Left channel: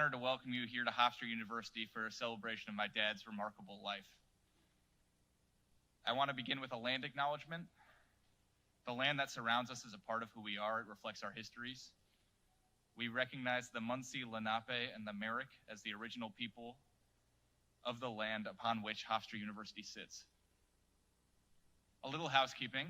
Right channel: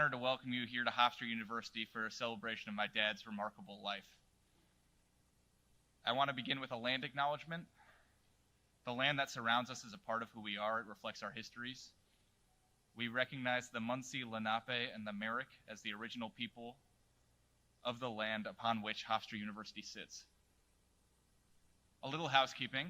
honor to welcome you here to Hofstra University for a celebration of my dad's remarkable life. I want to begin with a land acknowledgement. The land that surrounds us is a part of who we are. It reflects our histories. We recognize the Munsee, Lenape, and the Merrick as the original people of the land upon which Hofstra University sits. A little housekeeping.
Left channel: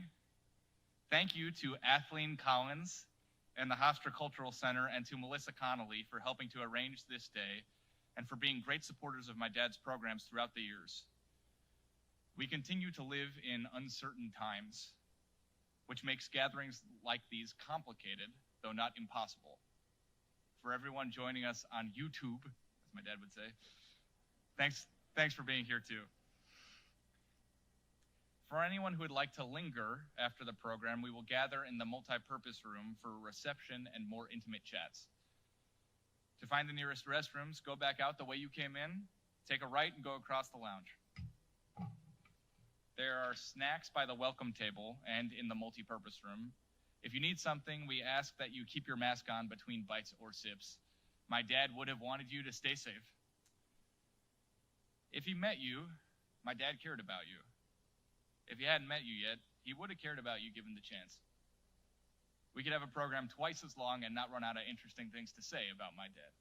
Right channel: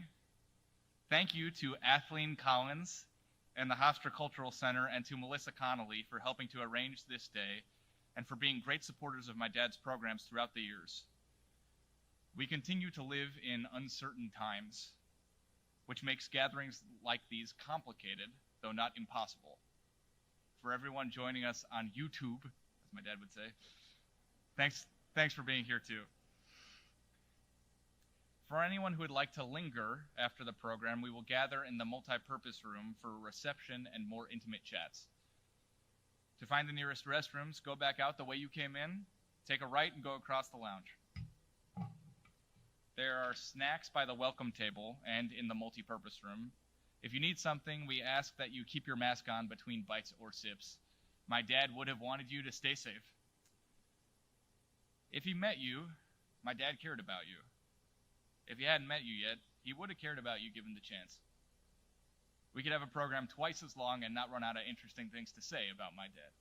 Thank you to Athleen Collins and the Hofstra Cultural Center, and to Melissa Connolly for helping to arrange this day and for being great supporters of my dad's programs throughout the years. We continue to live in uncertain times, which makes gatherings like these complicated, though not impossible. For everyone joining us on YouTube, as my dad would say, thanks for being here too. For anyone who would like to linger after the program, we will gather in the multi-purpose room for a reception and more intimate chats. To find the nearest restrooms, go back out the way you came in, take a right and go across the lounge. There are snacks by the welcome table and in the multi-purpose room. If you need something, we ask that you keep your mask on between bites or sips. My dad would have wanted you to stay safe. If he met you, my dad cared about you. If he hadn't met you yet, he would have cared about you given the chance. We could have a program twice as long and not run out of interesting things to say about my dad.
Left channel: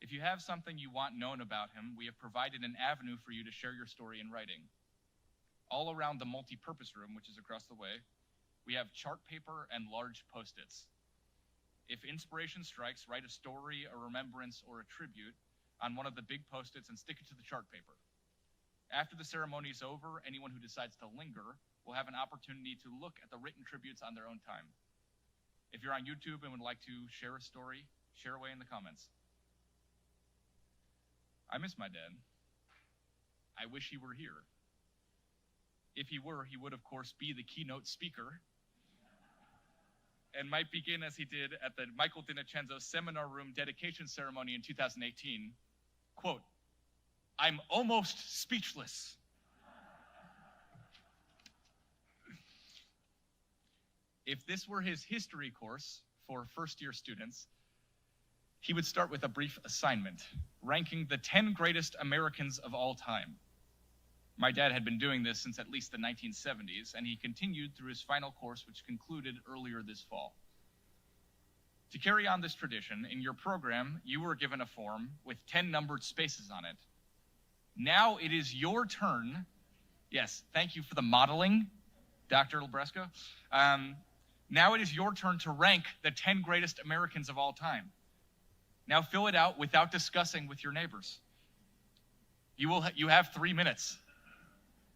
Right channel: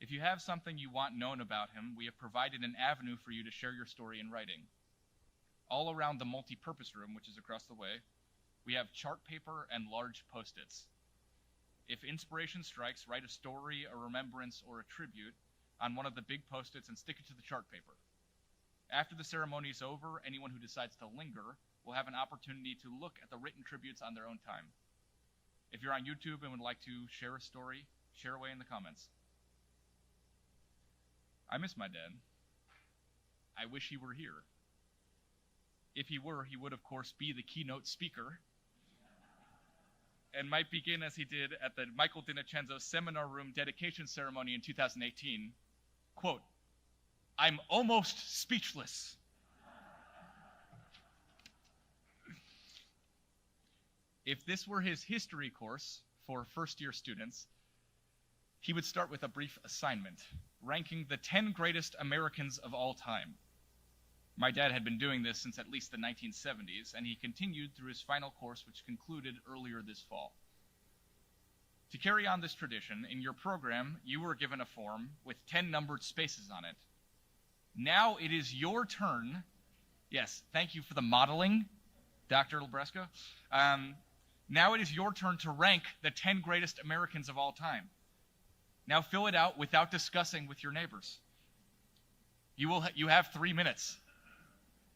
If you have something you want known about him, we have provided an avenue for you to share your story in writing. All around the multi-purpose room, which is across the way, we have chart paper and large Post-its. If inspiration strikes, write a story, a remembrance, or a tribute on one of the big Post-its and stick it to the chart paper. After the ceremony is over, anyone who decides to linger will have an opportunity to look at the written tributes on their own time. If you're on YouTube and would like to share a story, share away in the comments. I miss my dad. I wish he were here. If he were, he would of course be the keynote speaker and might begin as he did at the Michael DiNincenzo Seminar Room dedication ceremony in 2018, quote, "I'm almost speechless." If this were his history course for first-year students, he would start with a brief assignment, ranking the 10 greatest Americans of all time. My dad had been doing this since at least the 1970s, and he continued through his final course, which concluded earlier this fall. To carry on this tradition, in your program, you were given a form with 10 numbered spaces on it. Now it is your turn. Yes, thank you for the modeling, Dr. Labresco. Now it is your turn to rank the 10 greatest Americans of all time. Now fill it out without discussing with your neighbors. You have 3 minutes.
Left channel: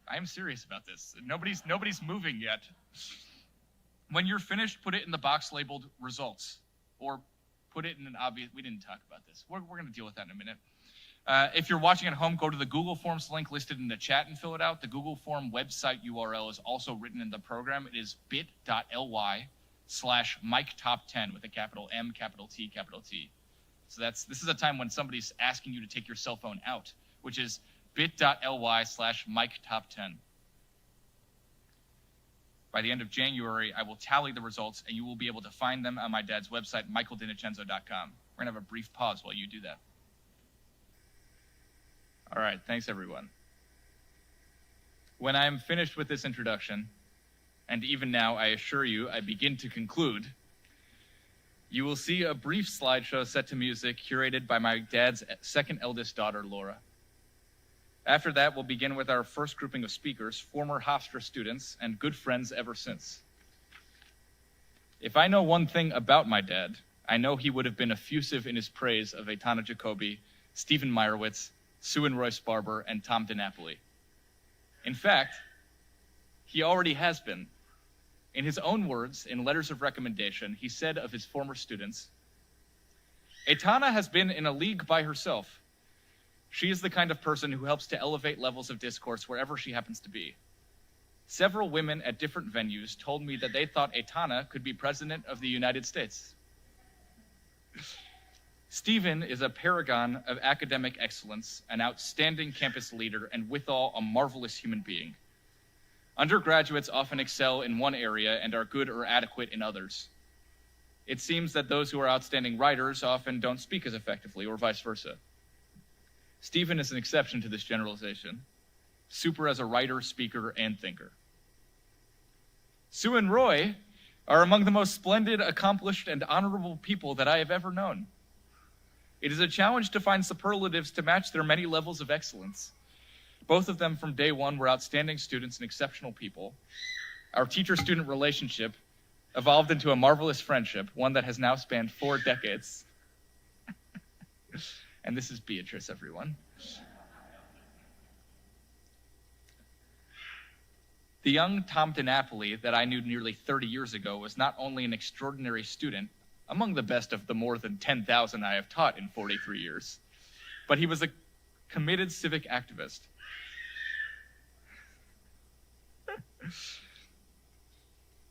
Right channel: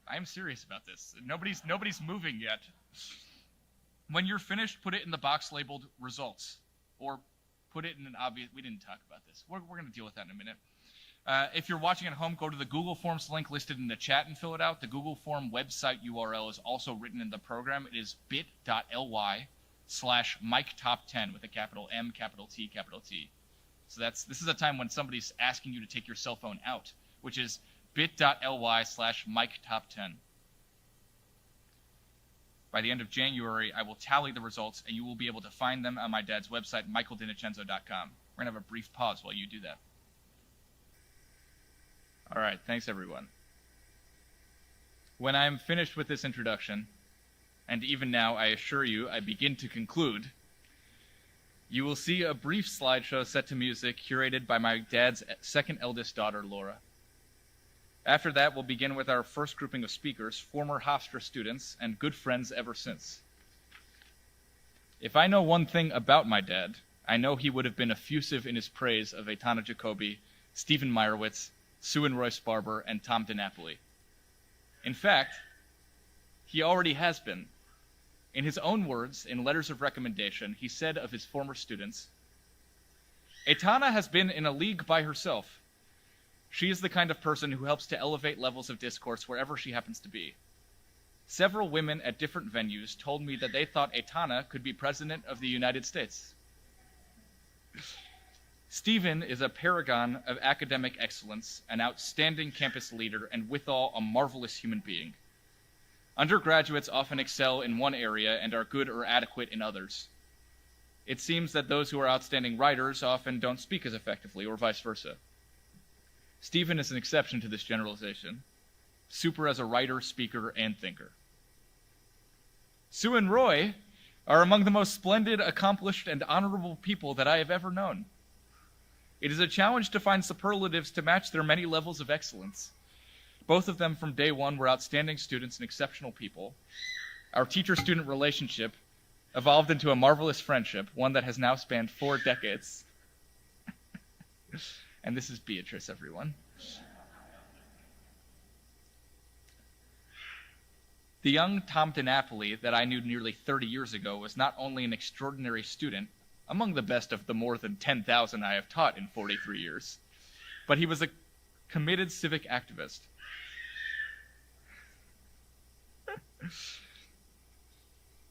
I am serious about this. Nobody's moving yet. When you're finished, put it in the box labeled results, or put it in an obvious. We didn't talk about this. We're going to deal with that in a minute. If you're watching at home, go to the Google Forms link listed in the chat and fill it out. The Google Form website URL is also written in the program. It is bit.ly/MikeTop10 with a capital M, capital T, capital T. So this is a time when somebody's asking you to take your cell phone out, which is bit.ly/MikeTop10. By the end of January, I will tally the results, and you will be able to find them on my dad's website, michaeldinicenzo.com. We're going to have a brief pause while you do that. All right, thanks everyone. When I am finished with this introduction, and even now I assure you I begin to conclude, you will see a brief slideshow set to music curated by my dad's second eldest daughter, Laura. After that, we'll begin with our first grouping of speakers, former Hofstra students and good friends ever since. If I know one thing about my dad, I know he would have been effusive in his praise of Aitana Jacoby, Stephen Meyerowitz, Sue and Royce Barber, and Tom DiNapoli. In fact, he already has been. In his own words, in letters of recommendation, he said of his former students, "Aitana has been in a league by herself. She is the kind of person who helps to elevate levels of discourse wherever she happens to be. Several women at different venues told me that they thought Aitana could be president of the United States." Stephen is a paragon of academic excellence, an outstanding campus leader, and withal a marvelous human being. Undergraduates often excel in one area and are good or adequate in others. it seems that those who are outstanding writers often don't speak as effectively, or vice versa. Stephen is an exception to this generalization. Super as a writer, speaker, and thinker. Sue and Roy are among the most splendid, accomplished, and honorable people that I have ever known. It is a challenge to find superlatives to match their many levels of excellence. Both of them from day one were outstanding students and exceptional people. Our teacher-student relationship evolved into a marvelous friendship, one that has now spanned 4 decades. And this is Beatrice, everyone. The young Tom DiNapoli that I knew nearly 30 years ago was not only an extraordinary student, among the best of the more than 10,000 I have taught in 43 years, but he was a committed civic activist.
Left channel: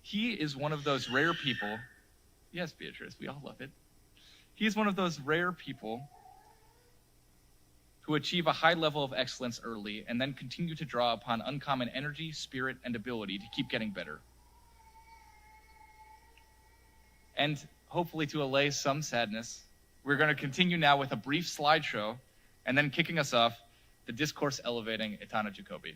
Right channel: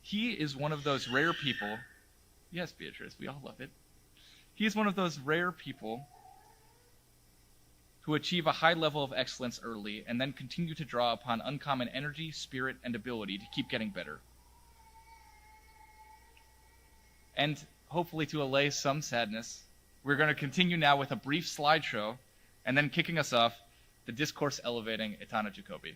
He is one of those rare people, yes, Beatrice, we all love it. He is one of those rare people who achieve a high level of excellence early and then continue to draw upon uncommon energy, spirit, and ability to keep getting better. And hopefully to allay some sadness, we're going to continue now with a brief slideshow, and then kicking us off, the discourse elevating Etana Jacoby.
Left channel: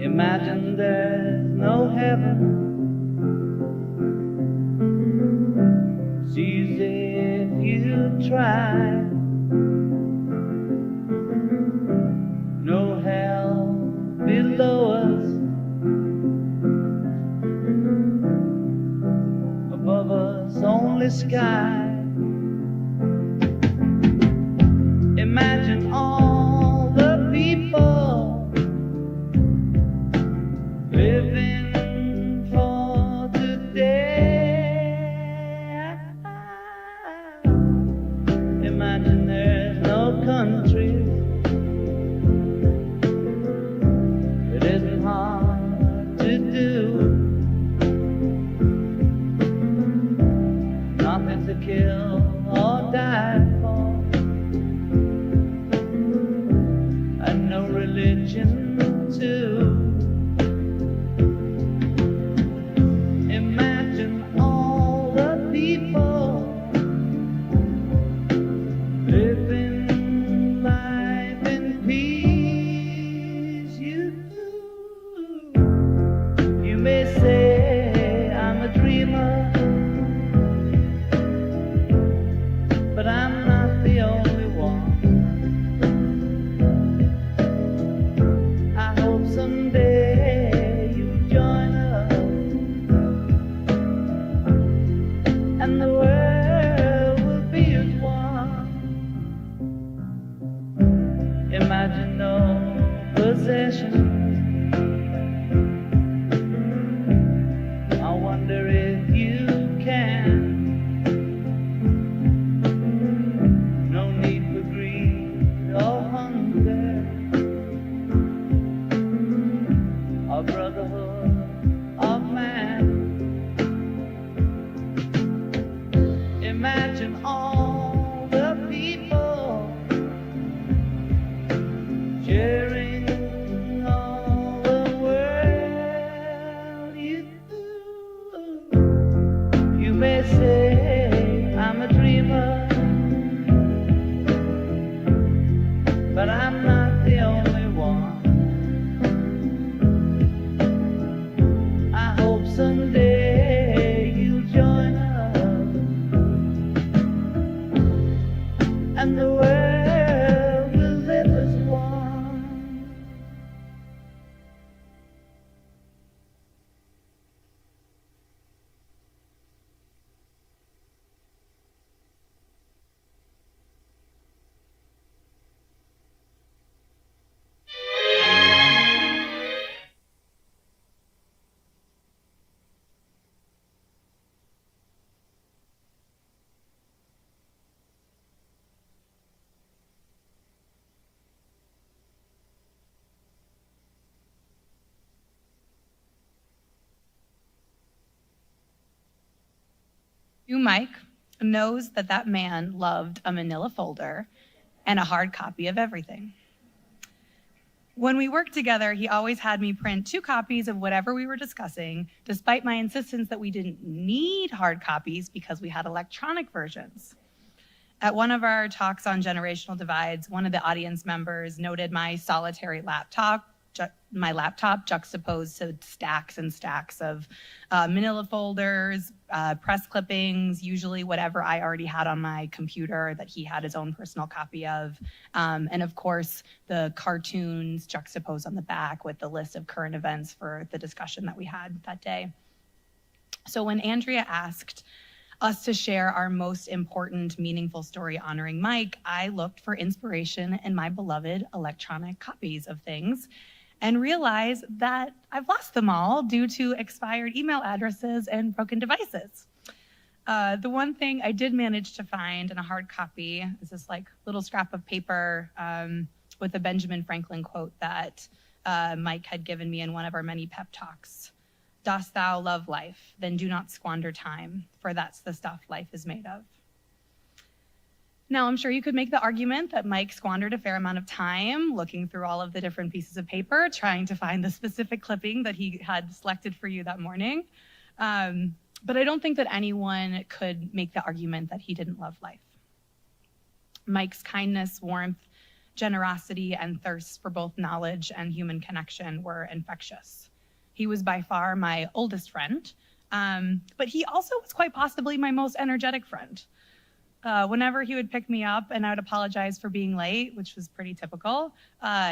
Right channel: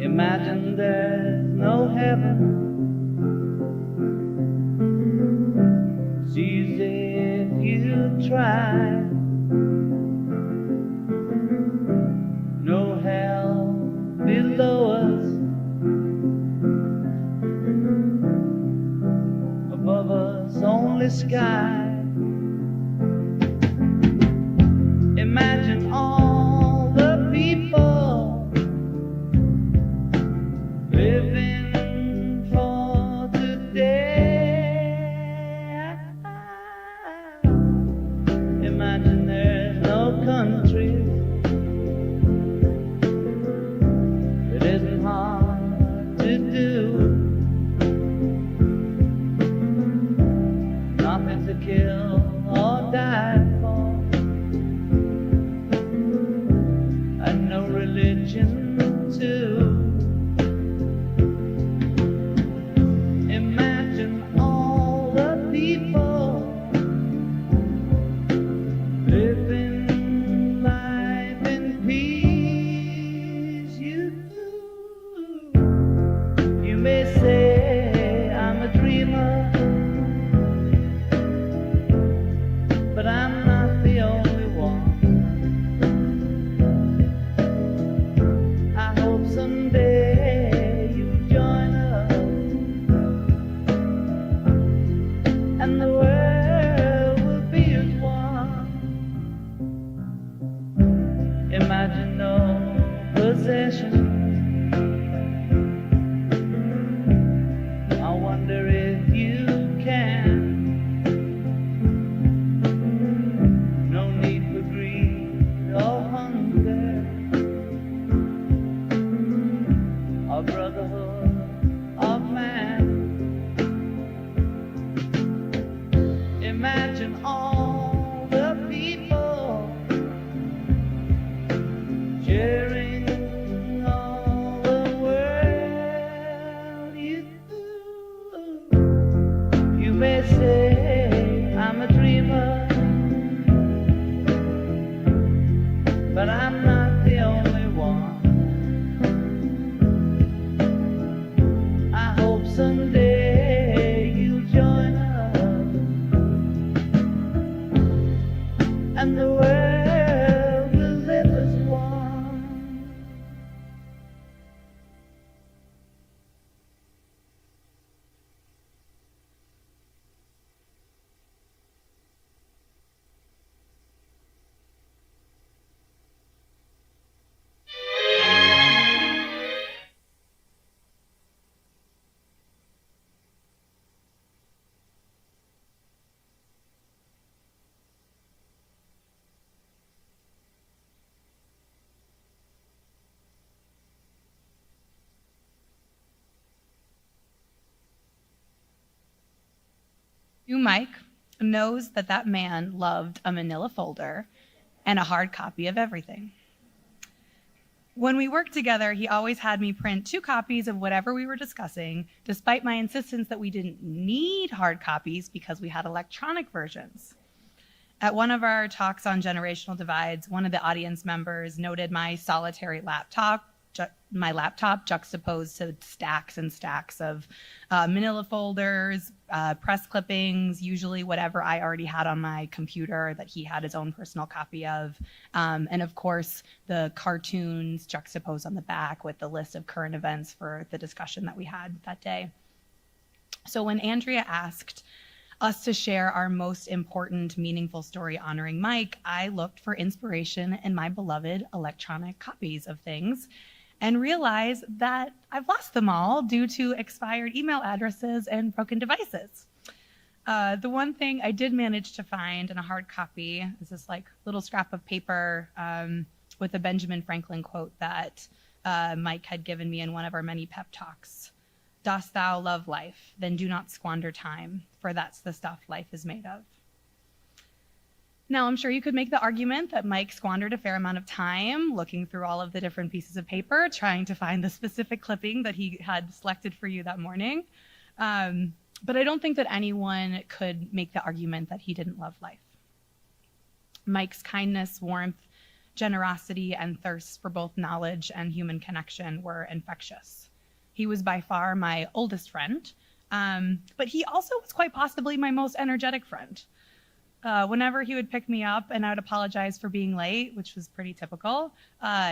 Imagine there's no heaven. See if you try. No hell below us. Above us only sky. Imagine all the people living for today. Imagine there's no country that isn't hard to do. Nothing to kill or die for, and no religion too. Imagine all the people living life in peace. You may say I'm a dreamer, but I'm not the only one. I hope someday you join us, and the world will be as one. Imagine no possession. I wonder if you can. No need for greed or hunger, or brotherhood of man. Imagine all the people sharing all the world. You may say I'm a dreamer, but I'm not the only one. I hope someday you'll join us, and the world will live as one. You, Mike, knows that that man loved a manila folder and a hard copy of everything. When we worked together, he always had me print 2 copies of whatever we were discussing, despite my insistence that we didn't need hard copies because we had electronic versions. At one of our talks on generational divides, one of the audience members noted my solitary laptop, juxtaposed to stacks and stacks of manila folders, press clippings, usually whatever I already had on my computer that he had his own personal copy of. And of course, the cartoons juxtaposed on the back with the list of current events for the discussion that we had that day. So when Andrea asked us to share our most important, meaningful story honoring Mike, I looked for inspiration in my beloved electronic copies of things and realized that I've lost them all due to expired email addresses and broken devices. The one thing I did manage to find in a hard copy is this like little scrap of paper with a Benjamin Franklin quote that Mike had given me in one of our many pep talks. Dost thou love life? Then do not squander time, for that's the stuff life is made of. Now, I'm sure you could make the argument that Mike squandered a fair amount of time looking through all of the different pieces of paper, trying to find the specific clipping that he had selected for you that morning. But I don't think that anyone could make the argument that he didn't love life. Mike's kindness, warmth, generosity, and thirst for both knowledge and human connection were infectious. He was by far my oldest friend, but he also was quite possibly my most energetic friend. Whenever he would pick me up and I would apologize for being late, which was pretty typical,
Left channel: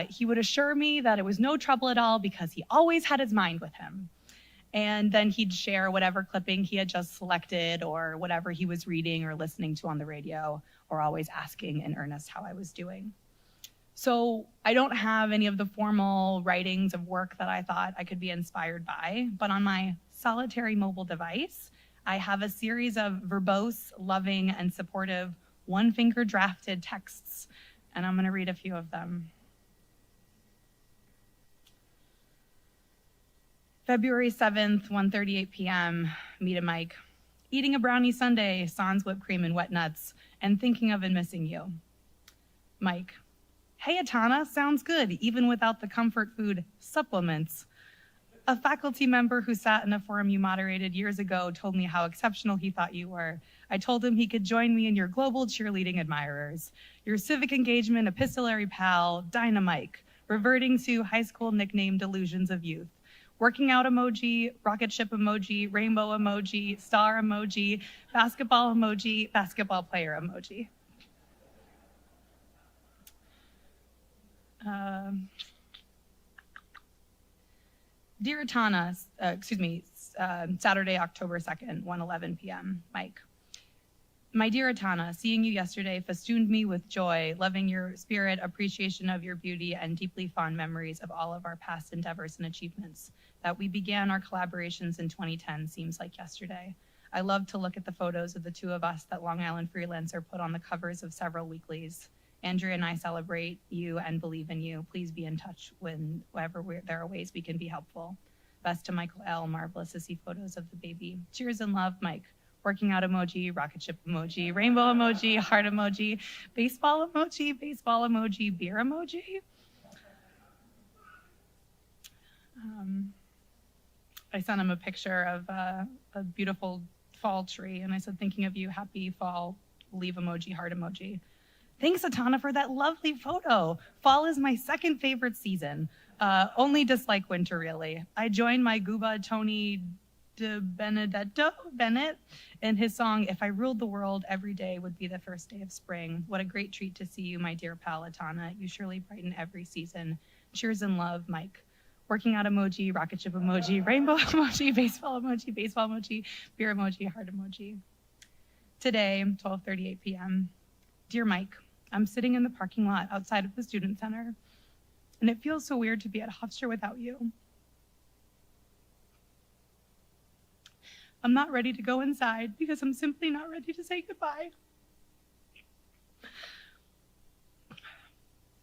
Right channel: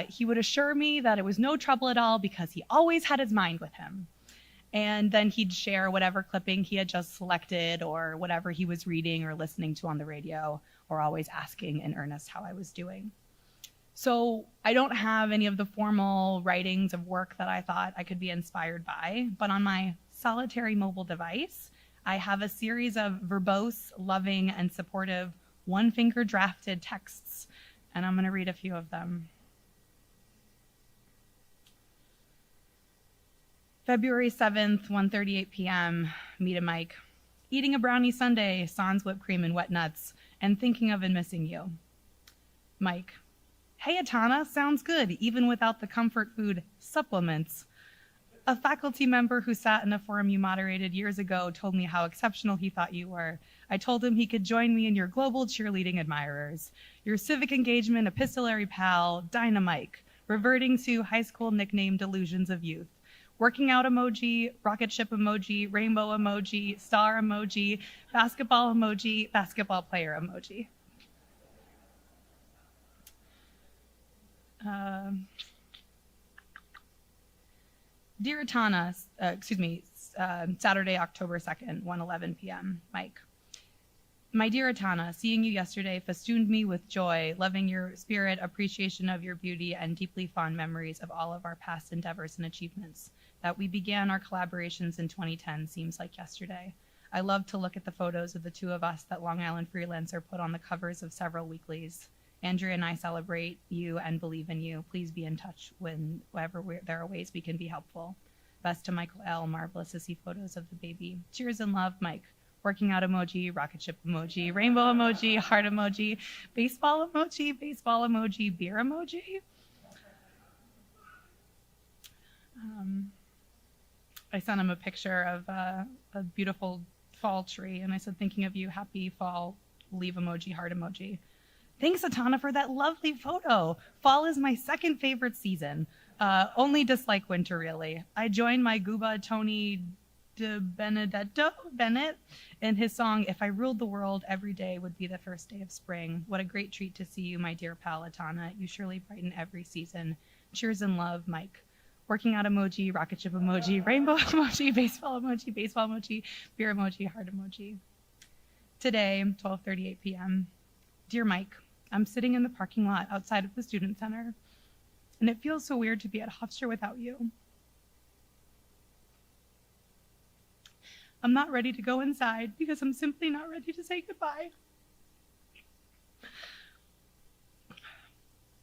he would assure me that it was no trouble at all because he always had his mind with him. And then he'd share whatever clipping he had just selected or whatever he was reading or listening to on the radio, or always asking in earnest how I was doing. So I don't have any of the formal writings of work that I thought I could be inspired by, but on my solitary mobile device, I have a series of verbose, loving, and supportive one-finger drafted texts, and I'm going to read a few of them. February 7th, 1:38 p.m., meet a Mike. Eating a brownie sundae, sans whipped cream and wet nuts, and thinking of and missing you. Mike. Hey, Atana, sounds good, even without the comfort food supplements. A faculty member who sat in a forum you moderated years ago told me how exceptional he thought you were. I told him he could join me in your global cheerleading admirers. Your civic engagement epistolary pal, Dynamike, reverting to high school nickname delusions of youth. Working out emoji, rocket ship emoji, rainbow emoji, star emoji, basketball player emoji. Dear Atana, Saturday, October 2nd, 1:11 p.m., Mike. My dear Atana, seeing you yesterday festooned me with joy, loving your spirit, appreciation of your beauty, and deeply fond memories of all of our past endeavors and achievements. That we began our collaborations in 2010 seems like yesterday. I love to look at the photos of the two of us that Long Island Freelancer put on the covers of several weeklies. Andrea and I celebrate you and believe in you. Please be in touch whenever there are ways we can be helpful. Best to Michael L. Marvelous to see photos of the baby. Cheers and love, Mike. Working out emoji, rocket ship emoji, rainbow emoji, heart emoji, baseball emoji, beer emoji. I sent him a picture of a beautiful fall tree, and I said, thinking of you, happy fall, leave emoji, heart emoji. Thanks, Atana, for that lovely photo. Fall is my second favorite season. Only dislike winter, really. I joined my Gooba Tony Bennett in his song, If I Ruled the World, Every Day Would Be the First Day of Spring. What a great treat to see you, my dear pal Atana. You surely brighten every season. Cheers and love, Mike. Working out emoji, rocket ship emoji, rainbow emoji, baseball emoji, beer emoji, heart emoji. Today, 12:38 p.m. Dear Mike, I'm sitting in the parking lot outside of the student center, and it feels so weird to be at Hofstra without you. I'm not ready to go inside because I'm simply not ready to say goodbye.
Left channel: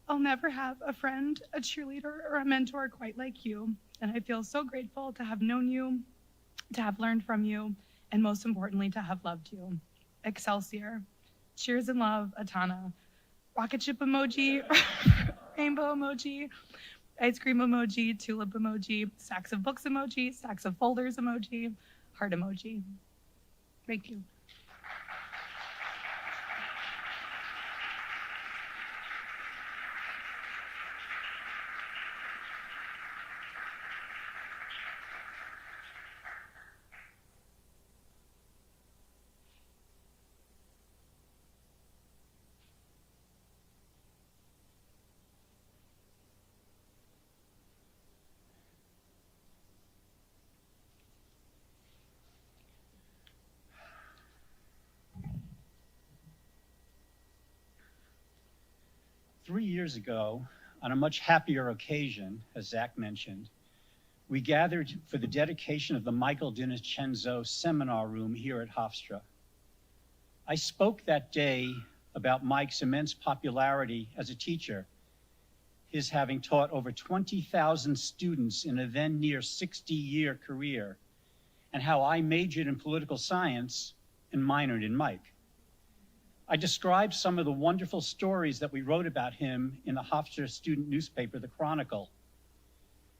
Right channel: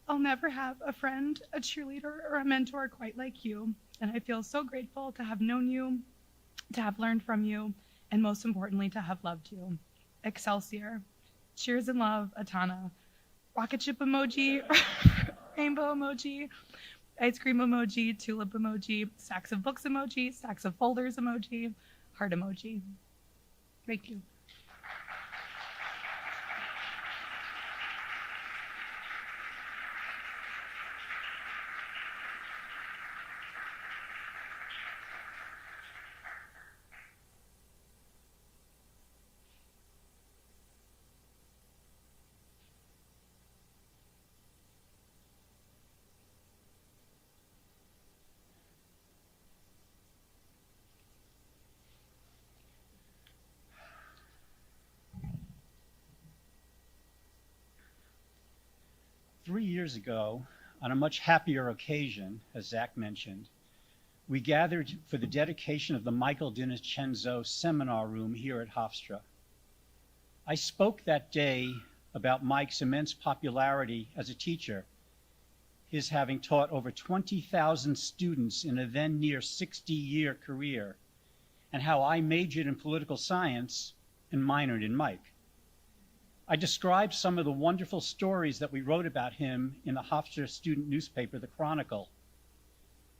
I'll never have a friend, a cheerleader, or a mentor quite like you, and I feel so grateful to have known you, to have learned from you, and most importantly, to have loved you. Excelsior. Cheers and love, Atana. Rocket ship emoji, rainbow emoji, ice cream emoji, tulip emoji, stacks of books emoji, stacks of folders emoji, heart emoji. Thank you. Three years ago, on a much happier occasion, as Zach mentioned, we gathered for the dedication of the Michael DiNincenzo Seminar Room here at Hofstra. I spoke that day about Mike's immense popularity as a teacher, his having taught over 20,000 students in a then near 60-year career, and how I majored in political science and minored in Mike. I described some of the wonderful stories that we wrote about him in the Hofstra student newspaper, The Chronicle,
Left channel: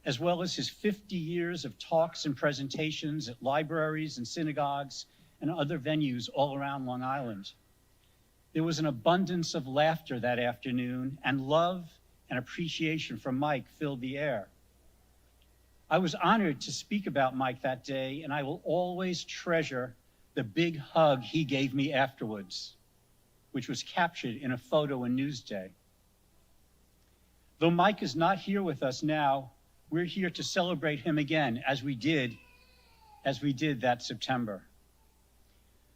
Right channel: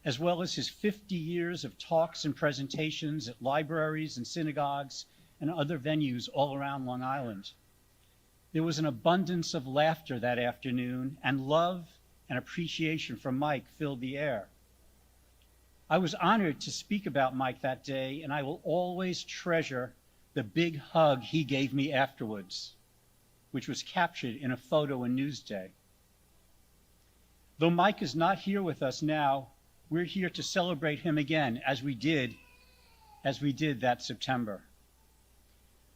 as well as his 50 years of talks and presentations at libraries and synagogues and other venues all around Long Island. There was an abundance of laughter that afternoon, and love and appreciation from Mike filled the air. I was honored to speak about Mike that day, and I will always treasure the big hug he gave me afterwards, which was captured in a photo in Newsday. Though Mike is not here with us now, we're here to celebrate him again, as we did that September.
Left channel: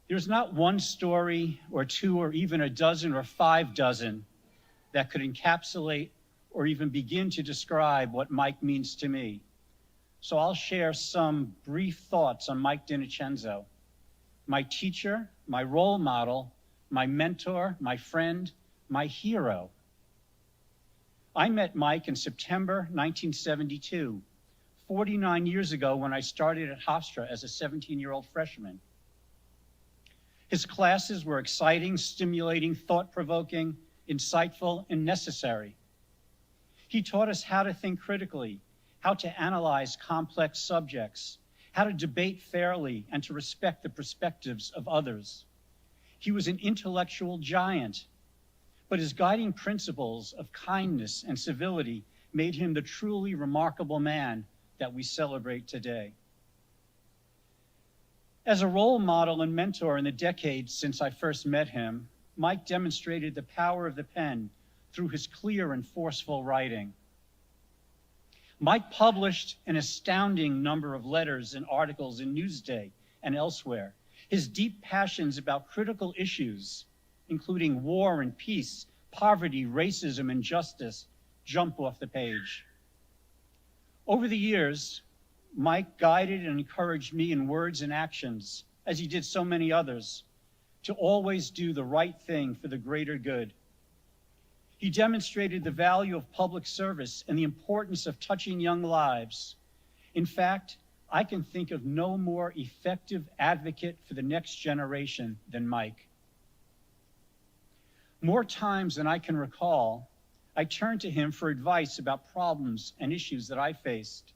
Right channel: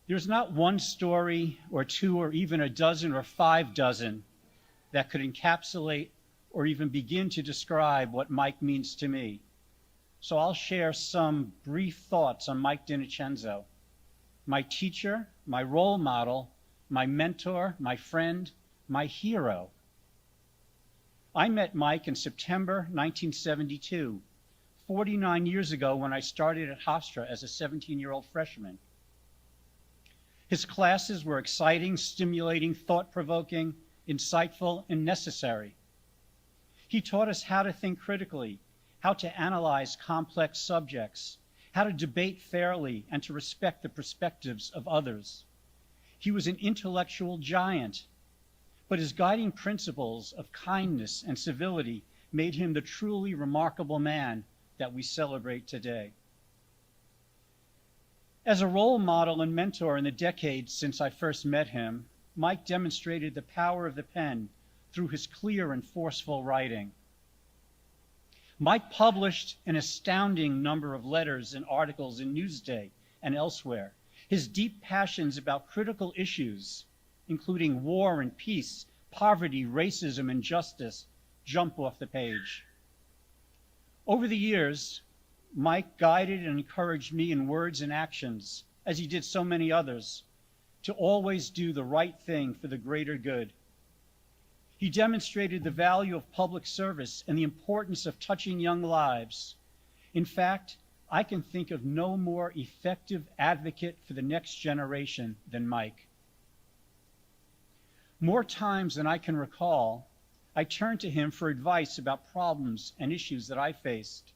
There's not one story or two or even a dozen or 5 dozen that could encapsulate or even begin to describe what Mike means to me. So I'll share some brief thoughts on Mike DiNincenzo, my teacher, my role model, my mentor, my friend, my hero. I met Mike in September 1972, 49 years ago when I started at Hofstra as a 17-year-old freshman. His classes were exciting, stimulating, thought-provoking, insightful, and necessary. He taught us how to think critically, how to analyze complex subjects, how to debate fairly, and to respect the perspectives of others. He was an intellectual giant, but his guiding principles of kindness and civility made him the truly remarkable man that we celebrate today. As a role model and mentor in the decades since I first met him, Mike demonstrated the power of the pen through his clear and forceful writing. Mike published an astounding number of letters and articles in Newsday and elsewhere. His deep passions about critical issues, including war and peace, poverty, racism, and justice, jump off the page. Over the years, Mike guided and encouraged me in words and actions, as he did so many others, to always do the right thing for the greater good. He demonstrated the value of public service and the importance of touching young lives. In fact, I can think of no more effective advocate for the next generation than Mike. More times than I can recall, I turned to him for advice about problems and issues that I faced.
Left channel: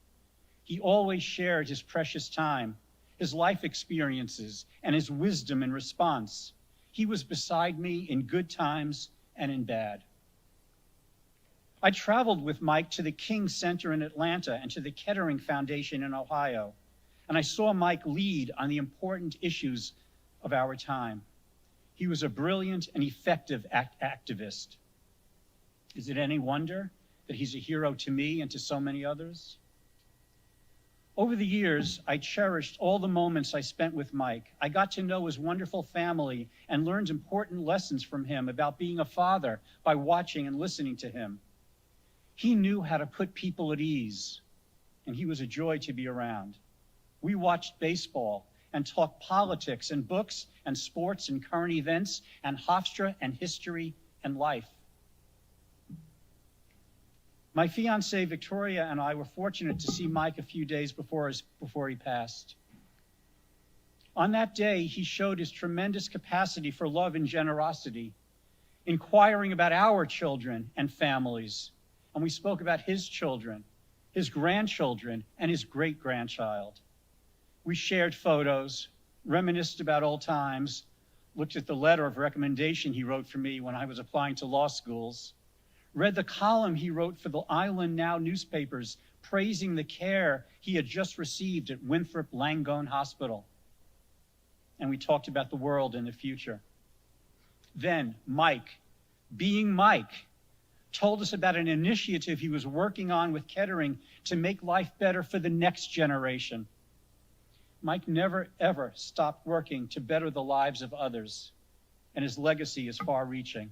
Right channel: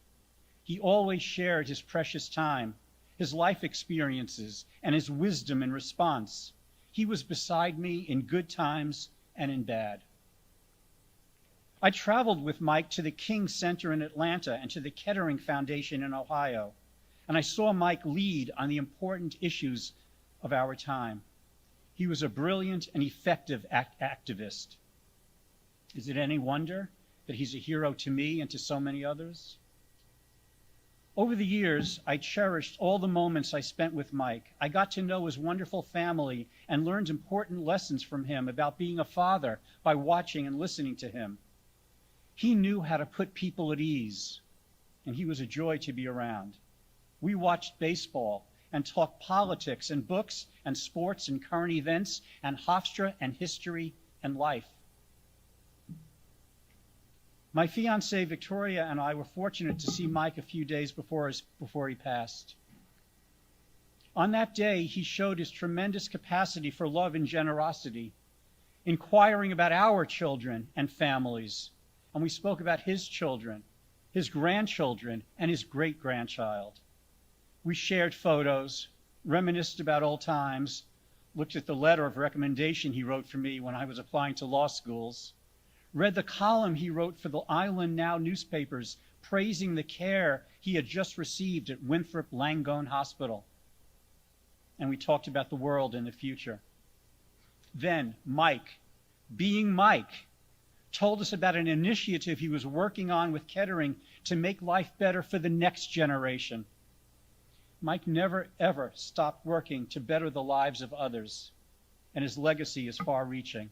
He always shared his precious time, his life experiences, and his wisdom in response. He was beside me in good times and in bad. I traveled with Mike to the King Center in Atlanta and to the Kettering Foundation in Ohio, and I saw Mike lead on the important issues of our time. He was a brilliant and effective activist. Is it any wonder that he's a hero to me and to so many others? Over the years, I cherished all the moments I spent with Mike. I got to know his wonderful family and learned important lessons from him about being a father by watching and listening to him. He knew how to put people at ease, and he was a joy to be around. We watched baseball and talked politics and books and sports and current events and Hofstra and history and life. My fiancée, Victoria, and I were fortunate to see Mike a few days before he passed. On that day, he showed his tremendous capacity for love and generosity, inquiring about our children and families. And we spoke about his children, his grandchildren, and his great-grandchild. We shared photos, reminisced about old times, looked at the letter of recommendation he wrote for me when I was applying to law schools, read the column he wrote for the Island Now newspapers praising the care he had just received at Winthrop Langone Hospital. And we talked about the world and the future. Then Mike, being Mike, told us about an initiative he was working on with Kettering to make life better for the next generation. Mike never, ever stopped working to better the lives of others, and his legacy is far-reaching.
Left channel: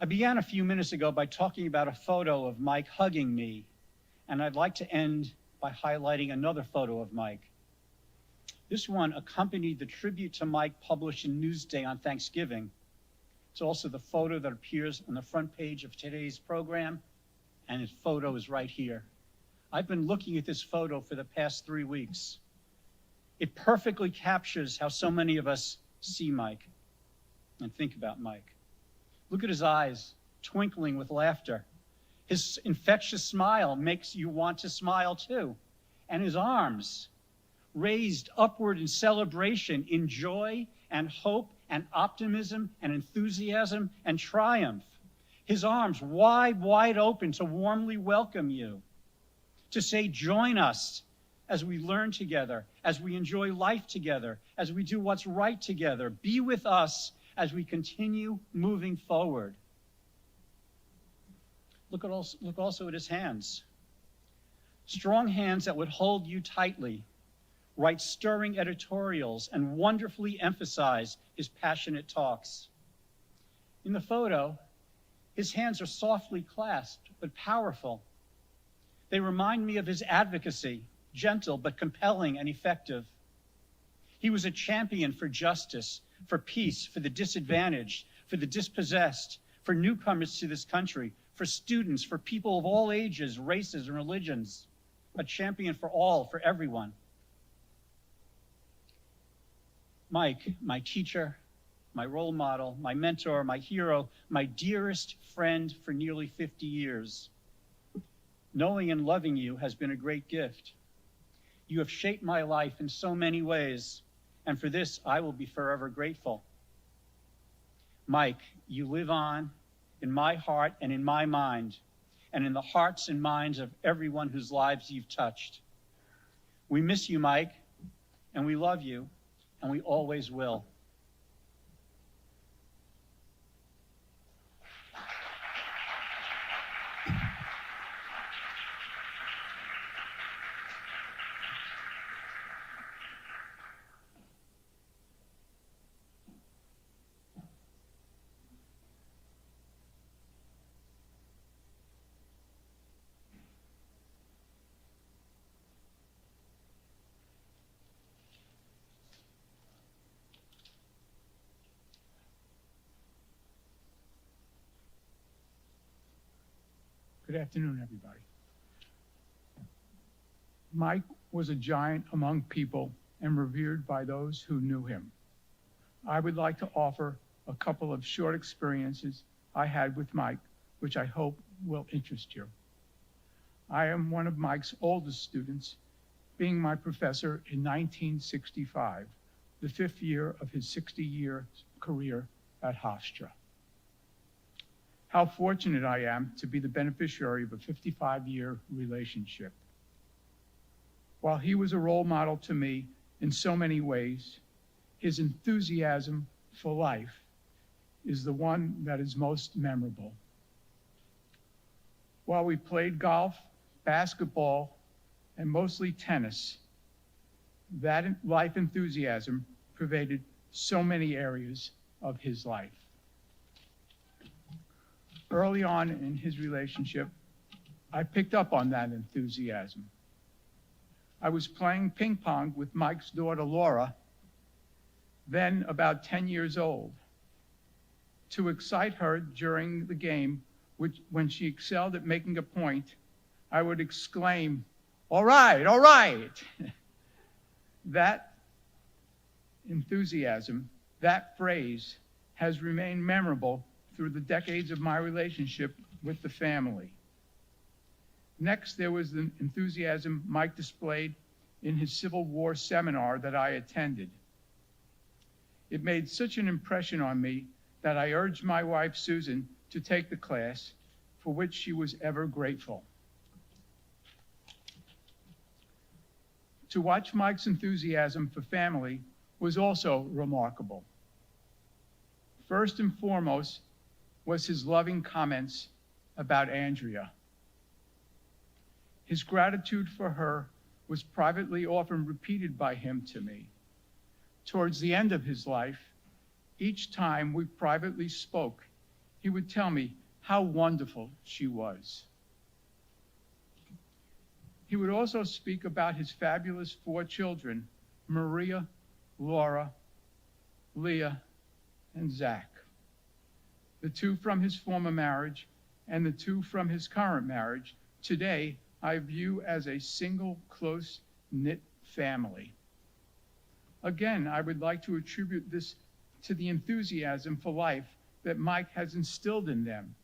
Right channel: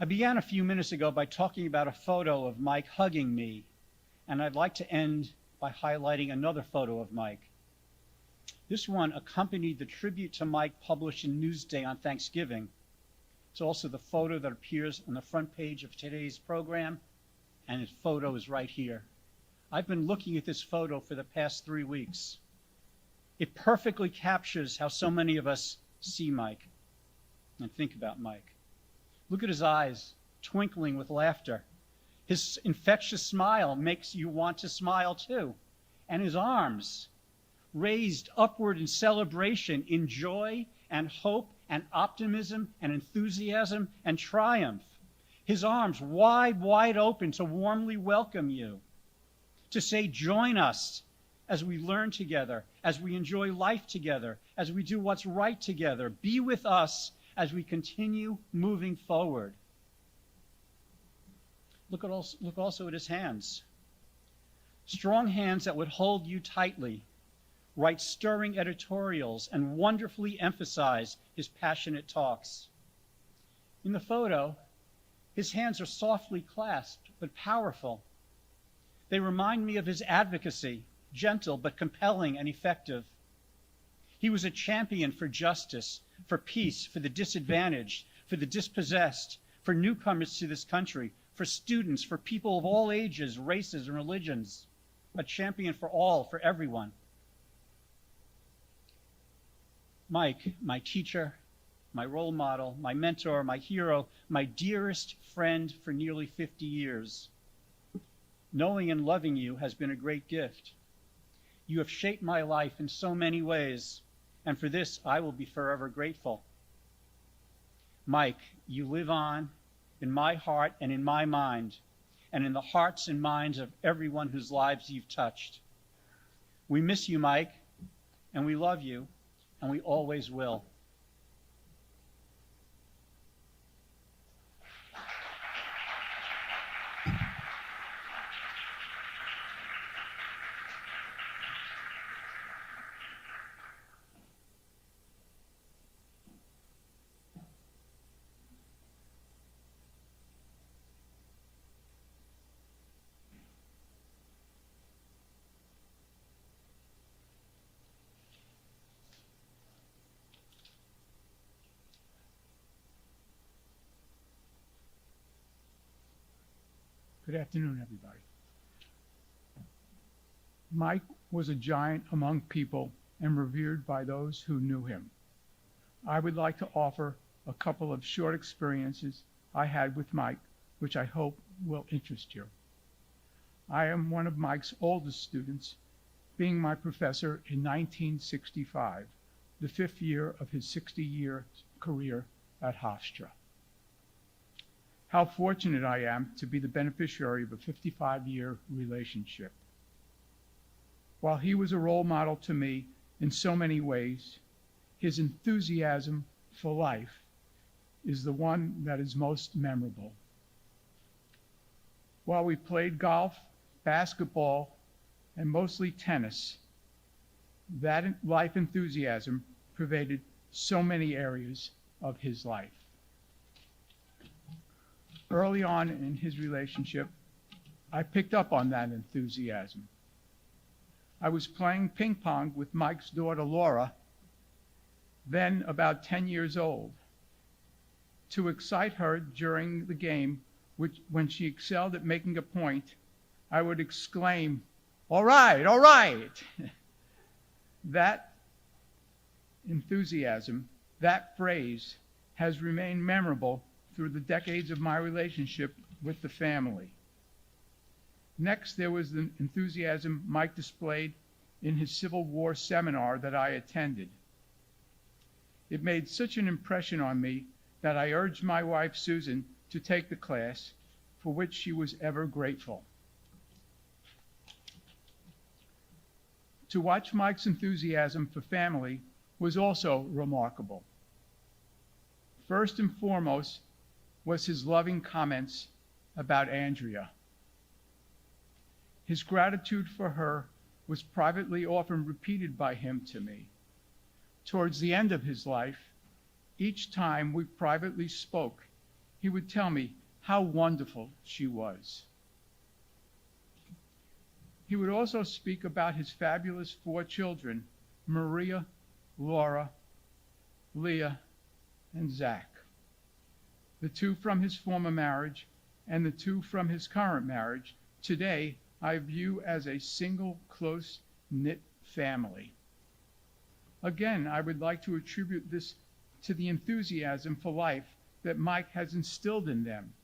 I began a few minutes ago by talking about a photo of Mike hugging me, and I'd like to end by highlighting another photo of Mike. This one accompanied the tribute to Mike published in Newsday on Thanksgiving. It's also the photo that appears on the front page of today's program, and his photo is right here. I've been looking at this photo for the past 3 weeks. It perfectly captures how so many of us see Mike and think about Mike. Look at his eyes, twinkling with laughter. His infectious smile makes you want to smile too. And his arms, raised upward in celebration, in joy and hope and optimism and enthusiasm and triumph. His arms wide, wide open to warmly welcome you, to say, join us as we learn together, as we enjoy life together, as we do what's right together. Be with us as we continue moving forward. Look also at his hands. Strong hands that would hold you tightly, write stirring editorials, and wonderfully emphasize his passionate talks. In the photo, his hands are softly clasped, but powerful. They remind me of his advocacy, gentle but compelling and effective. He was a champion for justice, for peace, for the disadvantaged, for the dispossessed, for newcomers to this country, for students, for people of all ages, races, and religions. A champion for all, for everyone. Mike, my teacher, my role model, my mentor, my hero, my dearest friend for nearly 50 years. Knowing and loving you has been a great gift. You have shaped my life in so many ways, and for this I will be forever grateful. Mike, you live on in my heart and in my mind, and in the hearts and minds of everyone whose lives you've touched. We miss you, Mike, and we love you, and we always will. Good afternoon, everybody. Mike was a giant among people and revered by those who knew him. I would like to offer a couple of short experiences I had with Mike, which I hope will interest you. I am one of Mike's oldest students, being my professor in 1965, the 5th year of his 60-year career at Hofstra. How fortunate I am to be the beneficiary of a 55-year relationship. While he was a role model to me in so many ways, his enthusiasm for life is the one that is most memorable. While we played golf, basketball, and mostly tennis, that life enthusiasm pervaded so many areas of his life. Early on in his relationship, I picked up on that enthusiasm. I was playing ping pong with Mike's daughter, Laura, then about 10 years old. To excite her during the game, when she excelled at making a point, I would exclaim, all right, all right. That enthusiasm, that phrase, has remained memorable through the decades of my relationship with the family. Next, there was the enthusiasm Mike displayed in his Civil War seminar that I attended. It made such an impression on me that I urged my wife, Susan, to take the class, for which she was ever grateful. To watch Mike's enthusiasm for family was also remarkable. First and foremost was his loving comments about Andrea. His gratitude for her was privately often repeated by him to me. Towards the end of his life, each time we privately spoke, he would tell me how wonderful she was. He would also speak about his fabulous 4 children, Maria, Laura, Leah, and Zach. The 2 from his former marriage and the 2 from his current marriage, today I view as a single, close-knit family. Again, I would like to attribute this to the enthusiasm for life that Mike has instilled in them.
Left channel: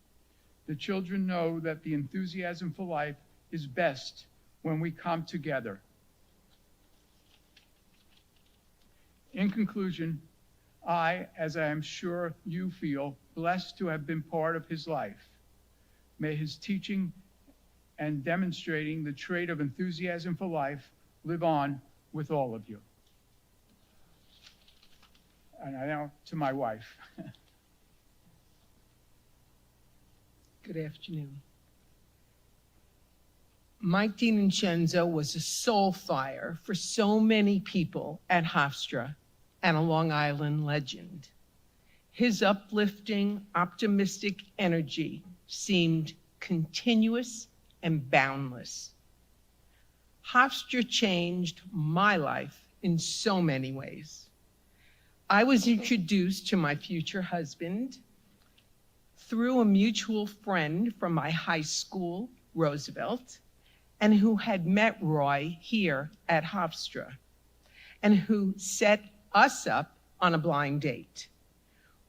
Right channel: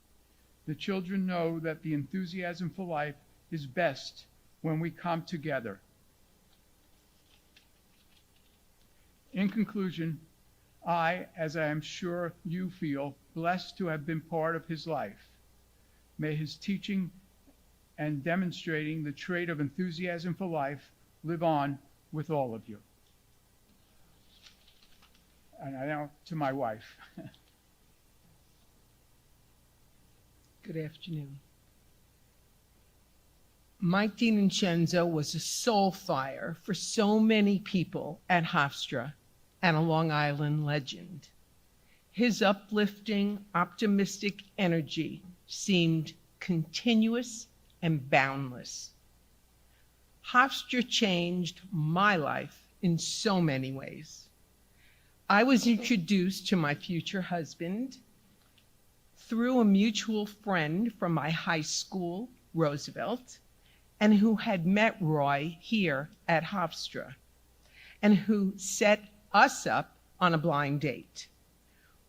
The children know that the enthusiasm for life is best when we come together. In conclusion, I, as I am sure you feel, blessed to have been part of his life. May his teaching and demonstrating the trait of enthusiasm for life live on with all of you. And now to my wife. Good afternoon. Mike DiNincenzo was a soul fire for so many people at Hofstra and a Long Island legend. His uplifting, optimistic energy seemed continuous and boundless. Hofstra changed my life in so many ways. I was introduced to my future husband through a mutual friend from my high school, Roosevelt, and who had met Roy here at Hofstra, and who set us up on a blind date.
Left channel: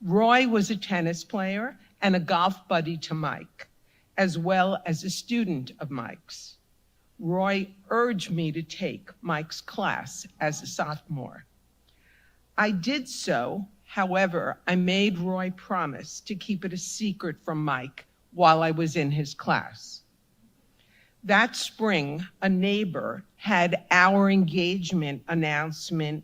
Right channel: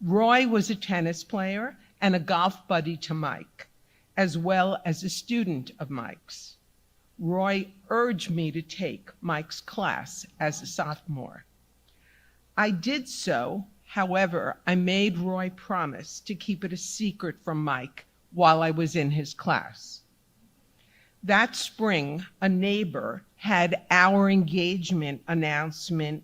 Roy was a tennis player and a golf buddy to Mike, as well as a student of Mike's. Roy urged me to take Mike's class as a sophomore. I did so. However, I made Roy promise to keep it a secret from Mike while I was in his class. That spring, a neighbor had our engagement announcement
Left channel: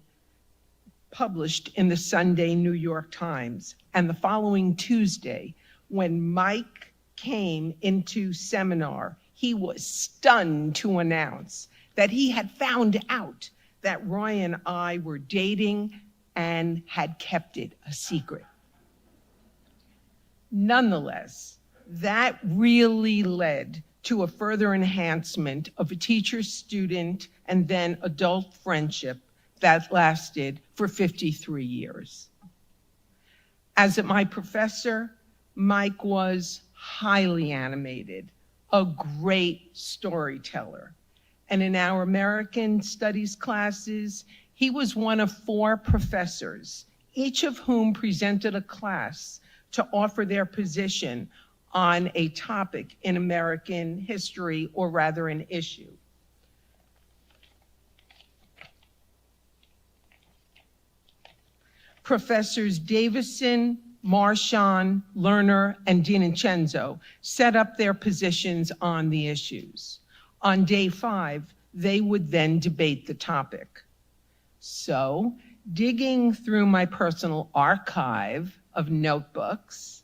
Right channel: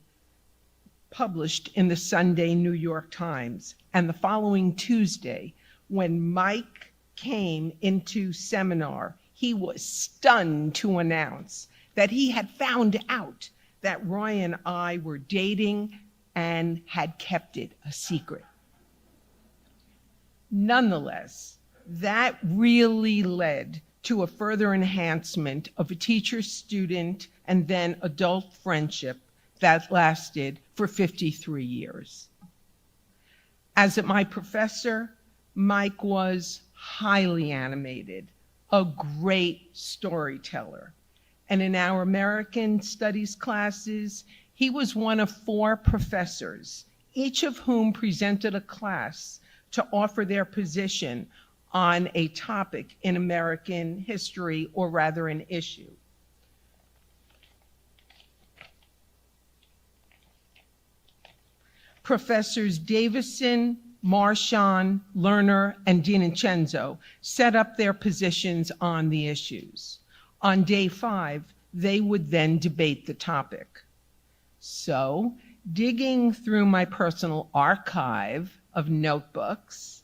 published in the Sunday New York Times, and the following Tuesday, when Mike came into seminar, he was stunned to announce that he had found out that Roy and I were dating and had kept it a secret. Nonetheless, that really led to a further enhancement of a teacher-student and then adult friendship that lasted for 53 years. As my professor, Mike was highly animated, a great storyteller, and in our American Studies classes, he was one of 4 professors, each of whom presented a class to offer their position on a topic in American history, or rather an issue. Professors Davison, Marchand, Lerner, and DiNincenzo set up their positions on the issues. On day 5, they would then debate the topic. So, digging through my personal archive of notebooks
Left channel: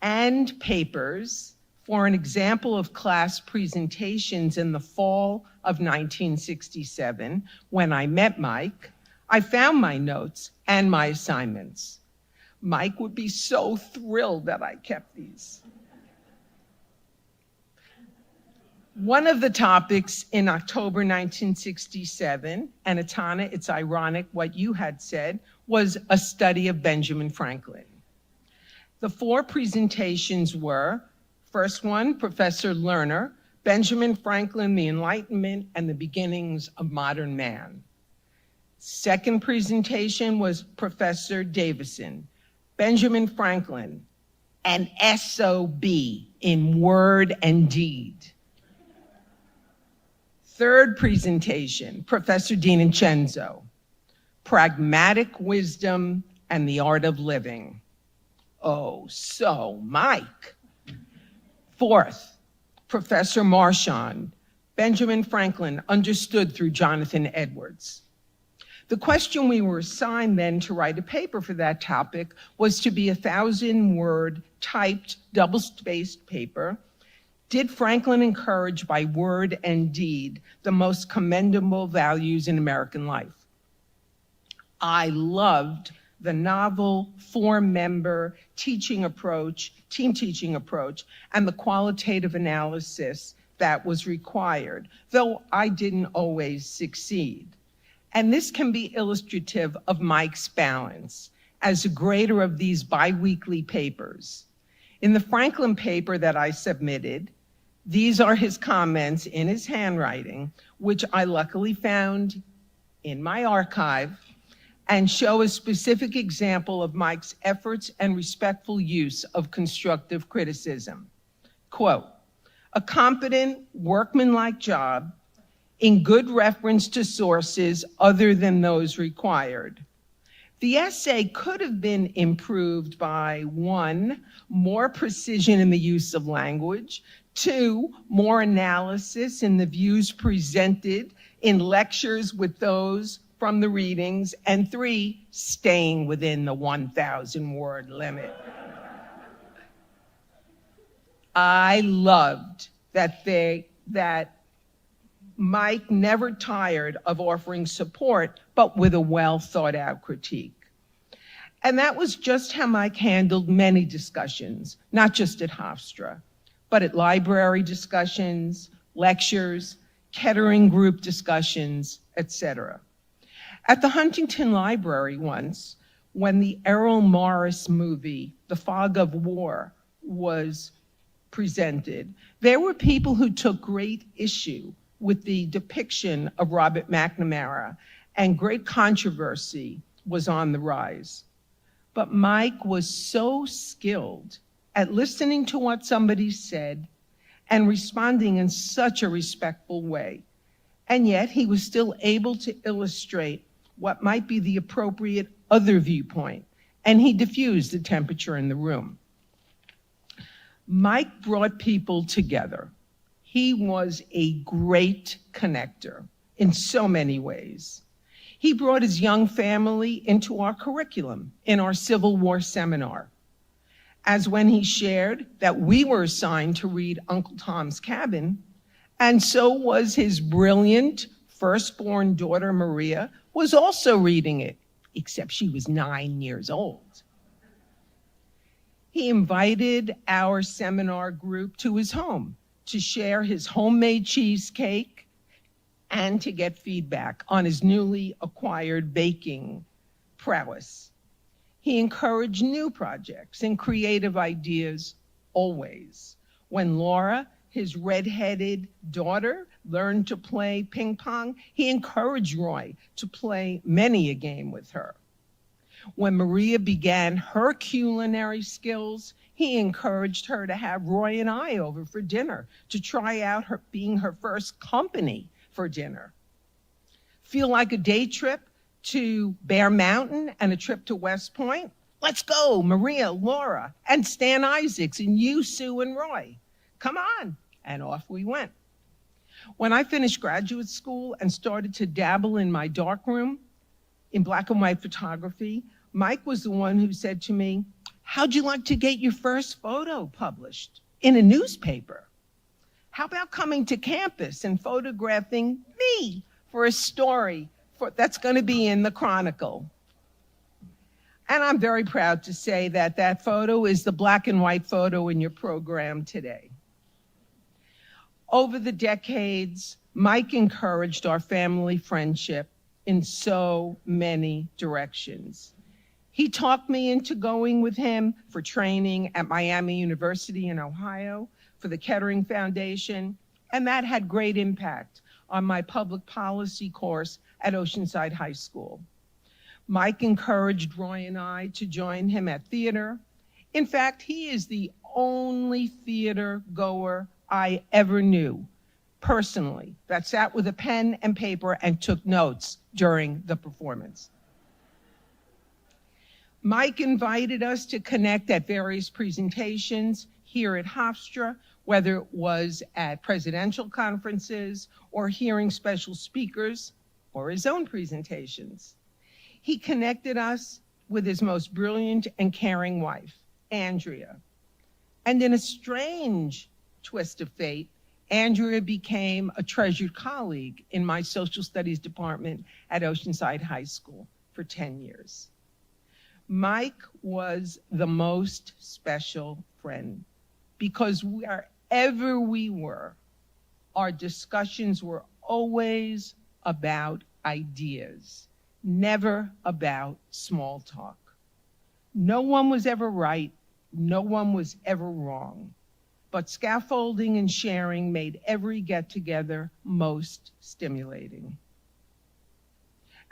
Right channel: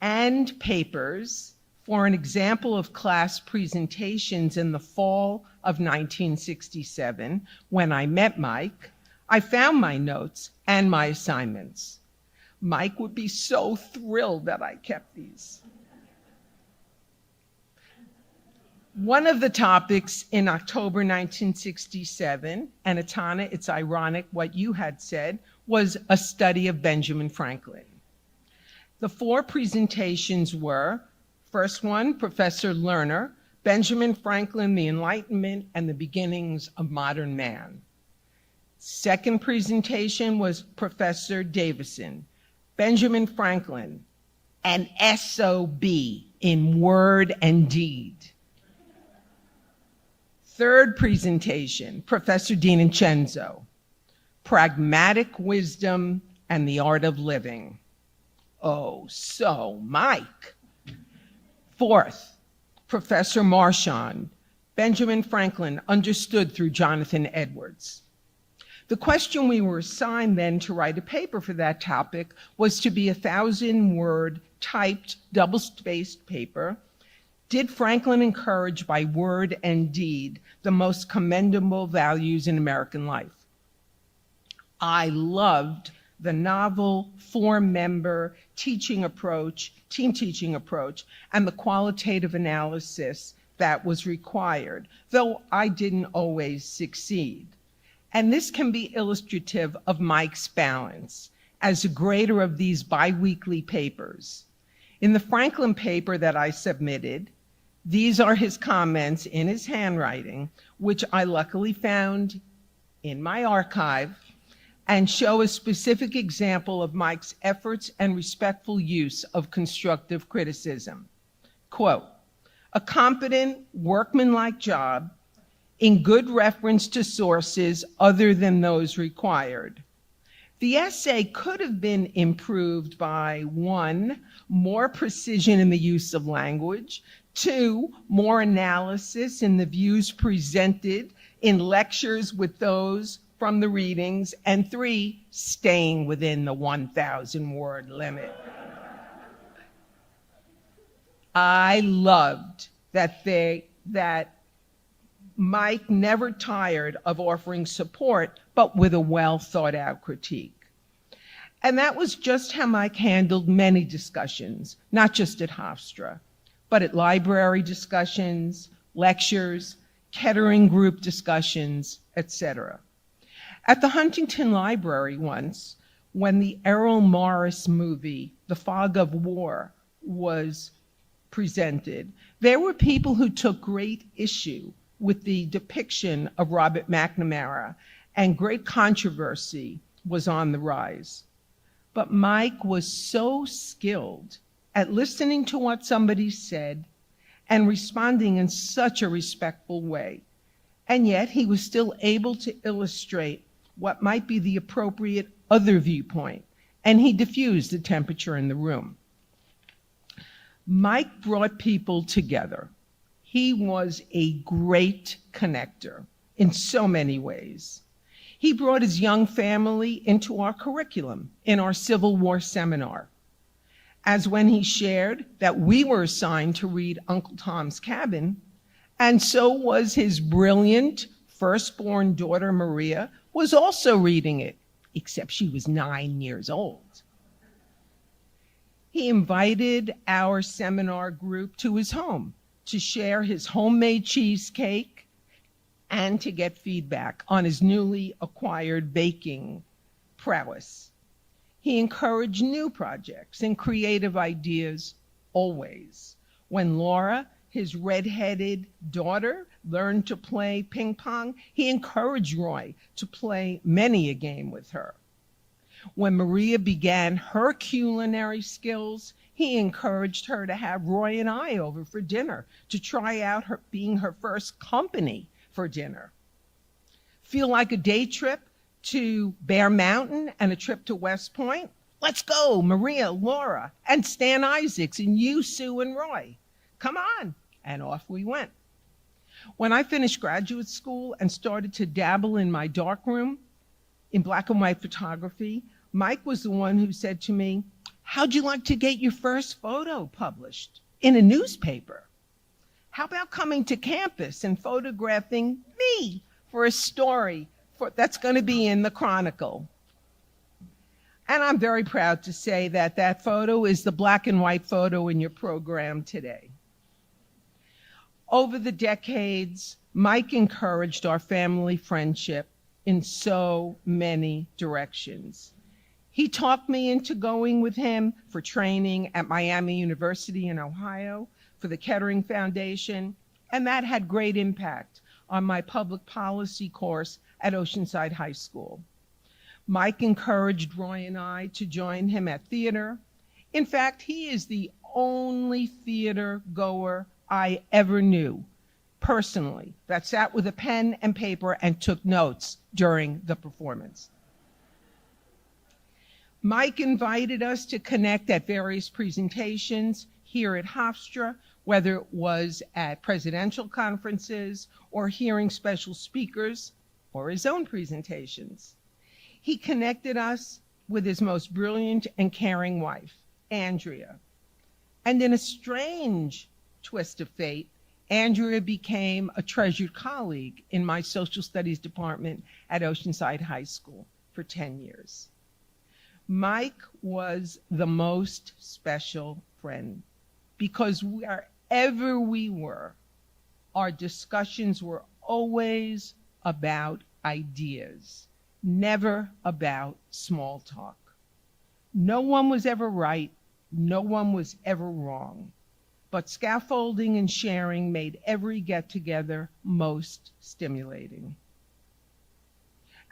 and papers for an example of class presentations in the fall of 1967, when I met Mike, I found my notes and my assignments. Mike would be so thrilled that I kept these. One of the topics in October 1967, and Atana, it's ironic what you had said, was a study of Benjamin Franklin. The 4 presentations were, first one, Professor Lerner, Benjamin Franklin, the Enlightenment and the Beginnings of Modern Man. Second presentation was Professor Davison, Benjamin Franklin, an SOB in word and deed. Third presentation, Professor DiNincenzo, Pragmatic Wisdom and the Art of Living. Oh, so Mike. Fourth, Professor Marchand, Benjamin Franklin Understood Through Jonathan Edwards. The question we were assigned then to write a paper for that topic was to be a 1,000-word typed double-spaced paper. Did Franklin encourage by word and deed the most commendable values in American life? I loved the novel 4-member teaching approach, team teaching approach, and the qualitative analysis that was required, though I didn't always succeed. And this can be illustrative of Mike's balance as a grader of these biweekly papers. In the Franklin paper that I submitted, these are his comments in his handwriting, which I luckily found in my archive, and show a specific example of Mike's efforts and respectful use of constructive criticism. Quote, a competent, workmanlike job in good reference to sources other than those required. The essay could have been improved by 1, more precision in the use of language, 2, more analysis in the views presented in lectures with those from the readings, and 3, staying within the 1,000-word limit. I loved that Mike never tired of offering support, but with a well-thought-out critique. And that was just how Mike handled many discussions, not just at Hofstra, but at library discussions, lectures, Kettering group discussions, etc. At the Huntington Library once, when the Errol Morris movie, The Fog of War, was presented, there were people who took great issue with the depiction of Robert McNamara, and great controversy was on the rise. But Mike was so skilled at listening to what somebody said and responding in such a respectful way. And yet he was still able to illustrate what might be the appropriate other viewpoint, and he diffused the temperature in the room. Mike brought people together. He was a great connector in so many ways. He brought his young family into our curriculum in our Civil War seminar, as when he shared that we were assigned to read Uncle Tom's Cabin, and so was his brilliant firstborn daughter, Maria, was also reading it, except she was 9 years old. He invited our seminar group to his home to share his homemade cheesecake and to get feedback on his newly acquired baking prowess. He encouraged new projects and creative ideas always. When Laura, his redheaded daughter, learned to play ping pong, he encouraged Roy to play many a game with her. When Maria began her culinary skills, he encouraged her to have Roy and I over for dinner to try out being her first company for dinner. Feel like a day trip to Bear Mountain and a trip to West Point? Let's go, Maria, Laura, and Stan Isaacs, and you, Sue, and Roy. Come on. And off we went. When I finished graduate school and started to dabble in my darkroom in black and white photography, Mike was the one who said to me, how'd you like to get your first photo published in a newspaper? How about coming to campus and photographing me for a story that's going to be in the Chronicle? And I'm very proud to say that that photo is the black and white photo in your program today. Over the decades, Mike encouraged our family friendship in so many directions. He talked me into going with him for training at Miami University in Ohio for the Kettering Foundation, and that had great impact on my public policy course at Oceanside High School. Mike encouraged Roy and I to join him at theater. In fact, he is the only theater goer I ever knew personally that sat with a pen and paper and took notes during the performance. Mike invited us to connect at various presentations here at Hofstra, whether it was at presidential conferences or hearing special speakers or his own presentations. He connected us with his most brilliant and caring wife, Andrea. And in a strange twist of fate, Andrea became a treasured colleague in my social studies department at Oceanside High School for 10 years. Mike was the most special friend because wherever we were, our discussions were always about ideas, never about small talk. No one was ever right, no one was ever wrong, but scaffolding and sharing made every get-together most stimulating.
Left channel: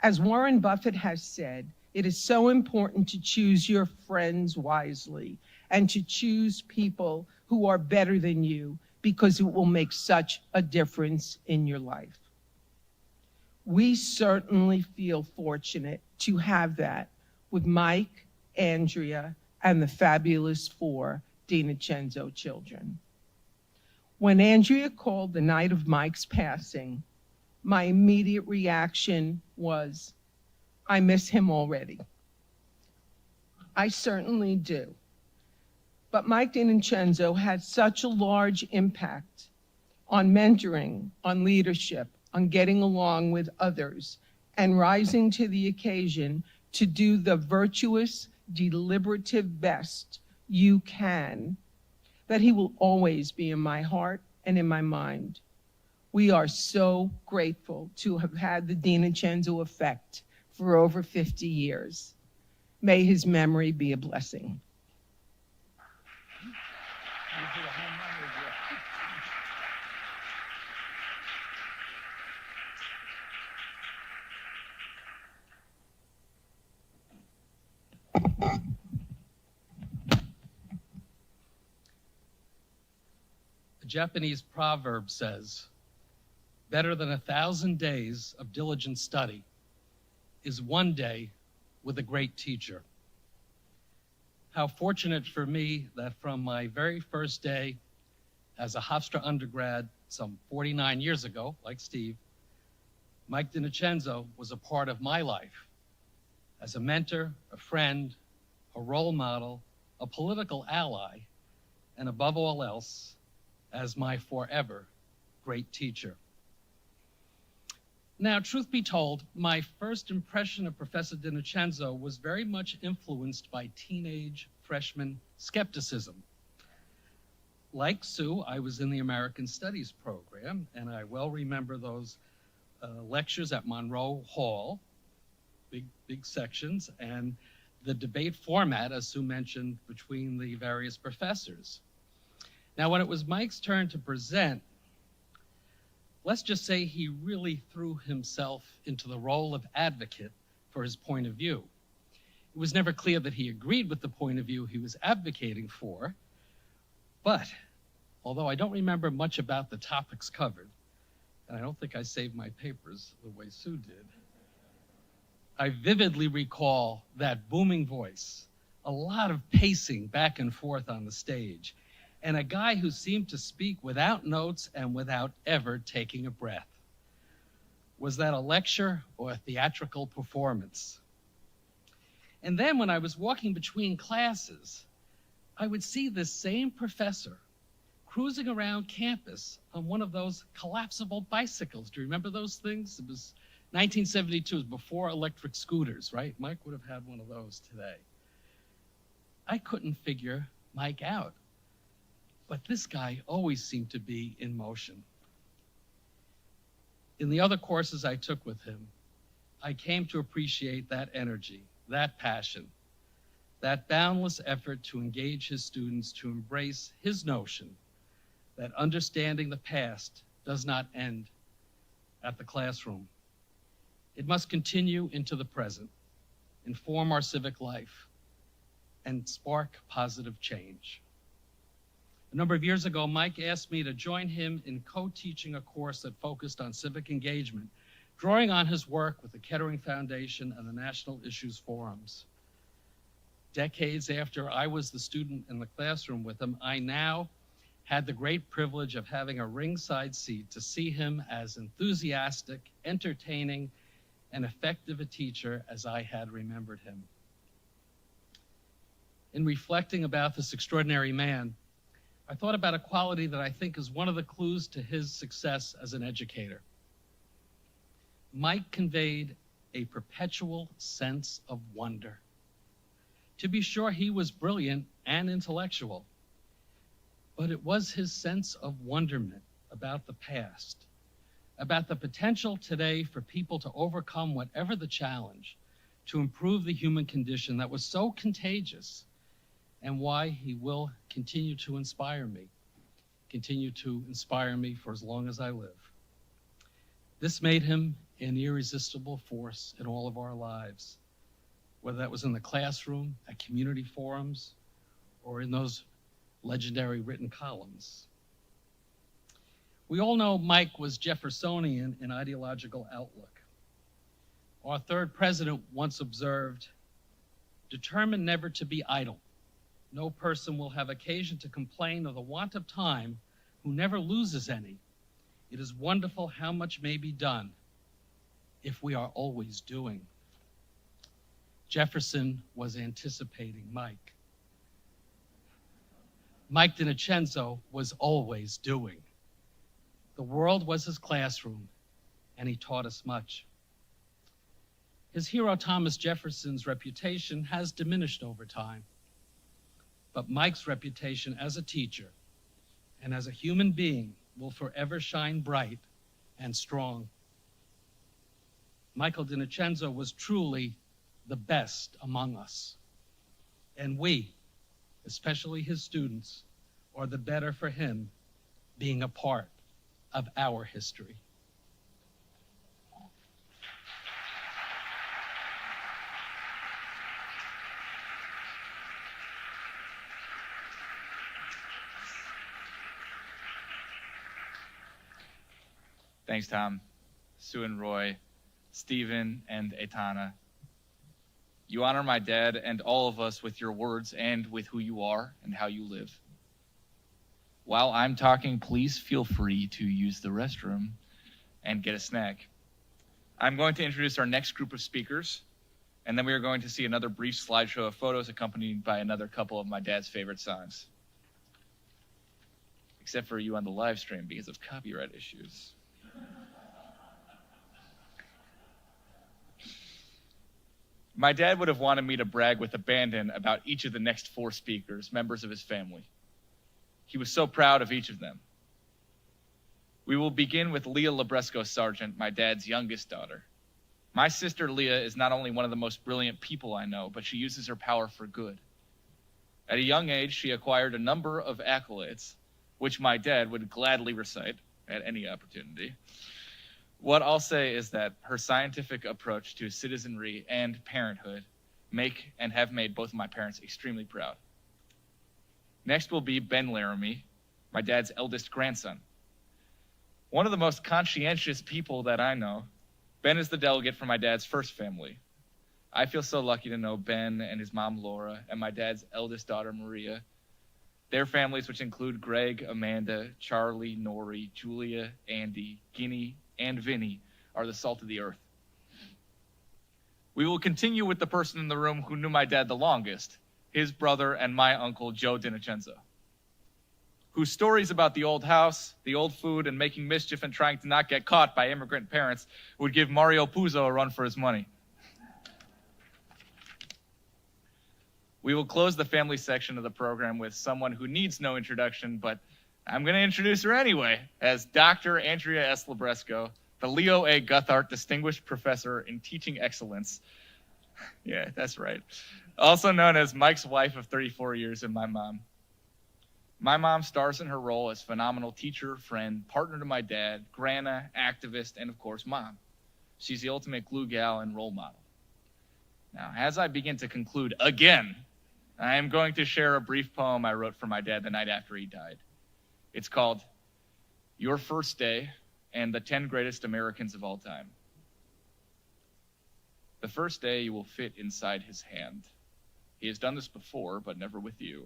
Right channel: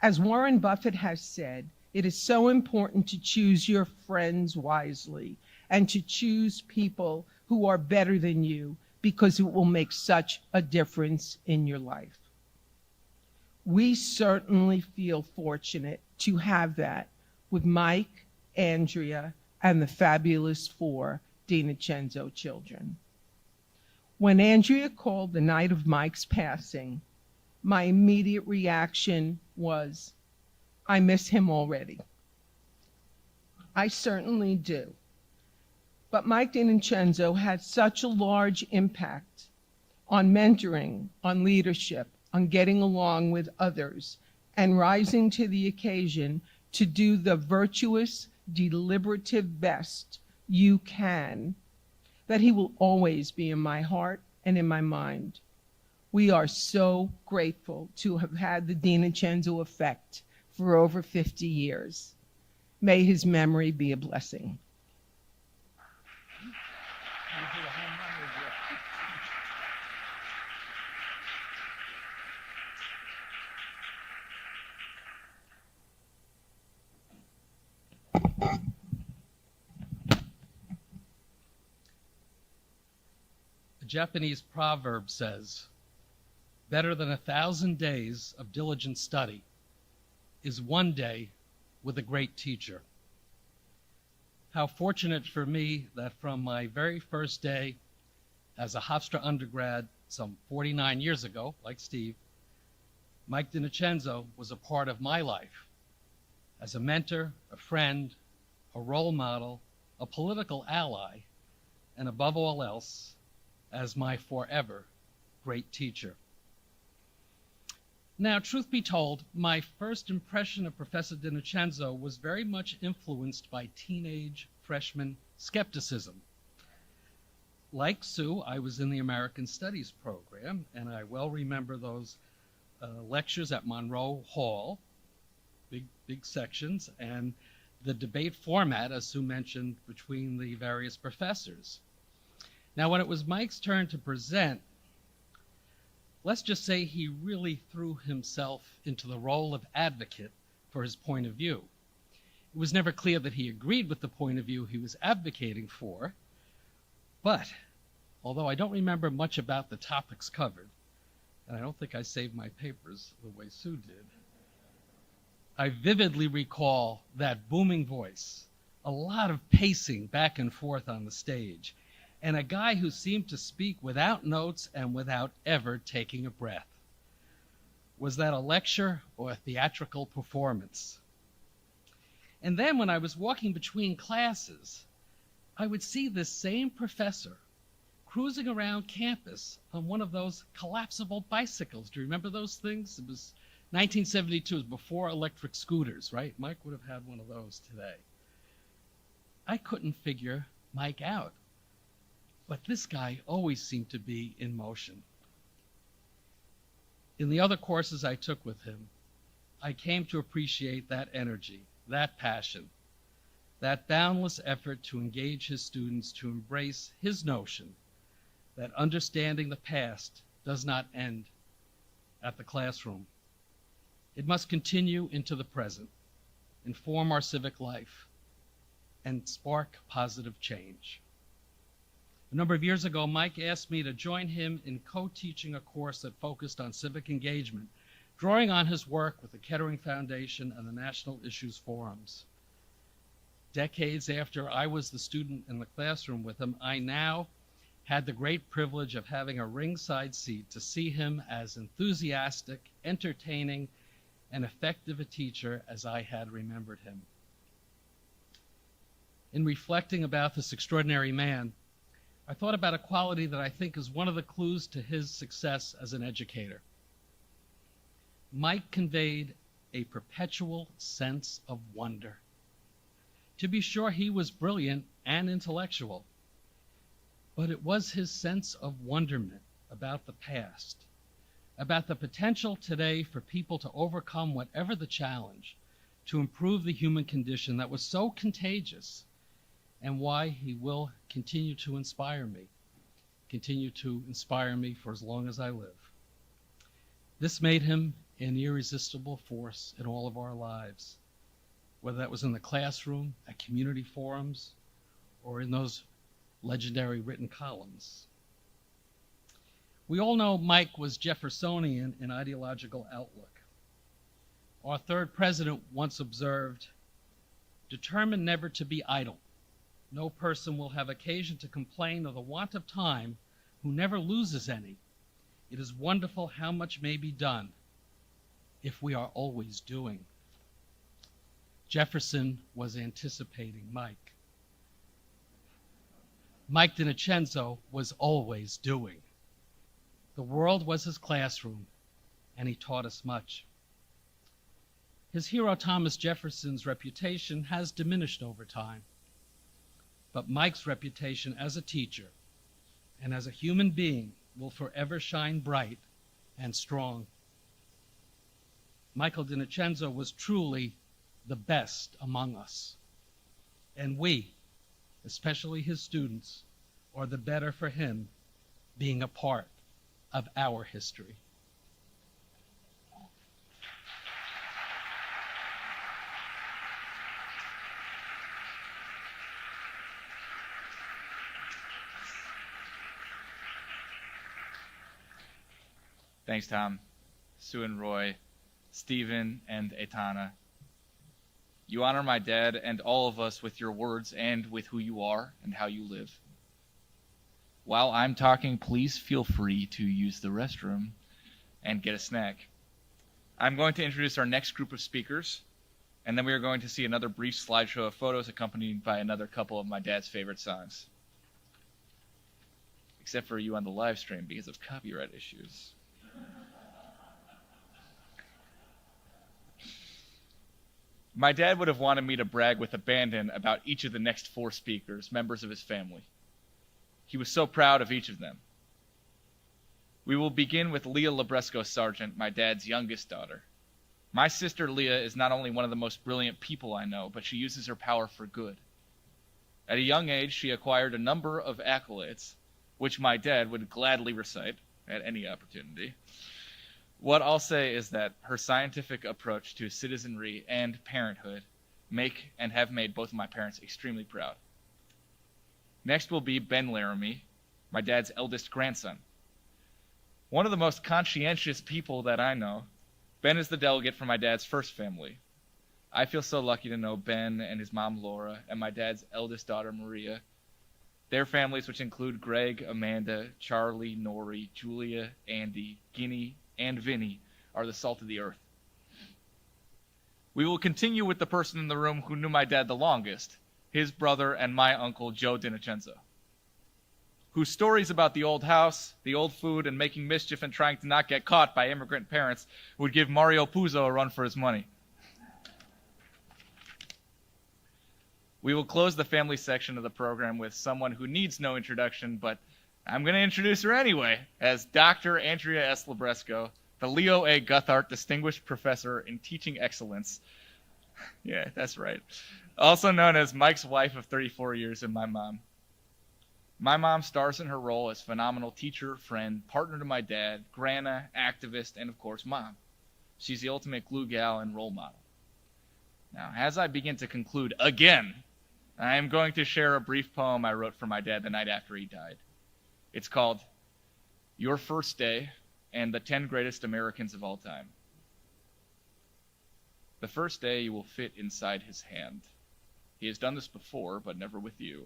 As Warren Buffett has said, it is so important to choose your friends wisely and to choose people who are better than you because it will make such a difference in your life. We certainly feel fortunate to have that with Mike, Andrea, and the fabulous 4 DiNocenzo children. When Andrea called the night of Mike's passing, my immediate reaction was, I miss him already. I certainly do. But Mike DiNocenzo had such a large impact on mentoring, on leadership, on getting along with others, and rising to the occasion to do the virtuous, deliberative best you can, that he will always be in my heart and in my mind. We are so grateful to have had the DiNocenzo effect for over 50 years. May his memory be a blessing. A Japanese proverb says, better than 1,000 days of diligent study is one day with a great teacher. How fortunate for me that from my very first day as a Hofstra undergrad some 49 years ago, like Steve, Mike DiNocenzo was a part of my life as a mentor, a friend, a role model, a political ally, and above all else, as my forever great teacher. Now, truth be told, my first impression of Professor DiNocenzo was very much influenced by teenage freshman skepticism. Like Sue, I was in the American Studies program, and I well remember those lectures at Monroe Hall, big sections, and the debate format, as Sue mentioned, between the various professors. Now, when it was Mike's turn to present, let's just say he really threw himself into the role of advocate for his point of view. It was never clear that he agreed with the point of view he was advocating for, but although I don't remember much about the topics covered, and I don't think I saved my papers the way Sue did, I vividly recall that booming voice, a lot of pacing back and forth on the stage, and a guy who seemed to speak without notes and without ever taking a breath. Was that a lecture or a theatrical performance? And then when I was walking between classes, I would see this same professor cruising around campus on one of those collapsible bicycles. Do you remember those things? It was 1972, it was before electric scooters, right? Mike would have had one of those today. I couldn't figure Mike out. But this guy always seemed to be in motion. In the other courses I took with him, I came to appreciate that energy, that passion, that boundless effort to engage his students to embrace his notion that understanding the past does not end at the classroom. It must continue into the present. inform our civic life, and spark positive change. A number of years ago, Mike asked me to join him in co-teaching a course that focused on civic engagement, drawing on his work with the Kettering Foundation and the National Issues Forums. Decades after I was the student in the classroom with him, I now had the great privilege of having a ringside seat to see him as enthusiastic, entertaining, and effective a teacher as I had remembered him. In reflecting about this extraordinary man, I thought about a quality that I think is one of the clues to his success as an educator. Mike conveyed a perpetual sense of wonder. To be sure, he was brilliant and intellectual, but it was his sense of wonderment about the past, about the potential today for people to overcome whatever the challenge, to improve the human condition that was so contagious, and why he will continue to inspire me for as long as I live. This made him an irresistible force in all of our lives, whether that was in the classroom, at community forums, or in those legendary written columns. We all know Mike was Jeffersonian in ideological outlook. Our third president once observed, "Determined never to be idle, no person will have occasion to complain of the want of time who never loses any. It is wonderful how much may be done if we are always doing." Jefferson was anticipating Mike. Mike DiNocenzo was always doing. The world was his classroom, and he taught us much. His hero Thomas Jefferson's reputation has diminished over time, but Mike's reputation as a teacher and as a human being will forever shine bright and strong. Michael DiNocenzo was truly the best among us, and we, especially his students, are the better for him being a part of our history. Thanks, Tom, Sue and Roy, Stephen and Aitana. You honor my dad and all of us with your words and with who you are and how you live. While I'm talking, please feel free to use the restroom and get a snack. I'm going to introduce our next group of speakers, and then we are going to see another brief slideshow of photos accompanied by another couple of my dad's favorite songs. Except for you on the live stream because of copyright issues. My dad would have wanted me to brag with abandon about each of the next 4 speakers, members of his family. He was so proud of each of them. We will begin with Leah Labresco Sargent, my dad's youngest daughter. My sister Leah is not only one of the most brilliant people I know, but she uses her power for good. At a young age, she acquired a number of accolades, which my dad would gladly recite at any opportunity. What I'll say is that her scientific approach to citizenry and parenthood make and have made both of my parents extremely proud. Next will be Ben Laramie, my dad's eldest grandson. One of the most conscientious people that I know, Ben is the delegate for my dad's first family. I feel so lucky to know Ben and his mom Laura and my dad's eldest daughter Maria. Their families, which include Greg, Amanda, Charlie, Nori, Julia, Andy, Guinea, and Vinny, are the salt of the earth. We will continue with the person in the room who knew my dad the longest, his brother and my uncle Joe DiNocenzo, whose stories about the old house, the old food, and making mischief and trying to not get caught by immigrant parents would give Mario Puzo a run for his money. We will close the family section of the program with someone who needs no introduction, but I'm going to introduce her anyway, as Dr. Andrea S. Labresco, the Leo A. Guthart Distinguished Professor in Teaching Excellence. Yeah, that's right. Also known as Mike's wife of 34 years and my mom. My mom stars in her role as phenomenal teacher, friend, partner to my dad, grandma, activist, and of course, mom. She's the ultimate glue gal and role model. Now, as I begin to conclude again, I am going to share a brief poem I wrote for my dad the night after he died. It's called Your First Day and the 10 Greatest Americans of All Time. The first day you will fit inside his hand. He has done this before, but never with you.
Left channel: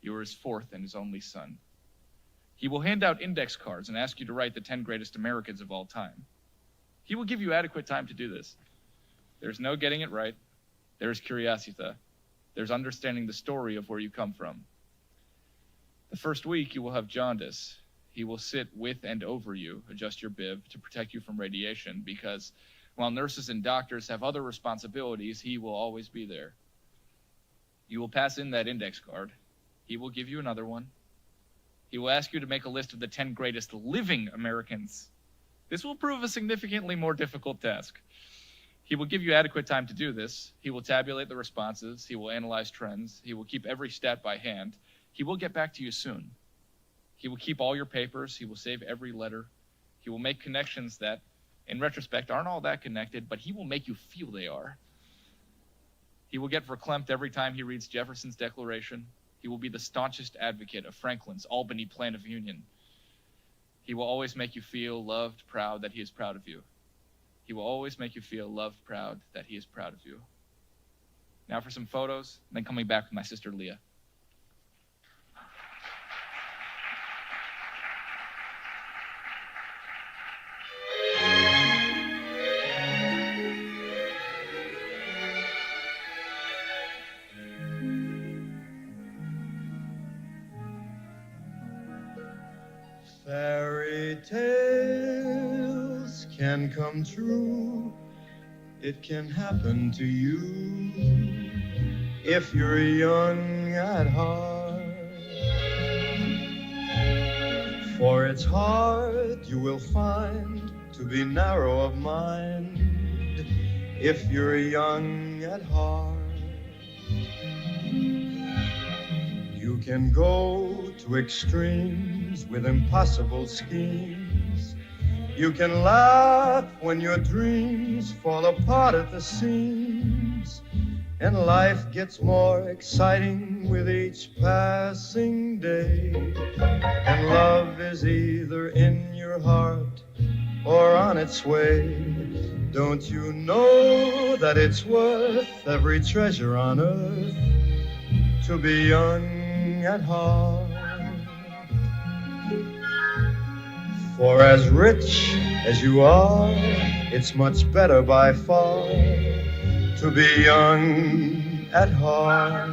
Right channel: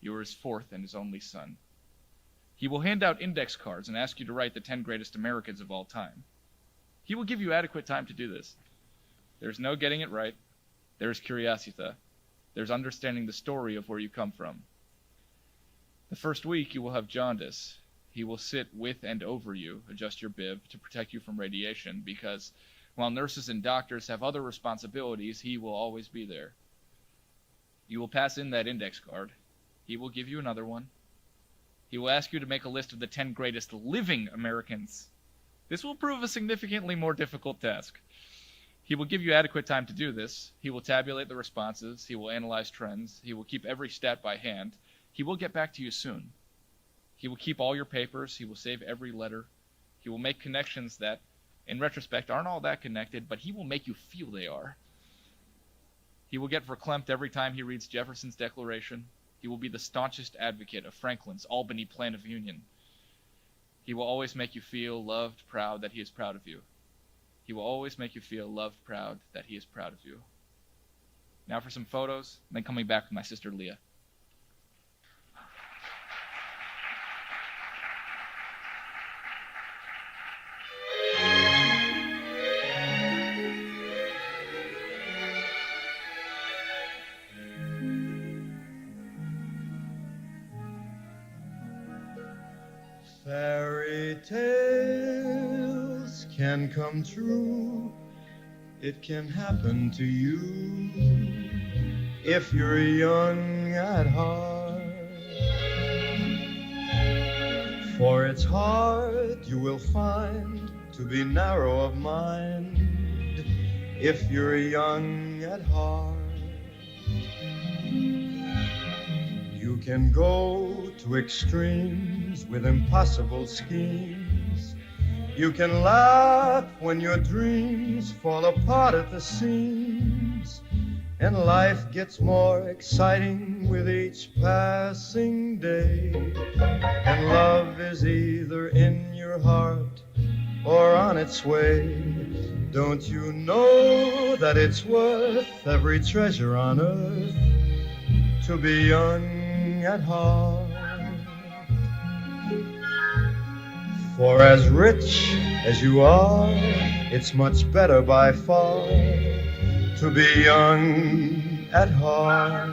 You are his fourth and his only son. He will hand out index cards and ask you to write the 10 greatest Americans of all time. He will give you adequate time to do this. There's no getting it right. There's curiosita. There's understanding the story of where you come from. The first week you will have jaundice. He will sit with and over you, adjust your bib to protect you from radiation, because while nurses and doctors have other responsibilities, he will always be there. You will pass in that index card. He will give you another one. He will ask you to make a list of the 10 greatest living Americans. This will prove a significantly more difficult task. He will give you adequate time to do this. He will tabulate the responses. He will analyze trends. He will keep every stat by hand. He will get back to you soon. He will keep all your papers. He will save every letter. He will make connections that, in retrospect, aren't all that connected, but he will make you feel they are. He will get verklempt every time he reads Jefferson's Declaration. He will be the staunchest advocate of Franklin's Albany Plan of Union. He will always make you feel loved, proud that he is proud of you. He will always make you feel loved, proud that he is proud of you. Now for some photos, then coming back with my sister Leah. Fairy tales can come true. It can happen to you if you're young at heart. For it's hard, you will find, to be narrow of mind if you're young at heart. You can go to extremes with impossible schemes. You can laugh when your dreams fall apart at the seams. And life gets more exciting with each passing day. And love is either in your heart or on its way. Don't you know that it's worth every treasure on earth to be young at heart? For as rich as you are, it's much better by far to be young at heart.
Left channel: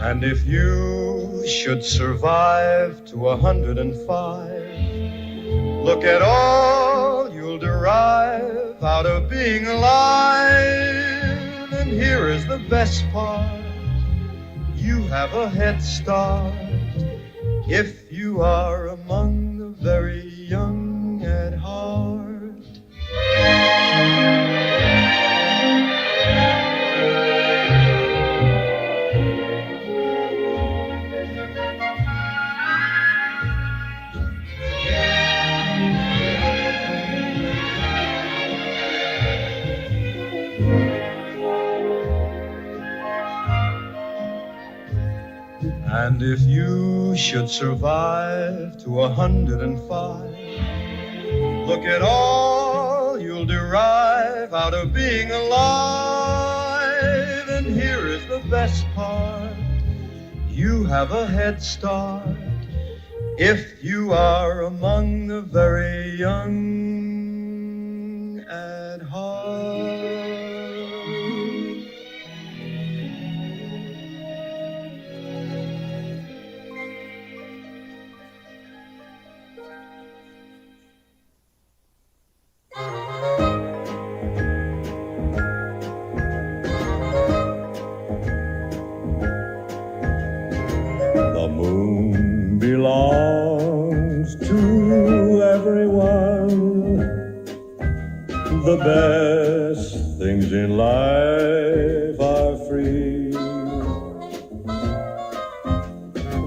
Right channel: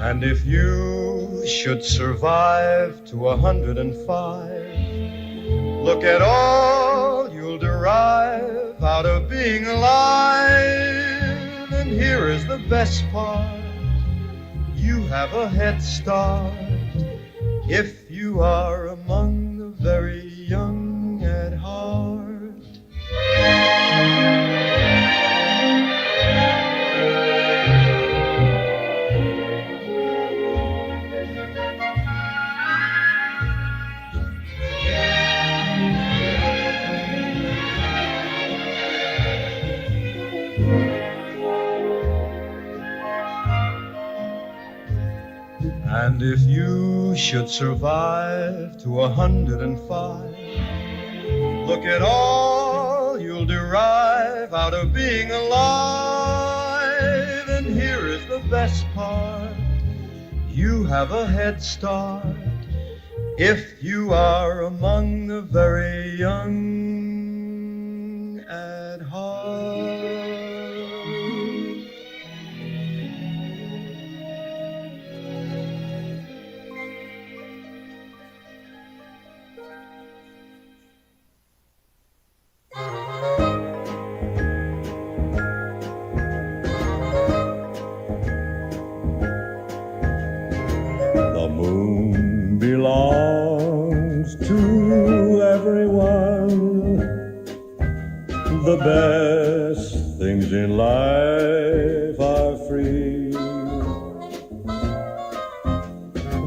And if you should survive to 105, look at all you'll derive out of being alive. And here is the best part, you have a head start if you are among the very young at heart. And if you should survive to 105, look at all you'll derive out of being alive. And here is the best part, you have a head start if you are among the very young at heart. The moon belongs to everyone. The best things in life are free.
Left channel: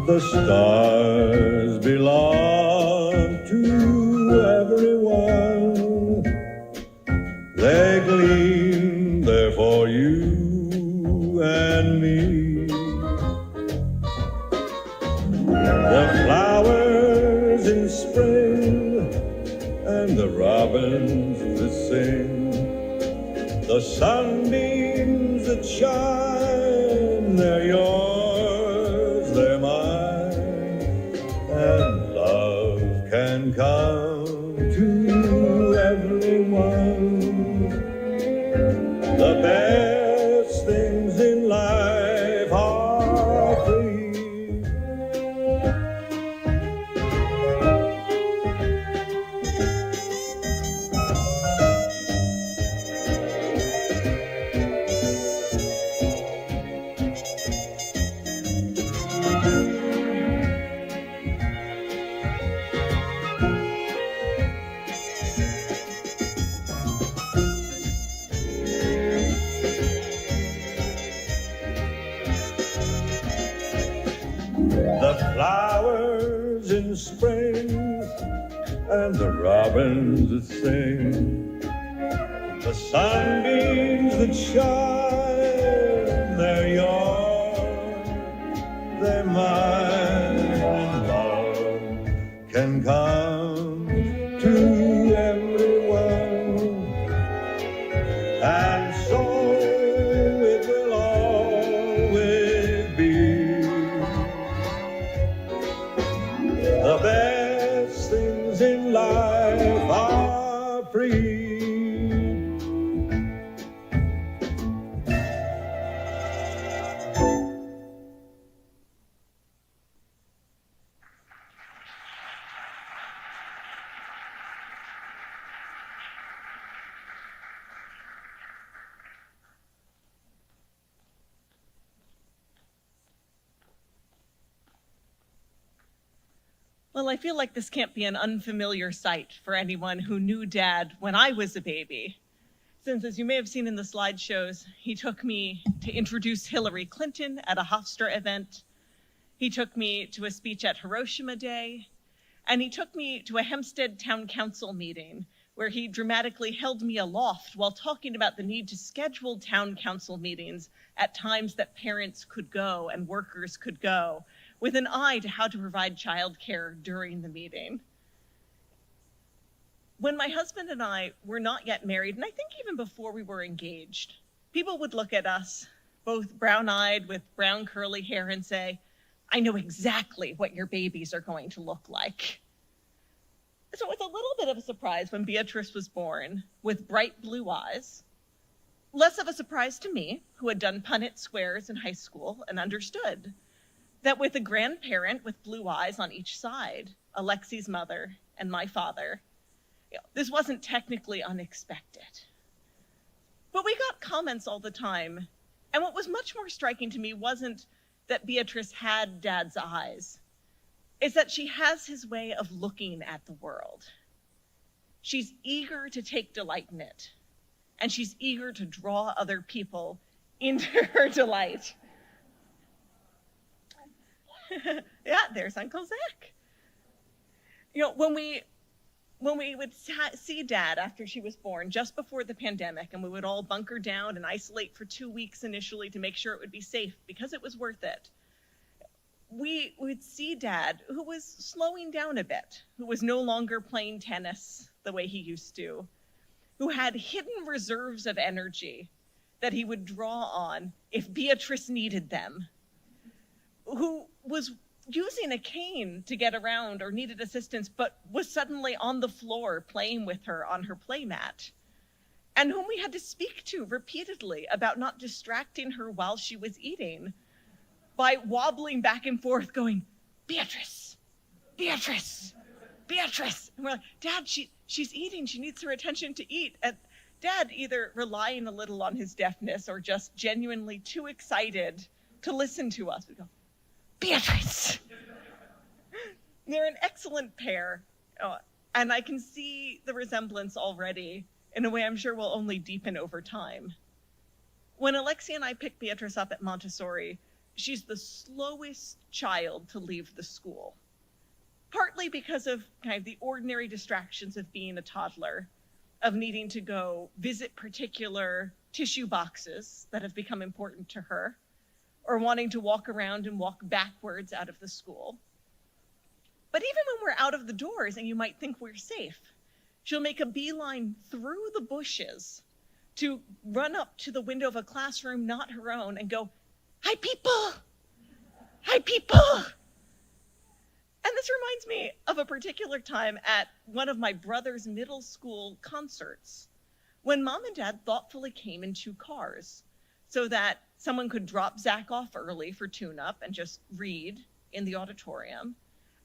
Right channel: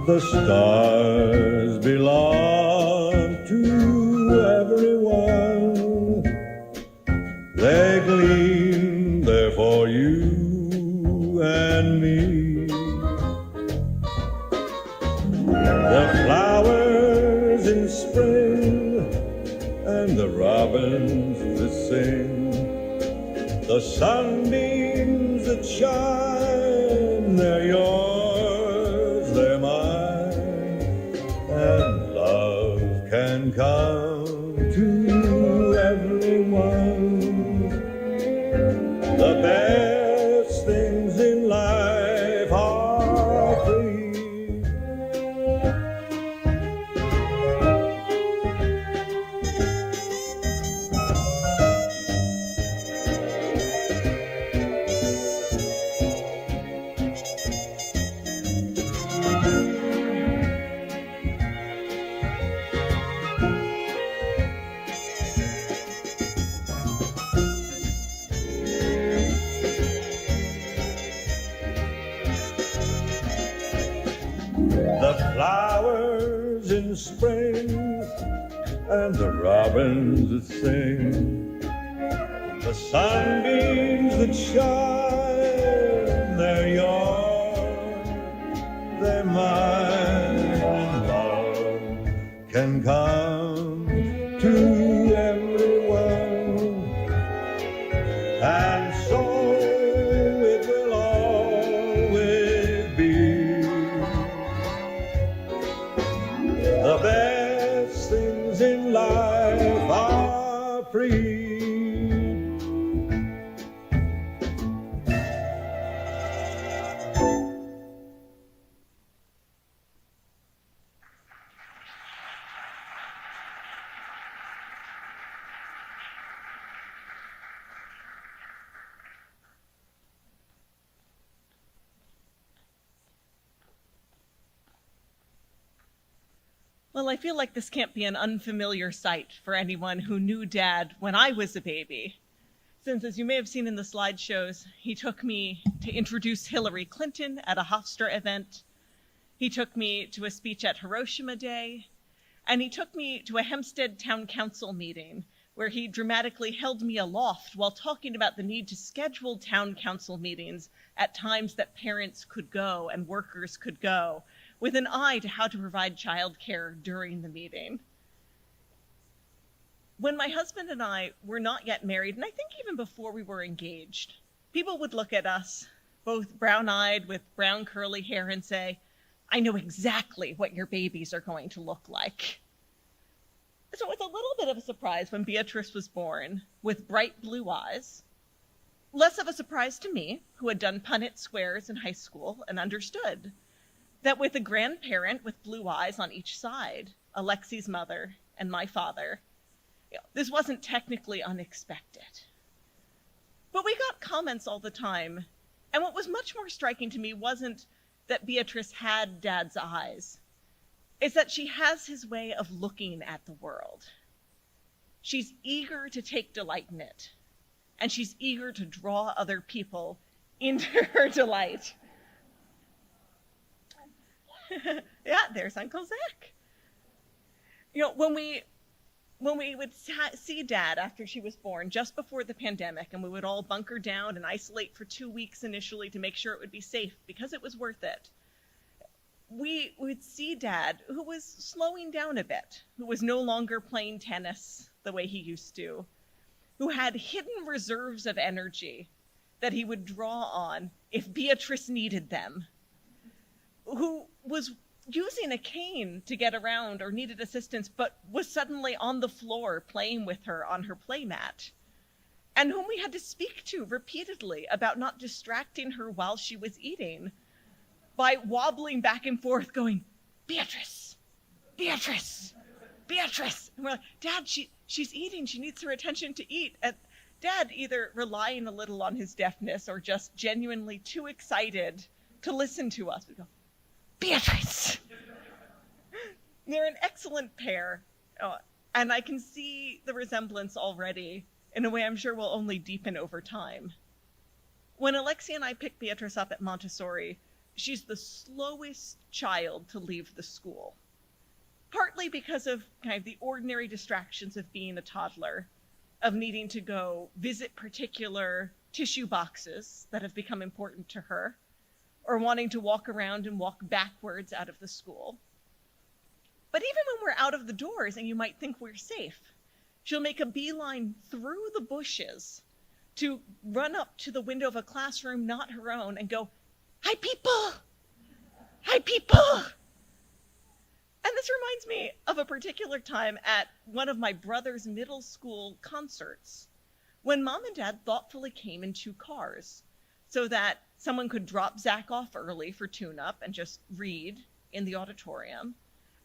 The stars belong to everyone. They're they gleam there for you and me. The flowers in spring and the robins that sing, the sunbeams that shine, they're yours, they're mine, and love can come to everyone. The best things in life are free. The flowers in spring and the robins that sing, the sunbeams that shine, they're yours, they're mine. Love can come to everyone, and so it will always be. The best things in life are free. Well, I feel like this can't be an unfamiliar sight for anyone who knew Dad when I was a baby, since, as you may have seen in the slideshows, he took me to introduce Hillary Clinton at a Hofstra event, he took me to a speech at Hiroshima Day, and he took me to a Hempstead Town Council meeting where he dramatically held me aloft while talking about the need to schedule town council meetings at times that parents could go and workers could go, with an eye to how to provide childcare during the meeting. When my husband and I were not yet married, and I think even before we were engaged, people would look at us, both brown-eyed with brown curly hair, and say, "I know exactly what your babies are going to look like." So it was a little bit of a surprise when Beatrice was born with bright blue eyes. Less of a surprise to me, who had done Punnett squares in high school and understood that with a grandparent with blue eyes on each side, Alexi's mother and my father, this wasn't technically unexpected. But we got comments all the time, and what was much more striking to me wasn't that Beatrice had Dad's eyes. It's that she has his way of looking at the world. She's eager to take delight in it, and she's eager to draw other people into her delight. Yeah, there's Uncle Zach. When we would see Dad after she was born, just before the pandemic, and we would all bunker down and isolate for 2 weeks initially to make sure it would be safe because it was worth it, we would see Dad, who was slowing down a bit, who was no longer playing tennis the way he used to, who had hidden reserves of energy that he would draw on if Beatrice needed them, who was using a cane to get around or needed assistance, but was suddenly on the floor playing with her on her playmat, and whom we had to speak to repeatedly about not distracting her while she was eating by wobbling back and forth going, "Beatrice, Beatrice, Beatrice." And we're like, "Dad, she's eating. She needs her attention to eat." And Dad either relying a little on his deafness or just genuinely too excited to listen to us would go, "Beatrice." They're an excellent pair, and I can see the resemblance already in a way I'm sure will only deepen over time. When Alexia and I picked Beatrice up at Montessori, she's the slowest child to leave the school, partly because of kind of the ordinary distractions of being a toddler, of needing to go visit particular tissue boxes that have become important to her, or wanting to walk around and walk backwards out of the school. But even when we're out of the doors and you might think we're safe, she'll make a beeline through the bushes to run up to the window of a classroom not her own and go, "Hi, people! Hi, people!" And this reminds me of a particular time at one of my brother's middle school concerts when Mom and Dad thoughtfully came in 2 cars so that someone could drop Zach off early for tune-up and just read in the auditorium.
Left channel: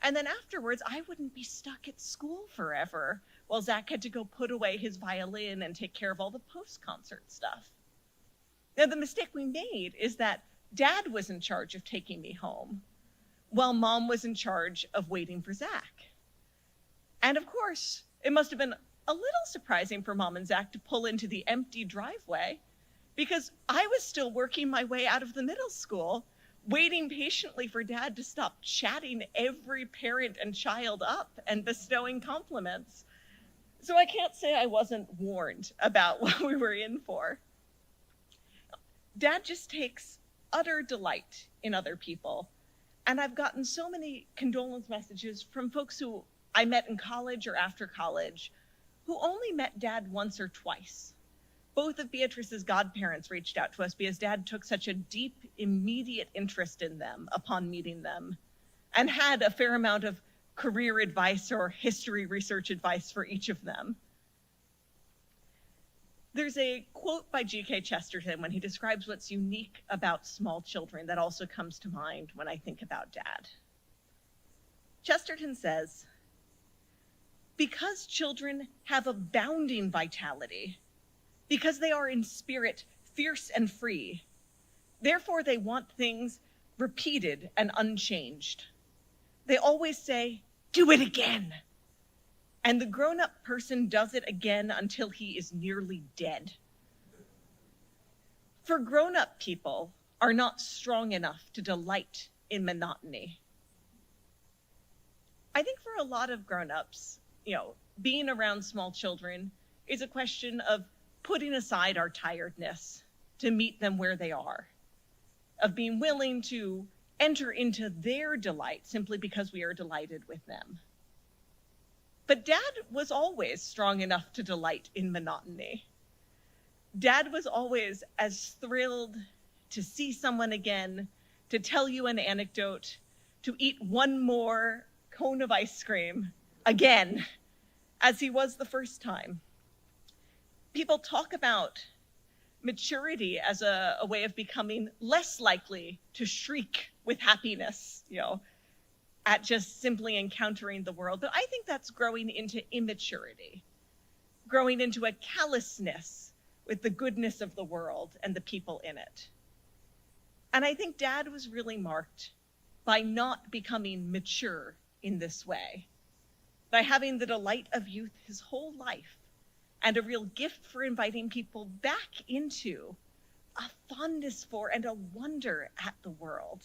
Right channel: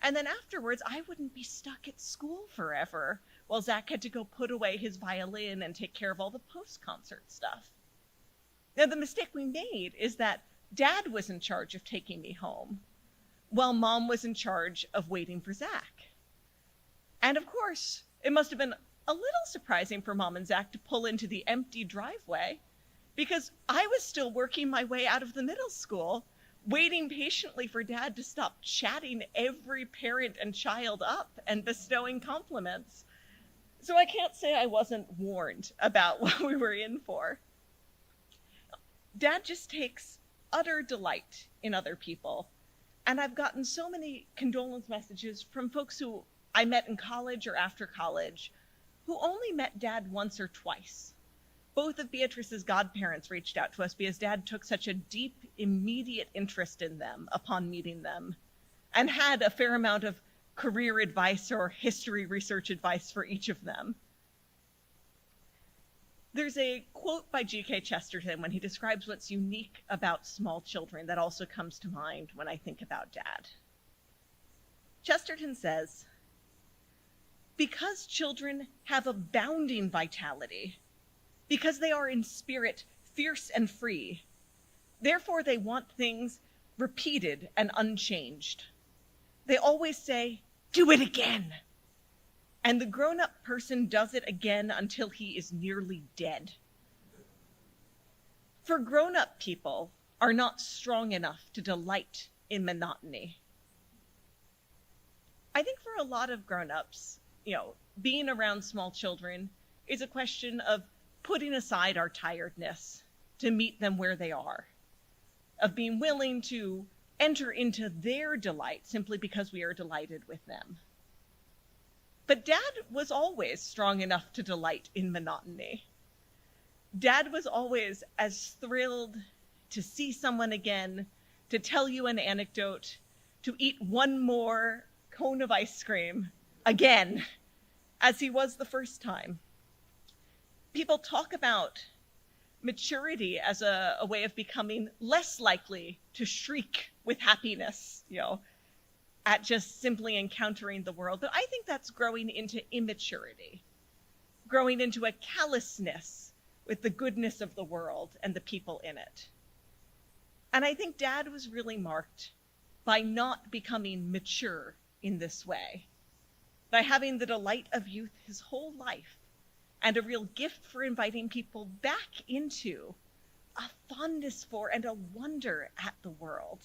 And then afterwards, I wouldn't be stuck at school forever while Zach had to go put away his violin and take care of all the post-concert stuff. Now, the mistake we made is that Dad was in charge of taking me home, while Mom was in charge of waiting for Zach. And of course, it must have been a little surprising for Mom and Zach to pull into the empty driveway, because I was still working my way out of the middle school, waiting patiently for Dad to stop chatting every parent and child up and bestowing compliments. So I can't say I wasn't warned about what we were in for. Dad just takes utter delight in other people. And I've gotten so many condolence messages from folks who I met in college or after college who only met Dad once or twice. Both of Beatrice's godparents reached out to us because Dad took such a deep, immediate interest in them upon meeting them, and had a fair amount of career advice or history research advice for each of them. There's a quote by G.K. Chesterton when he describes what's unique about small children that also comes to mind when I think about Dad. Chesterton says, "Because children have abounding vitality, because they are in spirit fierce and free, therefore they want things repeated and unchanged. They always say, 'Do it again.' And the grown-up person does it again until he is nearly dead. For grown-up people are not strong enough to delight in monotony." I think for a lot of grown-ups, being around small children is a question of putting aside our tiredness to meet them where they are, of being willing to enter into their delight simply because we are delighted with them. But Dad was always strong enough to delight in monotony. Dad was always as thrilled to see someone again, to tell you an anecdote, to eat one more cone of ice cream again, as he was the first time. People talk about maturity as a way of becoming less likely to shriek with happiness, at just simply encountering the world. But I think that's growing into immaturity, growing into a callousness with the goodness of the world and the people in it. And I think Dad was really marked by not becoming mature in this way, by having the delight of youth his whole life, and a real gift for inviting people back into a fondness for and a wonder at the world.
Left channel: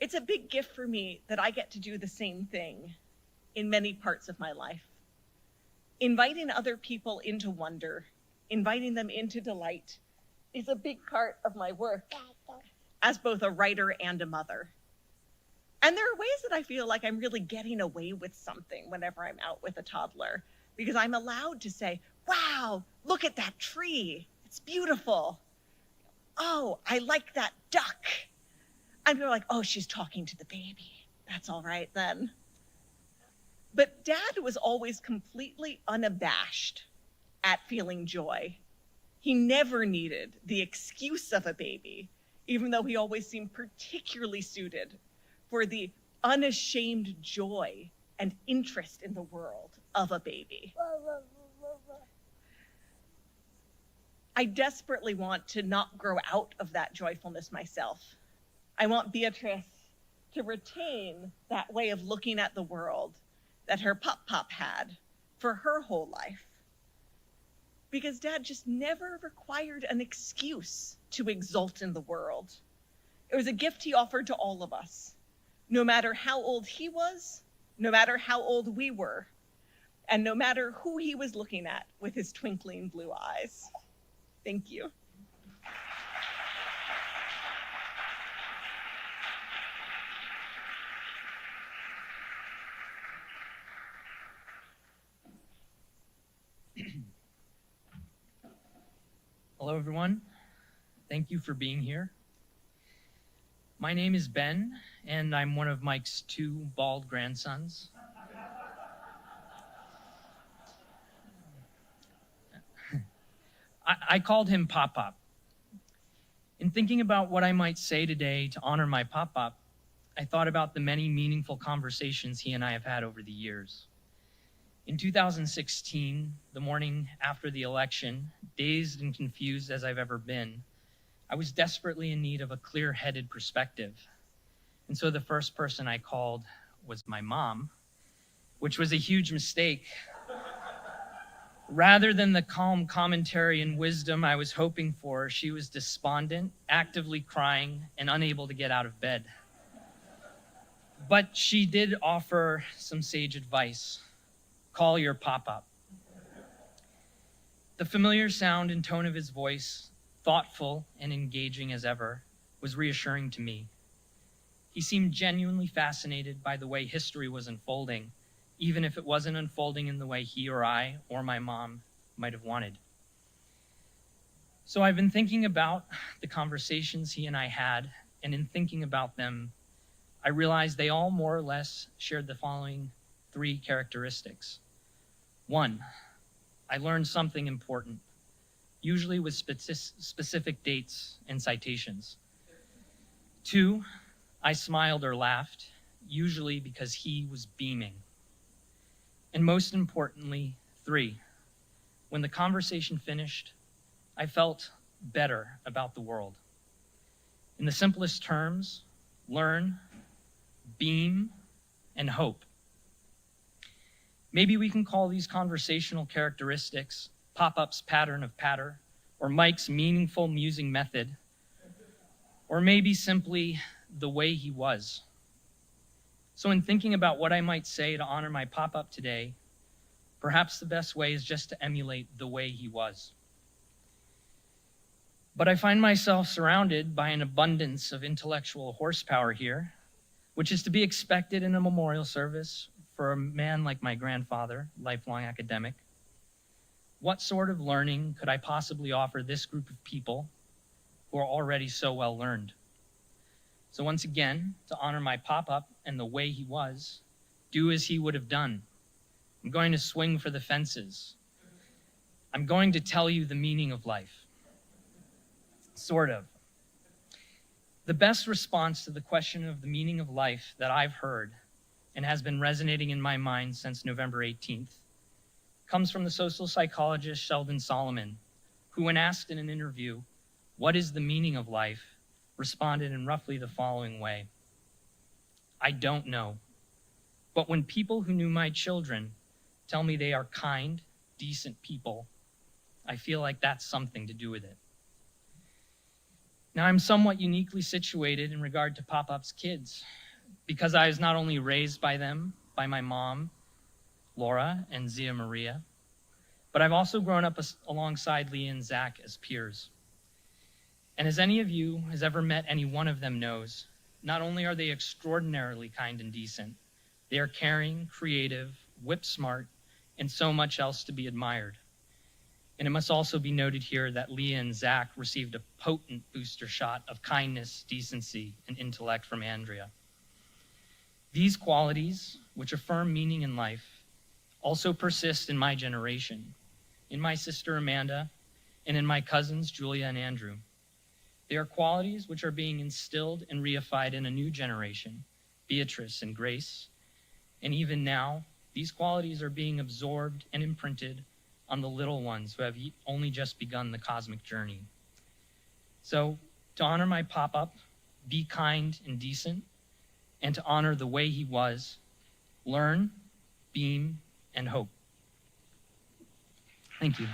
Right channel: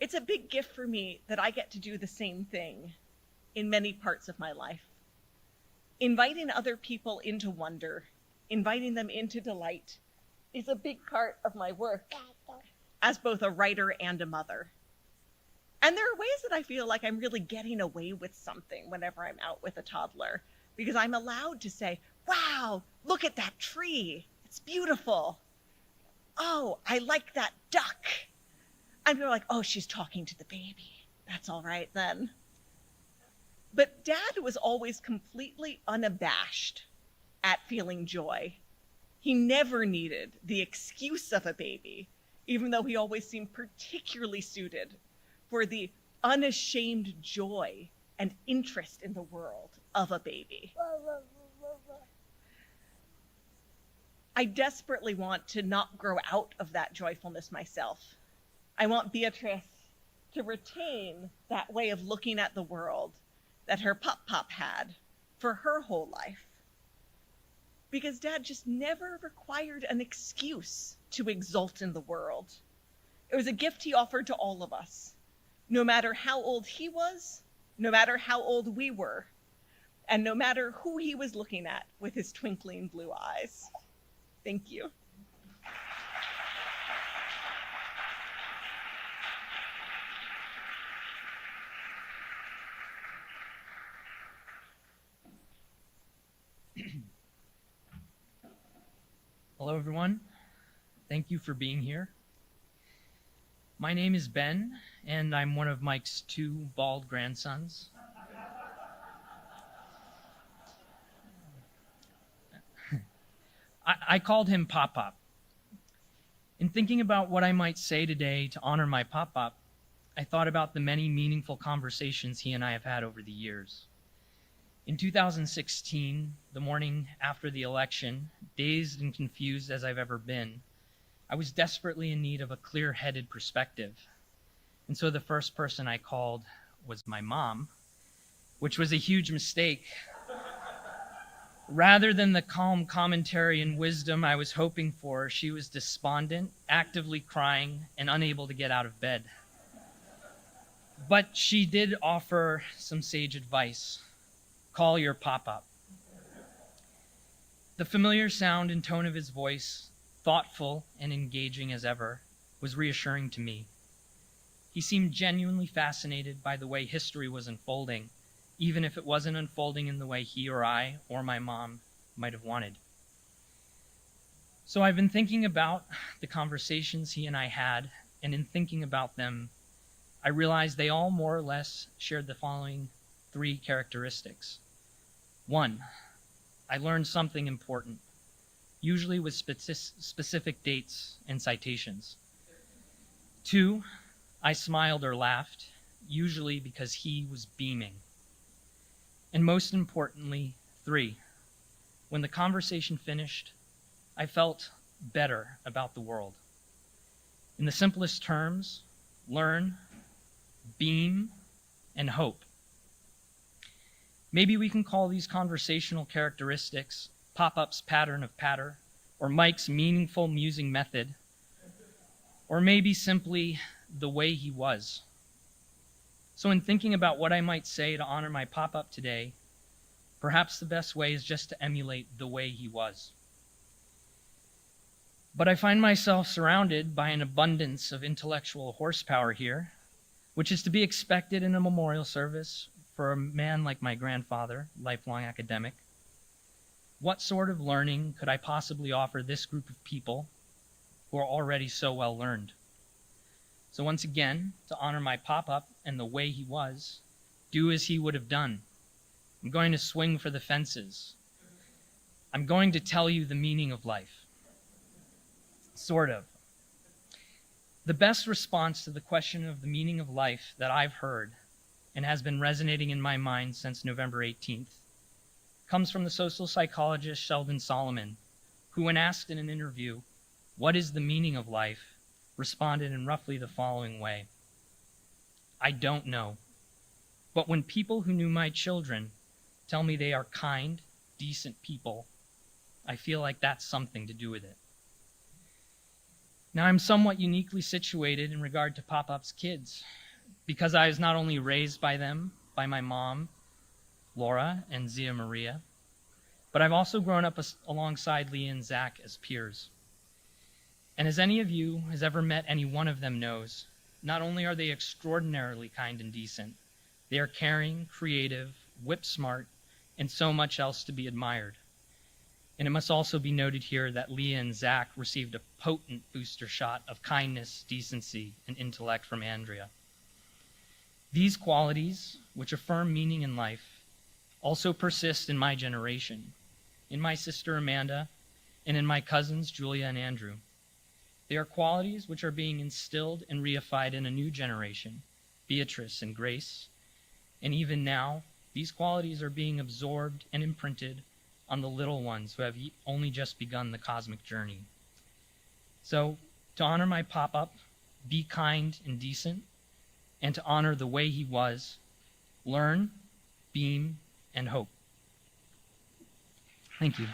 It's a big gift for me that I get to do the same thing in many parts of my life. Inviting other people into wonder, inviting them into delight, is a big part of my work as both a writer and a mother. And there are ways that I feel like I'm really getting away with something whenever I'm out with a toddler, because I'm allowed to say, "Wow, look at that tree. It's beautiful. Oh, I like that duck." And they're like, "Oh, she's talking to the baby. That's all right then." But Dad was always completely unabashed at feeling joy. He never needed the excuse of a baby, even though he always seemed particularly suited for the unashamed joy and interest in the world of a baby. I desperately want to not grow out of that joyfulness myself. I want Beatrice to retain that way of looking at the world that her Pop had for her whole life. Because Dad just never required an excuse to exult in the world. It was a gift he offered to all of us, no matter how old he was, no matter how old we were. and no matter who he was looking at with his twinkling blue eyes. Thank you. Hello, everyone. Thank you for being here. My name is Ben, and I'm one of Mike's 2 bald grandsons. I called him Pop Pop. In thinking about what I might say today to honor my Pop Pop, I thought about the many meaningful conversations he and I have had over the years. In 2016, the morning after the election, dazed and confused as I've ever been, I was desperately in need of a clear-headed perspective. And so the first person I called was my mom, which was a huge mistake. Rather than the calm commentary and wisdom I was hoping for, she was despondent, actively crying, and unable to get out of bed. But she did offer some sage advice. Call your Pop-Up. The familiar sound and tone of his voice, thoughtful and engaging as ever, was reassuring to me. He seemed genuinely fascinated by the way history was unfolding, even if it wasn't unfolding in the way he or I or my mom might have wanted. So I've been thinking about the conversations he and I had, and in thinking about them, I realized they all more or less shared the following 3 characteristics. 1, I learned something important, usually with specific dates and citations. 2, I smiled or laughed, usually because he was beaming. And most importantly, 3, when the conversation finished, I felt better about the world. In the simplest terms, learn, beam, and hope. Maybe we can call these conversational characteristics Pop-Up's pattern of patter, or Mike's meaningful musing method, or maybe simply the way he was. So in thinking about what I might say to honor my Pop-Up today, perhaps the best way is just to emulate the way he was. But I find myself surrounded by an abundance of intellectual horsepower here, which is to be expected in a memorial service for a man like my grandfather, lifelong academic. What sort of learning could I possibly offer this group of people who are already so well learned? So once again, to honor my Pop-Up and the way he was, do as he would have done. I'm going to swing for the fences. I'm going to tell you the meaning of life. Sort of. The best response to the question of the meaning of life that I've heard and has been resonating in my mind since November 18th comes from the social psychologist Sheldon Solomon, who, when asked in an interview, "What is the meaning of life?" responded in roughly the following way: I don't know, but when people who knew my children tell me they are kind, decent people, I feel like that's something to do with it. Now, I'm somewhat uniquely situated in regard to Pop-Up's kids, because I was not only raised by them, by my mom, Laura, and Zia Maria, but I've also grown up alongside Leah and Zach as peers. And as any of you has ever met any one of them knows, not only are they extraordinarily kind and decent, they are caring, creative, whip-smart, and so much else to be admired. And it must also be noted here that Leah and Zach received a potent booster shot of kindness, decency, and intellect from Andrea. These qualities, which affirm meaning in life, also persist in my generation, in my sister Amanda, and in my cousins Julia and Andrew. They are qualities which are being instilled and reified in a new generation, Beatrice and Grace, and even now, these qualities are being absorbed and imprinted on the little ones who have only just begun the cosmic journey. So, to honor my Pop-Up, be kind and decent, and to honor the way he was, learn, beam, and hope. Thank you.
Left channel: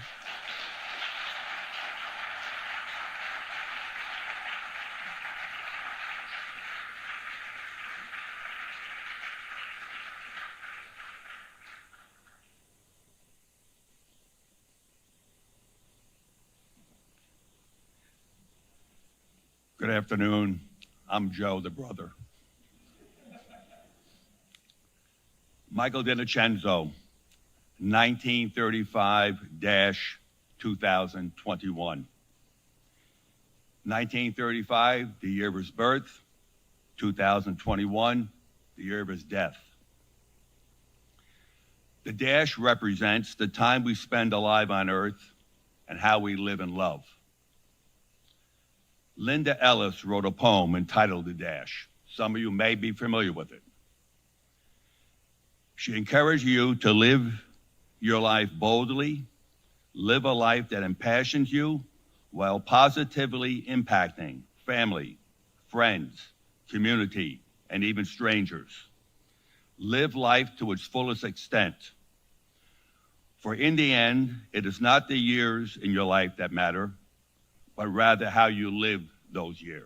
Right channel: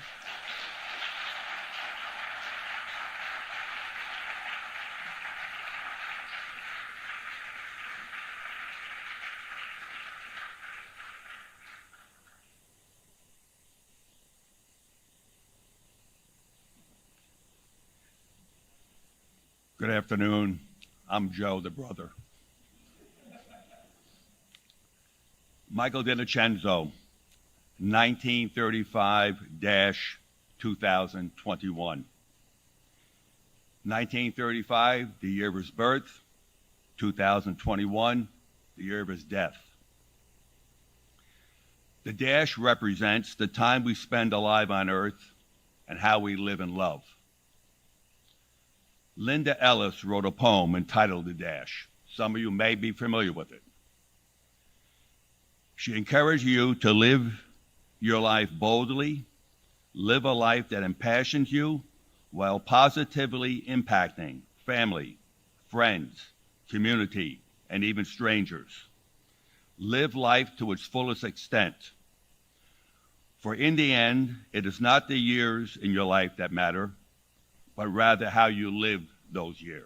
Good afternoon. I'm Joe, the brother. Michael DiNocenzo, 1935-2021. 1935, the year of his birth. 2021, the year of his death. The dash represents the time we spend alive on Earth and how we live and love. Linda Ellis wrote a poem entitled The Dash. Some of you may be familiar with it. She encouraged you to live your life boldly, live a life that impassions you while positively impacting family, friends, community, and even strangers. Live life to its fullest extent. For in the end, it is not the years in your life that matter, but rather how you live those years.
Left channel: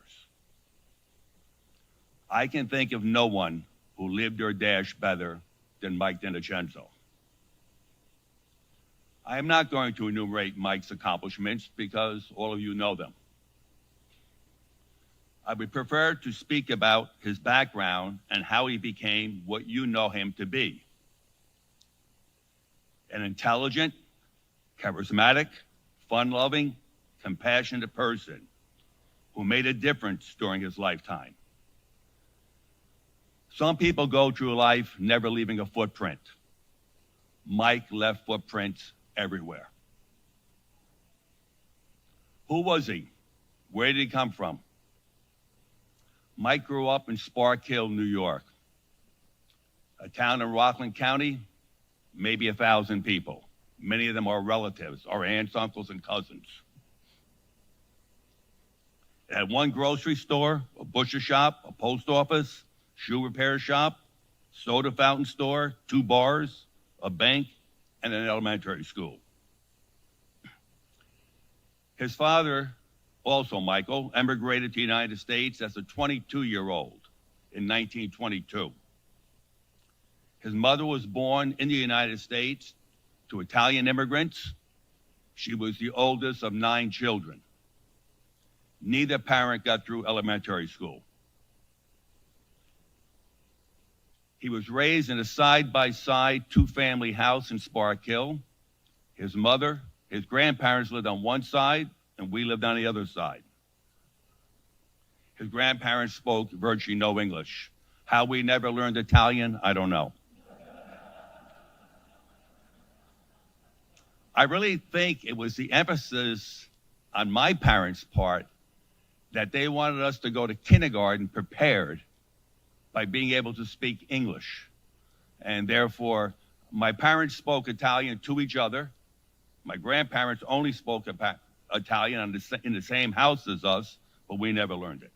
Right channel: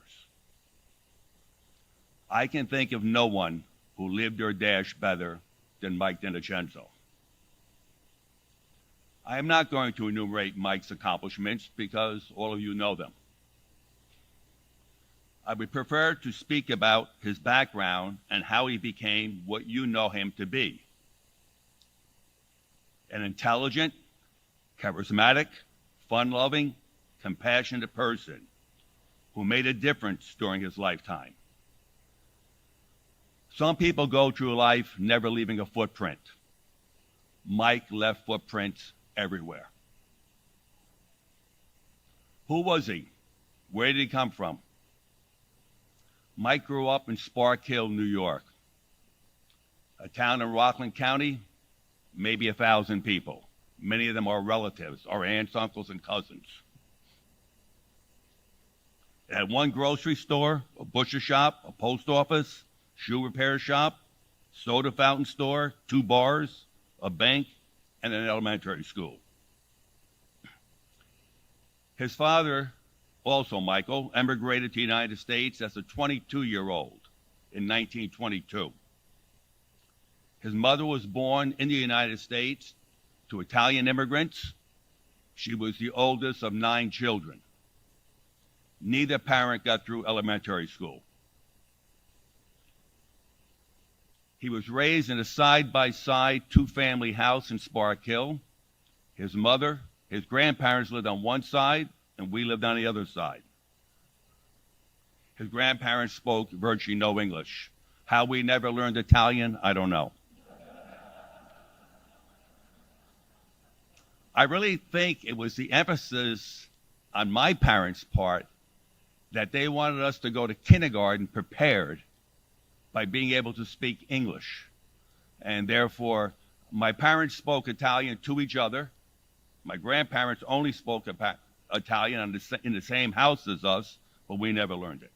I can think of no one who lived their dash better than Mike DiNocenzo. I am not going to enumerate Mike's accomplishments because all of you know them. I would prefer to speak about his background and how he became what you know him to be. An intelligent, charismatic, fun-loving, compassionate person who made a difference during his lifetime. Some people go through life never leaving a footprint. Mike left footprints everywhere. Who was he? Where did he come from? Mike grew up in Spark Hill, New York, a town in Rockland County, maybe 1,000 people. Many of them are relatives, our aunts, uncles, and cousins. It had one grocery store, a butcher shop, a post office, shoe repair shop, soda fountain store, 2 bars, a bank, and an elementary school. His father, also Michael, emigrated to the United States as a 22-year-old in 1922. His mother was born in the United States to Italian immigrants. She was the oldest of 9 children. Neither parent got through elementary school. He was raised in a side-by-side 2-family house in Spark Hill. His mother, his grandparents lived on one side, and we lived on the other side. His grandparents spoke virtually no English. How we never learned Italian, I don't know. I really think it was the emphasis on my parents' part that they wanted us to go to kindergarten prepared by being able to speak English. And therefore, my parents spoke Italian to each other. My grandparents only spoke Italian in the same house as us, but we never learned it.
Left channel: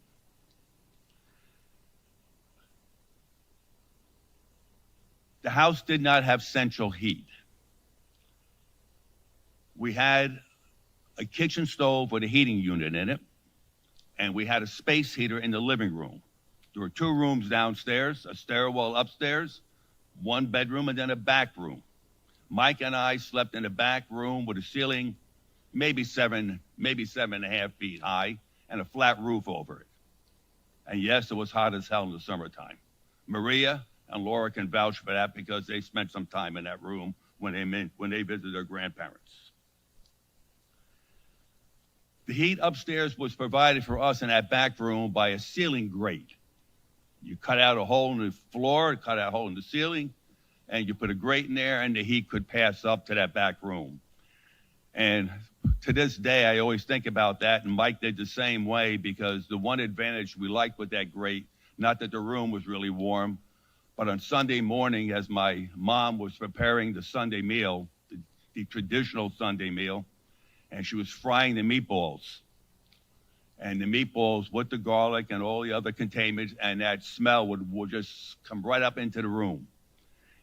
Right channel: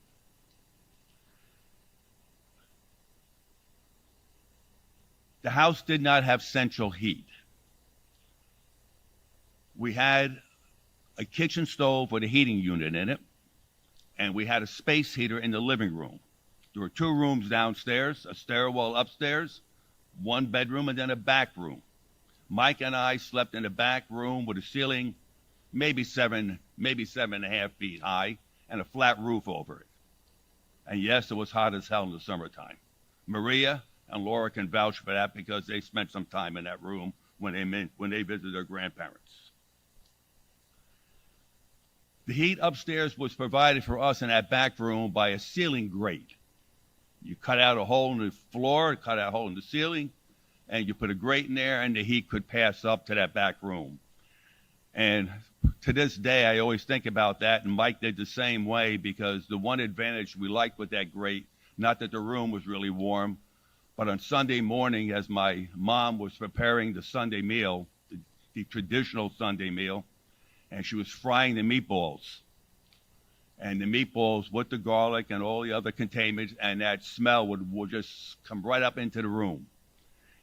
The house did not have central heat. We had a kitchen stove with a heating unit in it, and we had a space heater in the living room. There were 2 rooms downstairs, a stairwell upstairs, 1 bedroom, and then a back room. Mike and I slept in the back room with a ceiling maybe 7.5 feet high and a flat roof over it. And yes, it was hot as hell in the summertime. Maria and Laura can vouch for that because they spent some time in that room when they visited their grandparents. The heat upstairs was provided for us in that back room by a ceiling grate. You cut out a hole in the floor, cut out a hole in the ceiling, and you put a grate in there, and the heat could pass up to that back room. And to this day, I always think about that, and Mike did the same way, because the one advantage we liked with that grate, not that the room was really warm, but on Sunday morning, as my mom was preparing the Sunday meal, the traditional Sunday meal, and she was frying the meatballs. And the meatballs with the garlic and all the other containments, and that smell would just come right up into the room.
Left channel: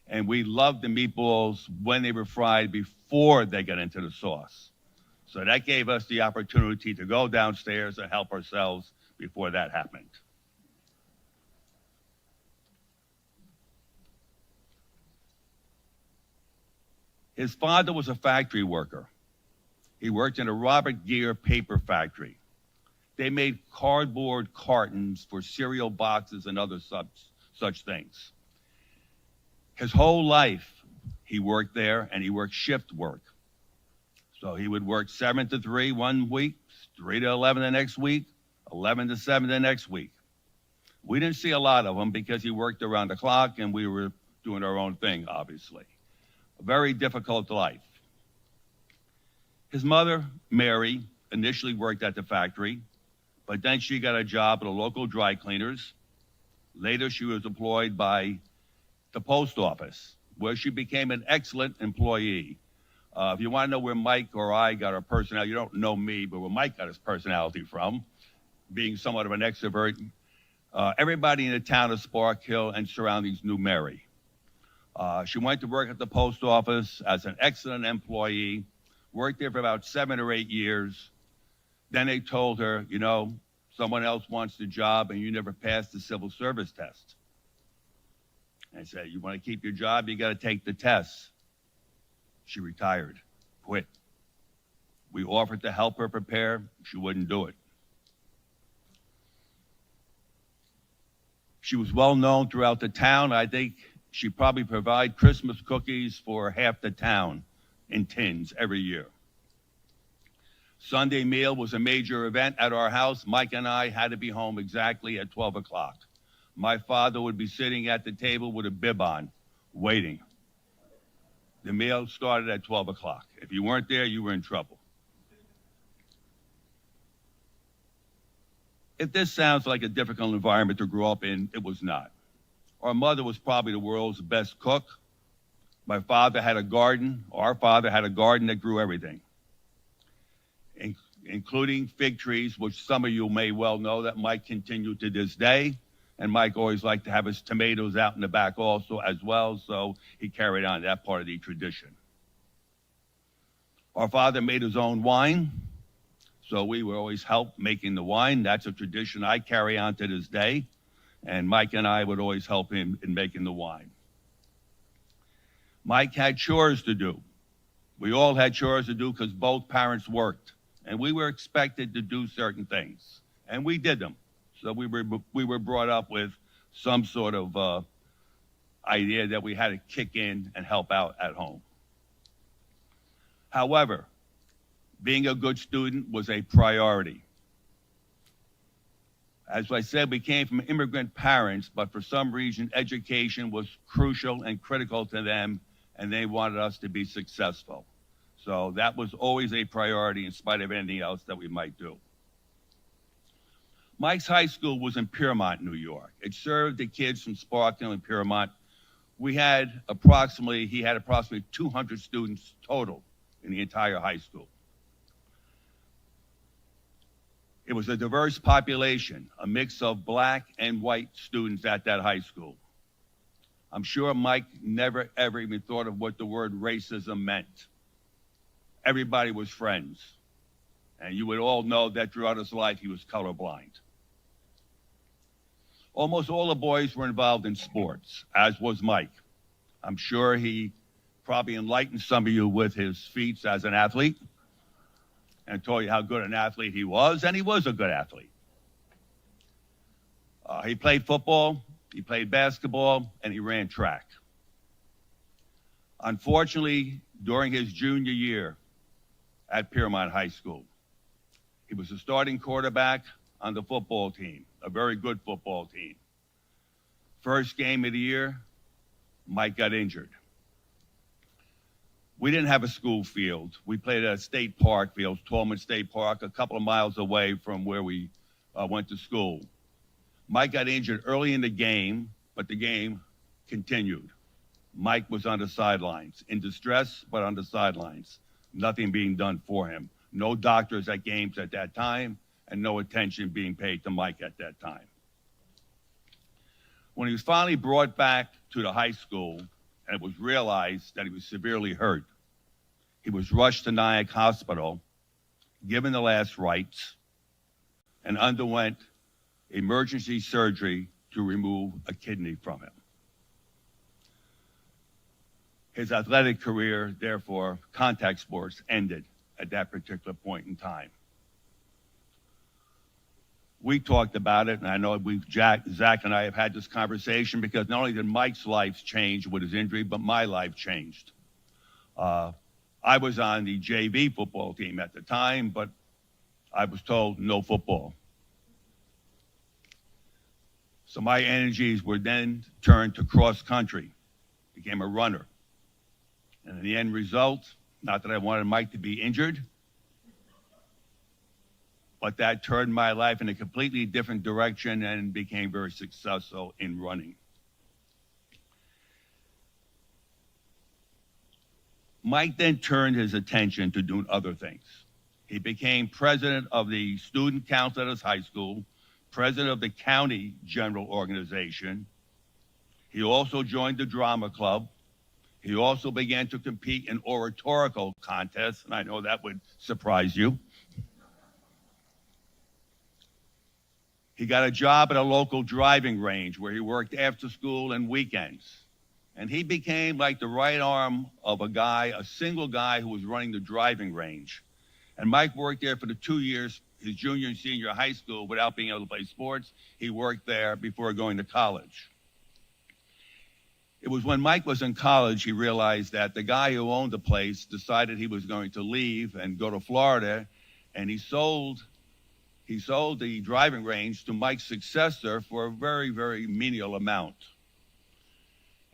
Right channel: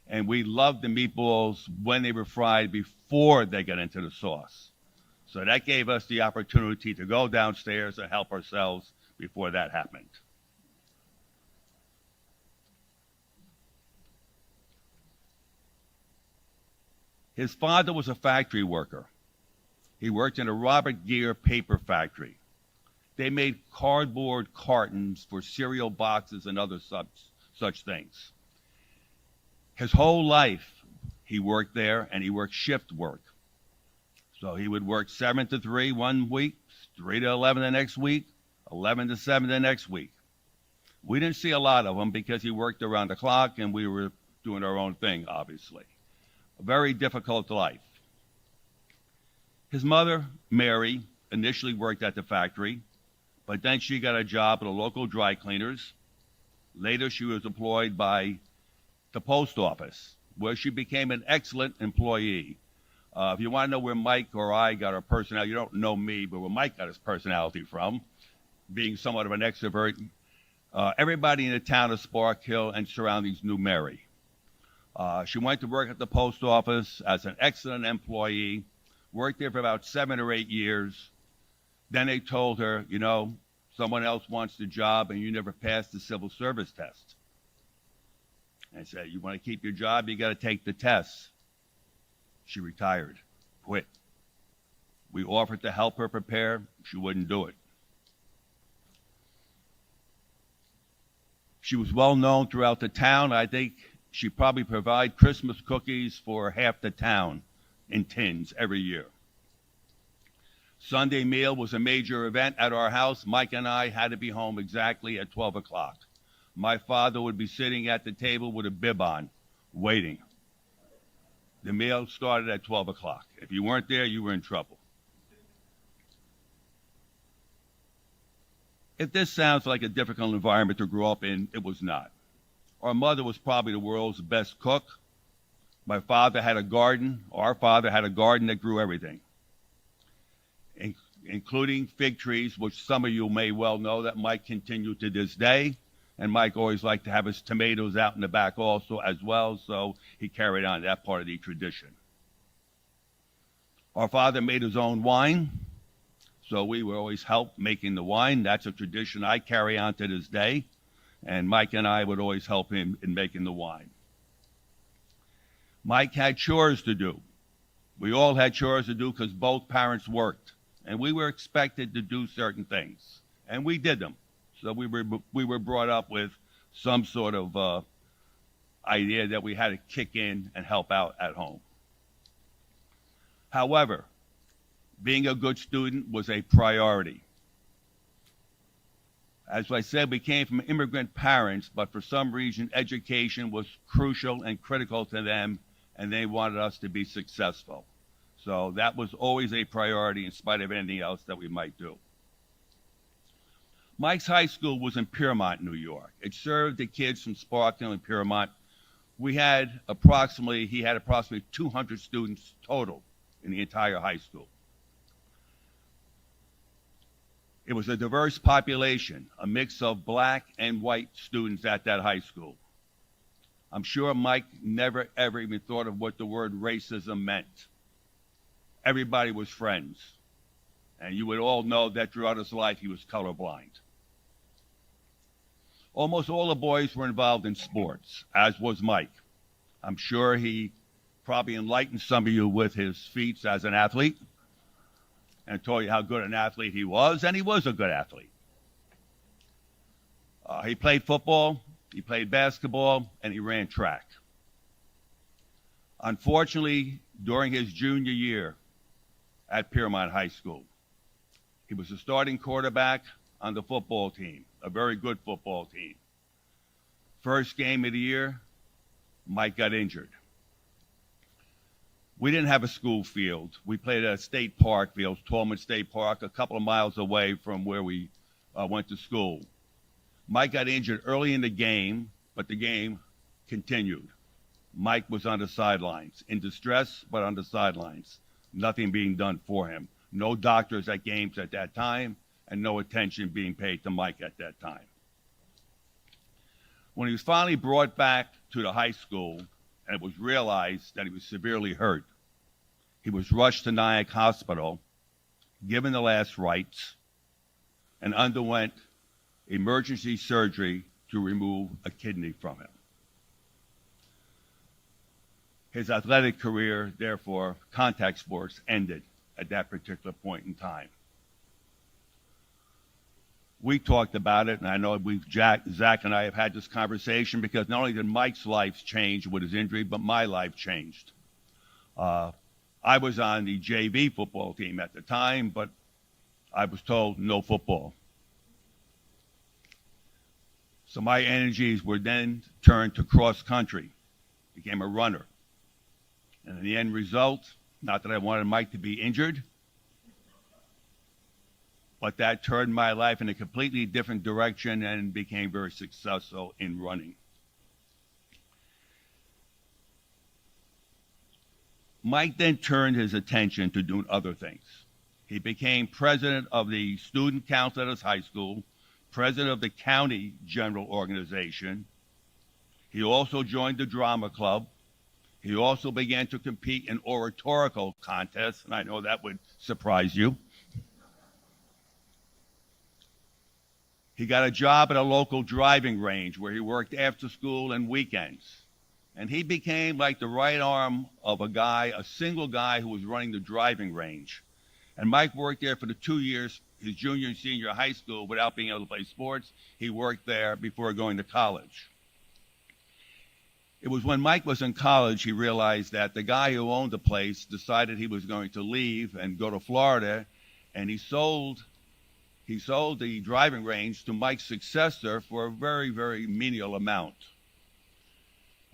And we loved the meatballs when they were fried before they got into the sauce. So that gave us the opportunity to go downstairs and help ourselves before that happened. His father was a factory worker. He worked in a Robert Gere paper factory. They made cardboard cartons for cereal boxes and other such things. His whole life, he worked there, and he worked shift work. So he would work 7 to 3 one week, 3 to 11 the next week, 11 to 7 the next week. We didn't see a lot of him because he worked around the clock and we were doing our own thing, obviously. A very difficult life. His mother, Mary, initially worked at the factory, but then she got a job at a local dry cleaners. Later, she was employed by the post office, where she became an excellent employee. If you want to know where Mike or I got our personality, you don't know me, but where Mike got his personality from, being somewhat of an extrovert, everybody in the town of Spark Hill and surroundings knew Mary. She went to work at the post office as an excellent employee, worked there for about 7 or 8 years. Then they told her, you know, someone else wants the job and you never passed the civil service test. I said, you want to keep your job, you got to take the test. She retired, quit. We offered to help her prepare. She wouldn't do it. She was well known throughout the town. I think she probably provided Christmas cookies for half the town in tins every year. Sunday meal was a major event at our house. Mike and I had to be home exactly at 12 o'clock. My father would be sitting at the table with a bib on, waiting. The meal started at 12 o'clock. If you weren't there, you were in trouble. If this sounds like a difficult environment to grow up in, it was not. Our mother was probably the world's best cook. My father had a garden. Our father had a garden that grew everything, including fig trees, which some of you may well know that Mike continued to this day. And Mike always liked to have his tomatoes out in the back also as well, so he carried on that part of the tradition. Our father made his own wine, so we would always help making the wine. That's a tradition I carry on to this day, and Mike and I would always help him in making the wine. Mike had chores to do. We all had chores to do because both parents worked, and we were expected to do certain things, and we did them. So we were brought up with some sort of idea that we had to kick in and help out at home. However, being a good student was a priority. As I said, we came from immigrant parents, but for some reason, education was crucial and critical to them, and they wanted us to be successful. So that was always a priority in spite of anything else that we might do. Mike's high school was in Piermont, New York. It served the kids from Spark Hill and Piermont. He had approximately 200 students total in the entire high school. It was a diverse population, a mix of black and white students at that high school. I'm sure Mike never, ever even thought of what the word racism meant. Everybody was friends. And you would all know that throughout his life, he was colorblind. Almost all the boys were involved in sports, as was Mike. I'm sure he probably enlightened some of you with his feats as an athlete and told you how good an athlete he was, and he was a good athlete. He played football, he played basketball, and he ran track. Unfortunately, during his junior year at Piermont High School, he was the starting quarterback on the football team, a very good football team. First game of the year, Mike got injured. We didn't have a school field. We played at a state park field, Tolman State Park, a couple of miles away from where we went to school. Mike got injured early in the game, but the game continued. Mike was on the sidelines, in distress, but on the sidelines. Nothing being done for him. No doctors at games at that time, and no attention being paid to Mike at that time. When he was finally brought back to the high school, and it was realized that he was severely hurt, he was rushed to Nyack Hospital, given the last rites, and underwent emergency surgery to remove a kidney from him. His athletic career, therefore, contact sports, ended at that particular point in time. we talked about it, and I know Zach and I have had this conversation because not only did Mike's life change with his injury, but my life changed. I was on the JV football team at the time, but I was told no football. So my energies were then turned to cross country, became a runner. And the end result, not that I wanted Mike to be injured, but that turned my life in a completely different direction and became very successful in running. Mike then turned his attention to doing other things. He became president of the student council at his high school, president of the county general organization. He also joined the drama club. He also began to compete in oratorical contests, and I know that would surprise you. He got a job at a local driving range where he worked after school and weekends. And he became like the right arm of a single guy who was running the driving range. And Mike worked there for the 2 years, his junior and senior high school, without being able to play sports. He worked there before going to college. It was when Mike was in college, he realized that the guy who owned the place decided he was going to leave and go to Florida, and he sold the driving range to Mike's successor for a very, very menial amount.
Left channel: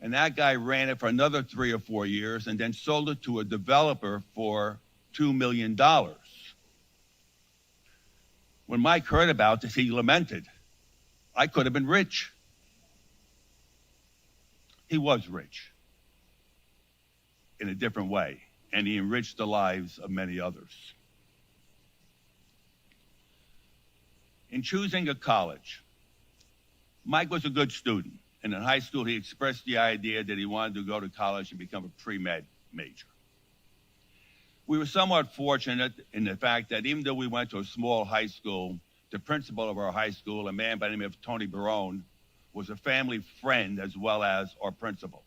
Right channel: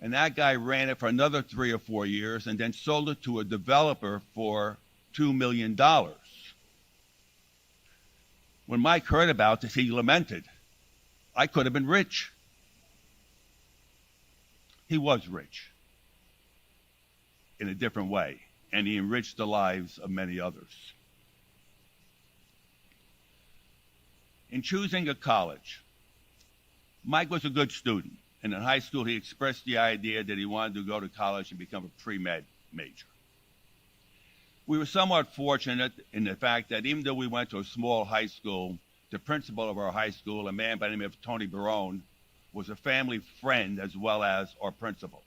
And that guy ran it for another 3 or 4 years and then sold it to a developer for $2 million. When Mike heard about this, he lamented, I could have been rich. He was rich in a different way, and he enriched the lives of many others. In choosing a college, Mike was a good student, and in high school he expressed the idea that he wanted to go to college and become a pre-med major. We were somewhat fortunate in the fact that even though we went to a small high school, the principal of our high school, a man by the name of Tony Barone, was a family friend as well as our principal.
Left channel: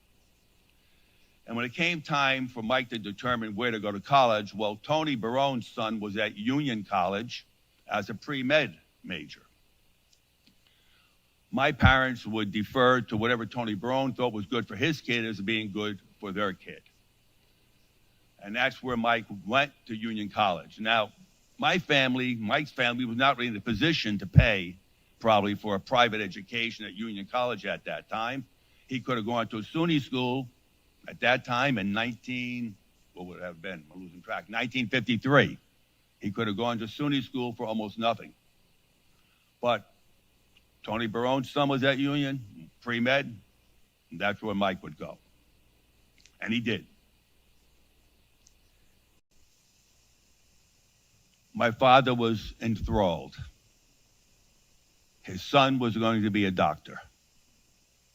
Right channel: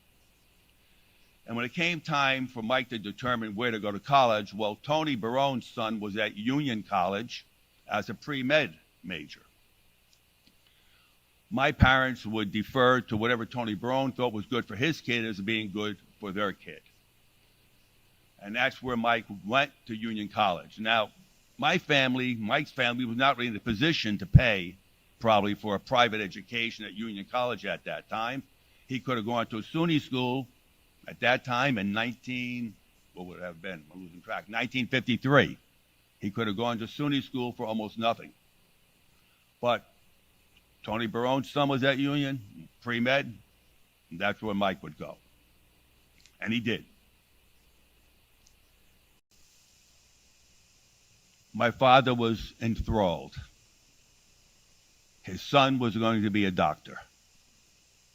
And when it came time for Mike to determine where to go to college, well, Tony Barone's son was at Union College as a pre-med major. My parents would defer to whatever Tony Barone thought was good for his kid as being good for their kid. And that's where Mike went to Union College. Now, Mike's family was not really in a position to pay probably for a private education at Union College at that time. He could have gone to a SUNY school at that time in 1953. He could have gone to SUNY school for almost nothing. But Tony Barone's son was at Union, pre-med, and that's where Mike would go. And he did. My father was enthralled. His son was going to be a doctor.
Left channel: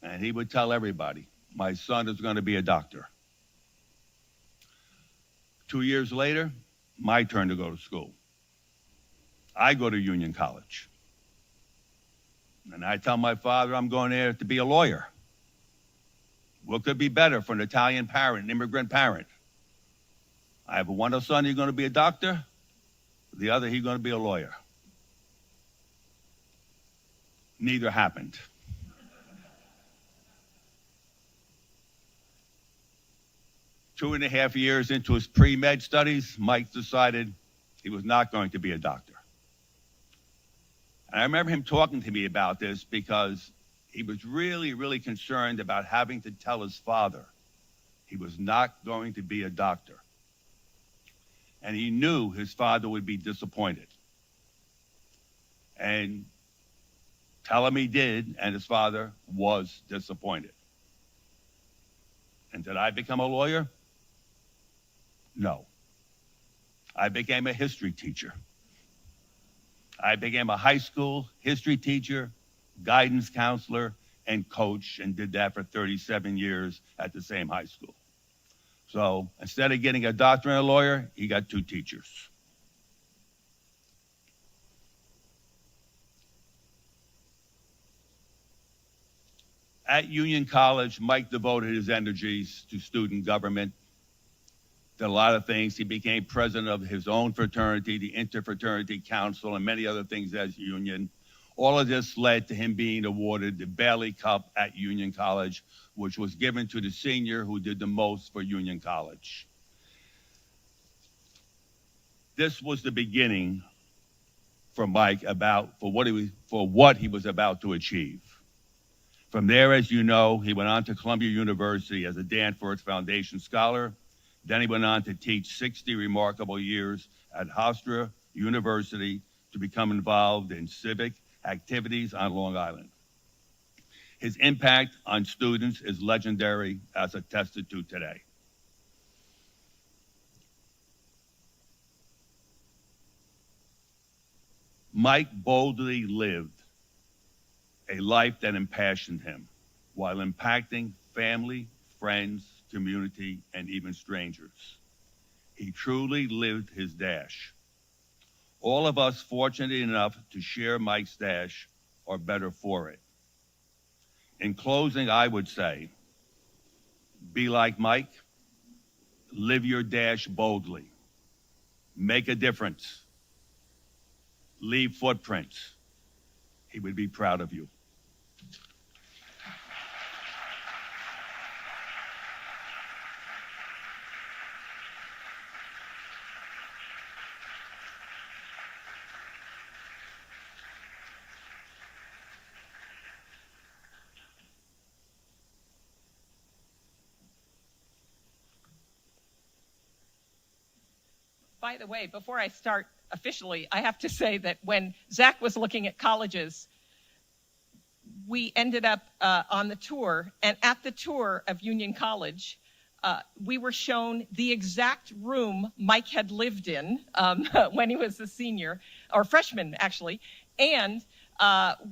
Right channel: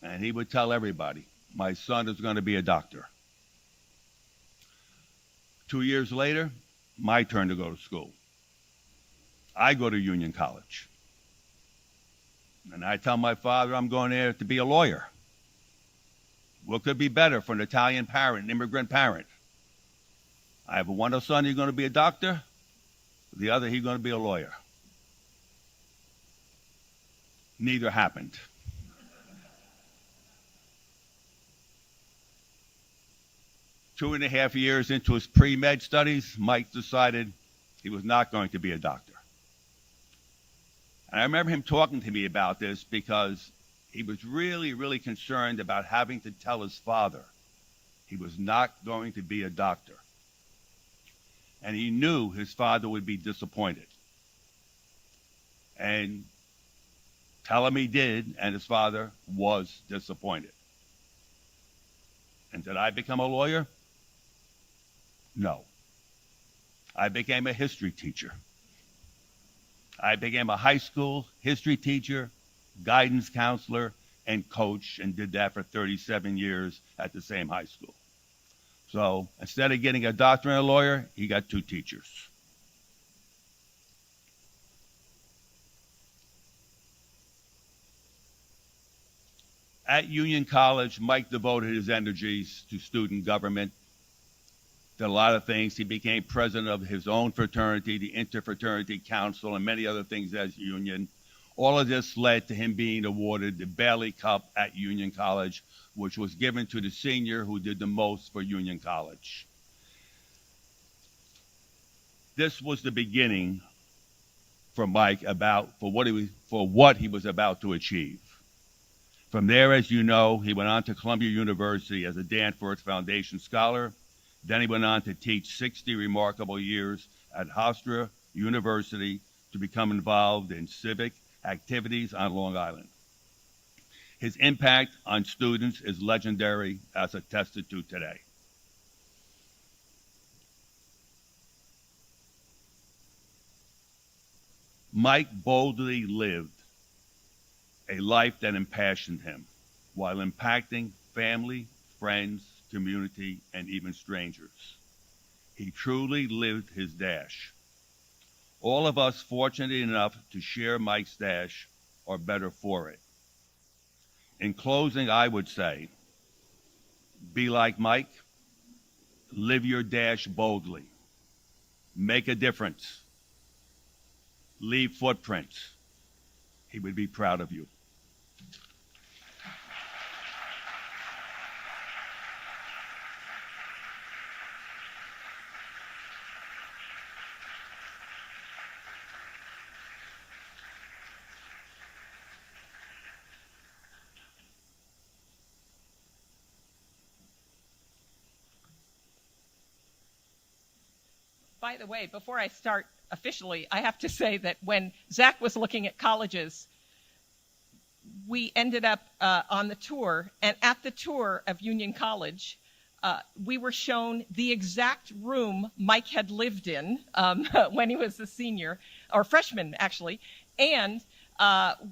And he would tell everybody, my son is going to be a doctor. 2 years later, my turn to go to school. I go to Union College. And I tell my father I'm going there to be a lawyer. What could be better for an Italian parent, an immigrant parent? I have one son, he's going to be a doctor. The other, he's going to be a lawyer. Neither happened. Two and a half years into his pre-med studies, Mike decided he was not going to be a doctor. And I remember him talking to me about this because he was really, really concerned about having to tell his father he was not going to be a doctor. And he knew his father would be disappointed. And tell him he did, and his father was disappointed. And did I become a lawyer? No. I became a history teacher. I became a high school history teacher, guidance counselor, and coach, and did that for 37 years at the same high school. So instead of getting a doctor and a lawyer, he got two teachers. At Union College, Mike devoted his energies to student government, did a lot of things. He became president of his own fraternity, the Interfraternity Council, and many other things as Union. All of this led to him being awarded the Bailey Cup at Union College, which was given to the senior who did the most for Union College. This was the beginning for Mike for what he was about to achieve. From there, as you know, he went on to Columbia University as a Danforth Foundation Scholar. Then he went on to teach 60 remarkable years at Hofstra University to become involved in civic activities on Long Island. His impact on students is legendary, as attested to today. Mike boldly lived a life that impassioned him while impacting family, friends, community, and even strangers. He truly lived his dash. All of us fortunate enough to share Mike's dash are better for it. In closing, I would say, be like Mike, live your dash boldly, make a difference, leave footprints. He would be proud of you. By the way, before I start officially, I have to say that when Zach was looking at colleges, we ended up on the tour, and at the tour of Union College, we were shown the exact room Mike had lived in when he was a senior, or freshman actually, and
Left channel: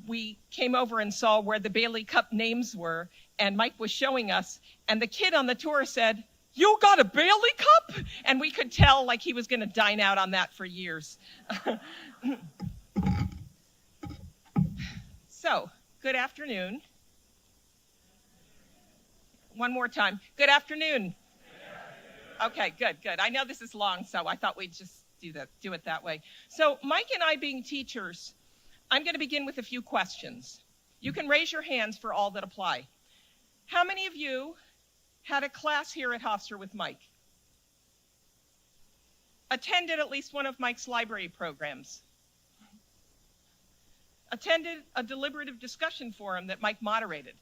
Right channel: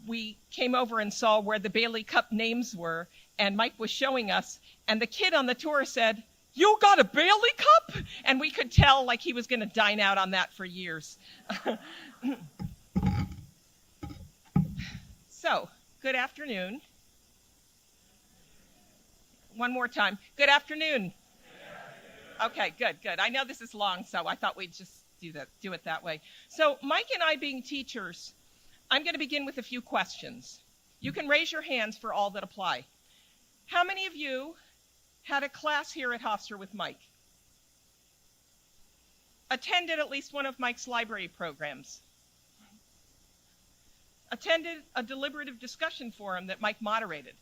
we came over and saw where the Bailey Cup names were, and Mike was showing us, and the kid on the tour said, "You got a Bailey Cup?" And we could tell like he was going to dine out on that for years. So, good afternoon. One more time. Good afternoon. Okay, good. I know this is long, so I thought we'd just do it that way. So, Mike and I being teachers, I'm going to begin with a few questions. You can raise your hands for all that apply. How many of you had a class here at Hofstra with Mike? Attended at least one of Mike's library programs? Attended a deliberative discussion forum that Mike moderated?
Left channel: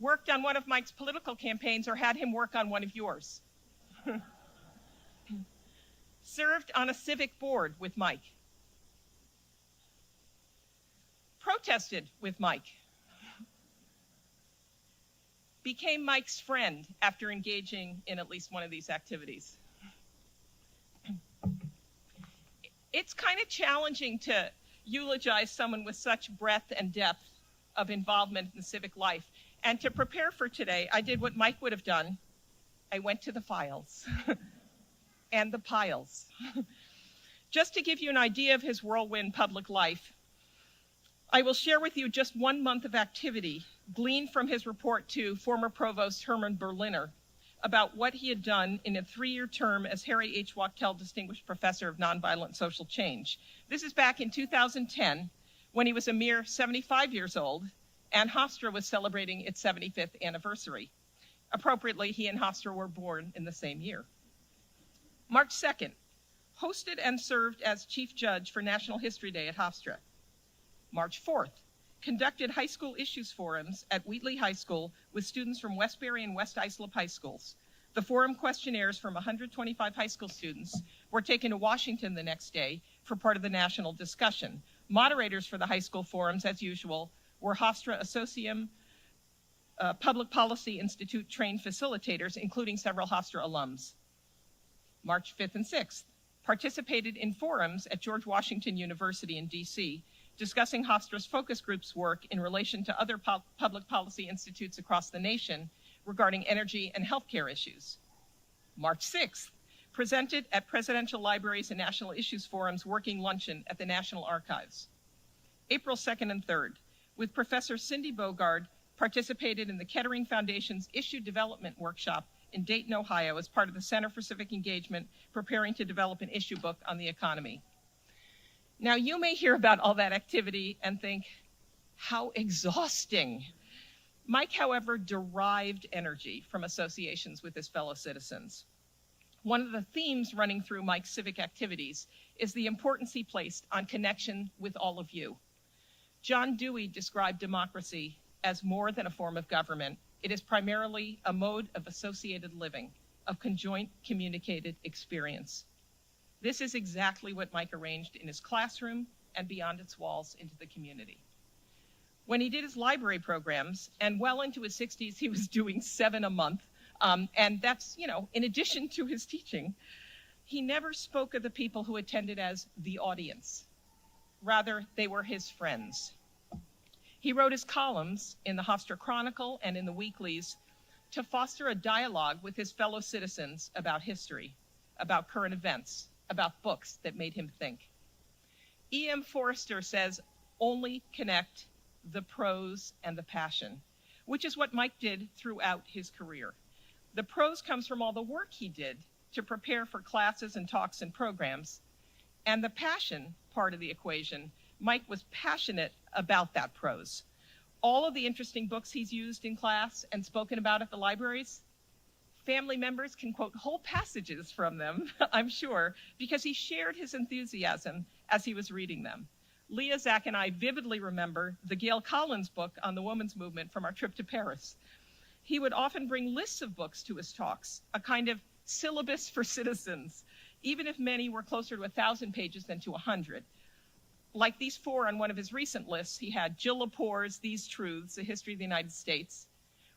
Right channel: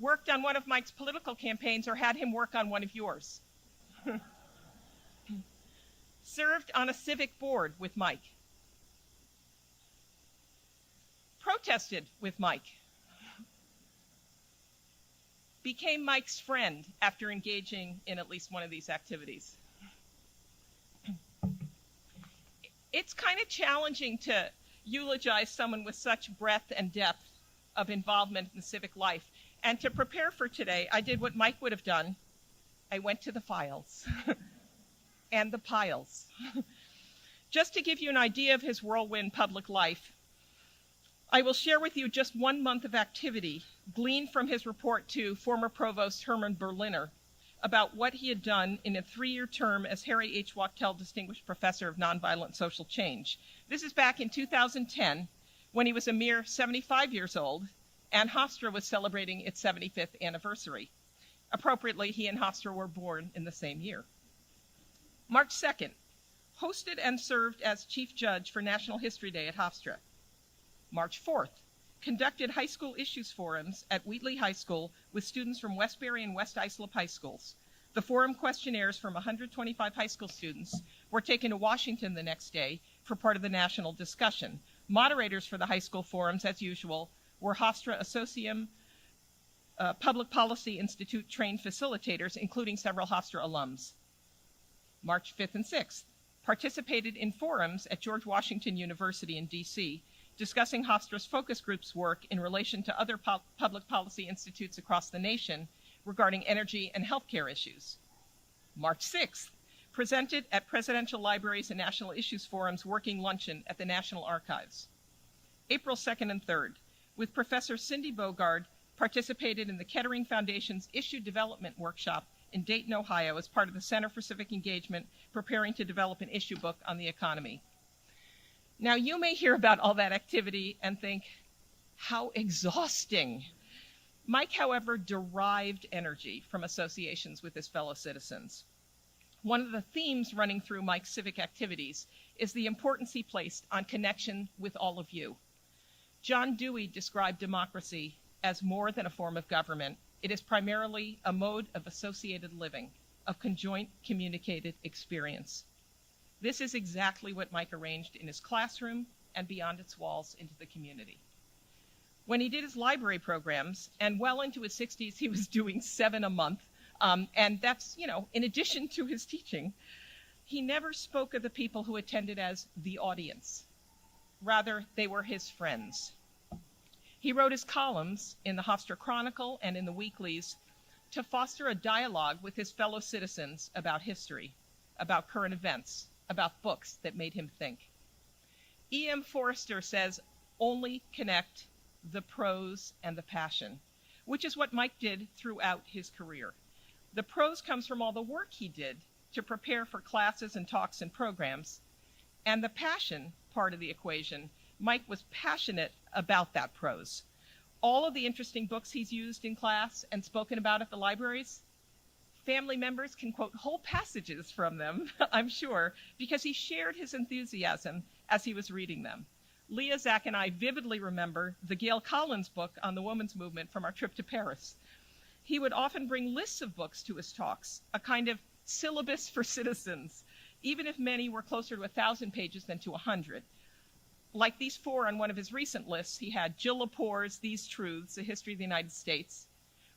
Worked on one of Mike's political campaigns or had him work on one of yours? Served on a civic board with Mike? Protested with Mike? Became Mike's friend after engaging in at least one of these activities? It's kind of challenging to eulogize someone with such breadth and depth of involvement in civic life. And to prepare for today, I did what Mike would have done. I went to the files and the piles. Just to give you an idea of his whirlwind public life, I will share with you just 1 month of activity gleaned from his report to former Provost Herman Berliner about what he had done in a 3-year term as Harry H. Wachtell Distinguished Professor of Nonviolent Social Change. This is back in 2010, when he was a mere 75 years old, and Hofstra was celebrating its 75th anniversary. Appropriately, he and Hofstra were born in the same year. March 2nd, hosted and served as Chief Judge for National History Day at Hofstra. March 4th, conducted high school issues forums at Wheatley High School with students from Westbury and West Islip High Schools. The forum questionnaires from 125 high school students were taken to Washington the next day for part of the national discussion. Moderators for the high school forums, as usual, were Hofstra Associum Public Policy Institute trained facilitators, including several Hofstra alums. March 5th and 6th, participated in forums at George Washington University in D.C., discussing Hofstra's focus group's work in relation to other public policy institutes across the nation regarding energy and healthcare issues. March 6th, presented at Presidential Libraries and National Issues Forum's working luncheon at the National Archives. April 2nd and 3rd, with Professor Cindy Bogard, participated in the Kettering Foundation's Issue Development Workshop in Dayton, Ohio, as part of the Center for Civic Engagement, preparing to develop an issue book on the economy. Now, you may hear about all that activity and think, how exhausting. Mike, however, derived energy from associations with his fellow citizens. One of the themes running through Mike's civic activities is the importance he placed on connection with all of you. John Dewey described democracy as more than a form of government. It is primarily a mode of associated living, of conjoint communicated experience. This is exactly what Mike arranged in his classroom and beyond its walls into the community. When he did his library programs, and well into his 60s, he was doing 7 a month, and that's, in addition to his teaching, he never spoke of the people who attended as the audience. Rather, they were his friends. He wrote his columns in the Hofstra Chronicle and in the weeklies to foster a dialogue with his fellow citizens about history, about current events, about books that made him think. E.M. Forrester says, only connect the prose and the passion, which is what Mike did throughout his career. The prose comes from all the work he did to prepare for classes and talks and programs, and the passion part of the equation, Mike was passionate about that prose. All of the interesting books he's used in class and spoken about at the libraries, family members can quote whole passages from them, I'm sure, because he shared his enthusiasm as he was reading them. Leah, Zach, and I vividly remember the Gail Collins book on the women's movement from our trip to Paris. He would often bring lists of books to his talks, a kind of syllabus for citizens, even if many were closer to 1,000 pages than to 100. Like these 4 on one of his recent lists, he had Jill Lepore's These Truths, A History of the United States,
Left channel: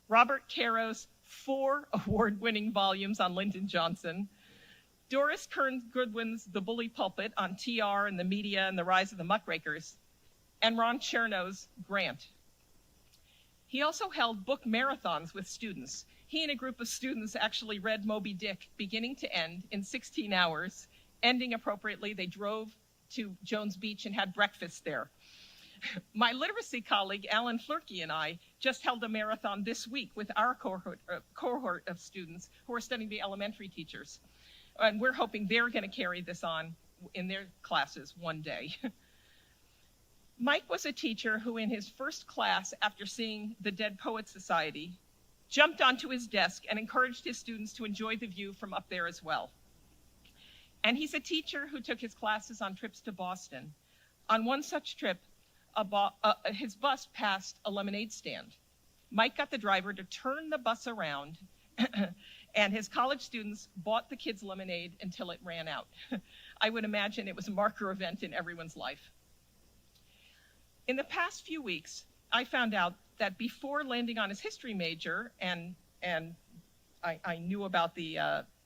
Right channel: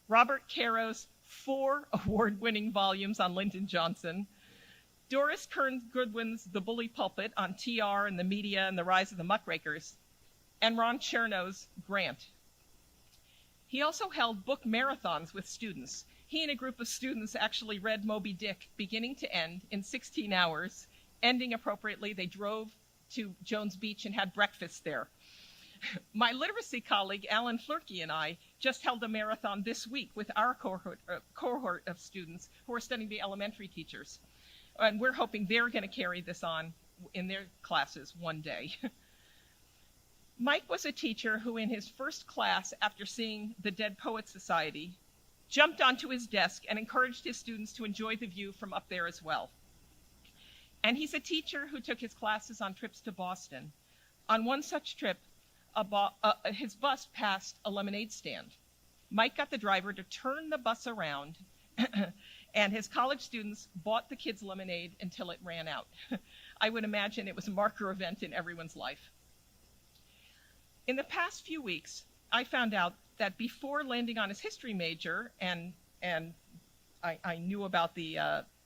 Robert Caro's 4 award-winning volumes on Lyndon Johnson, Doris Kearns Goodwin's The Bully Pulpit on TR and the media and the rise of the muckrakers, and Ron Chernow's Grant. He also held book marathons with students. He and a group of students actually read Moby Dick beginning to end in 16 hours. Ending appropriately, they drove to Jones Beach and had breakfast there. My literacy colleague, Alan Flurkey, and I just held a marathon this week with our cohort of students who are studying to be elementary teachers. And we're hoping they're going to carry this on in their classes one day. Mike was a teacher who, in his first class after seeing the Dead Poets Society, jumped onto his desk and encouraged his students to enjoy the view from up there as well. And he's a teacher who took his classes on trips to Boston. On one such trip, his bus passed a lemonade stand. Mike got the driver to turn the bus around, and his college students bought the kids lemonade until it ran out. I would imagine it was a marker event in everyone's life. In the past few weeks, I found out that before landing on his history major, and I knew about the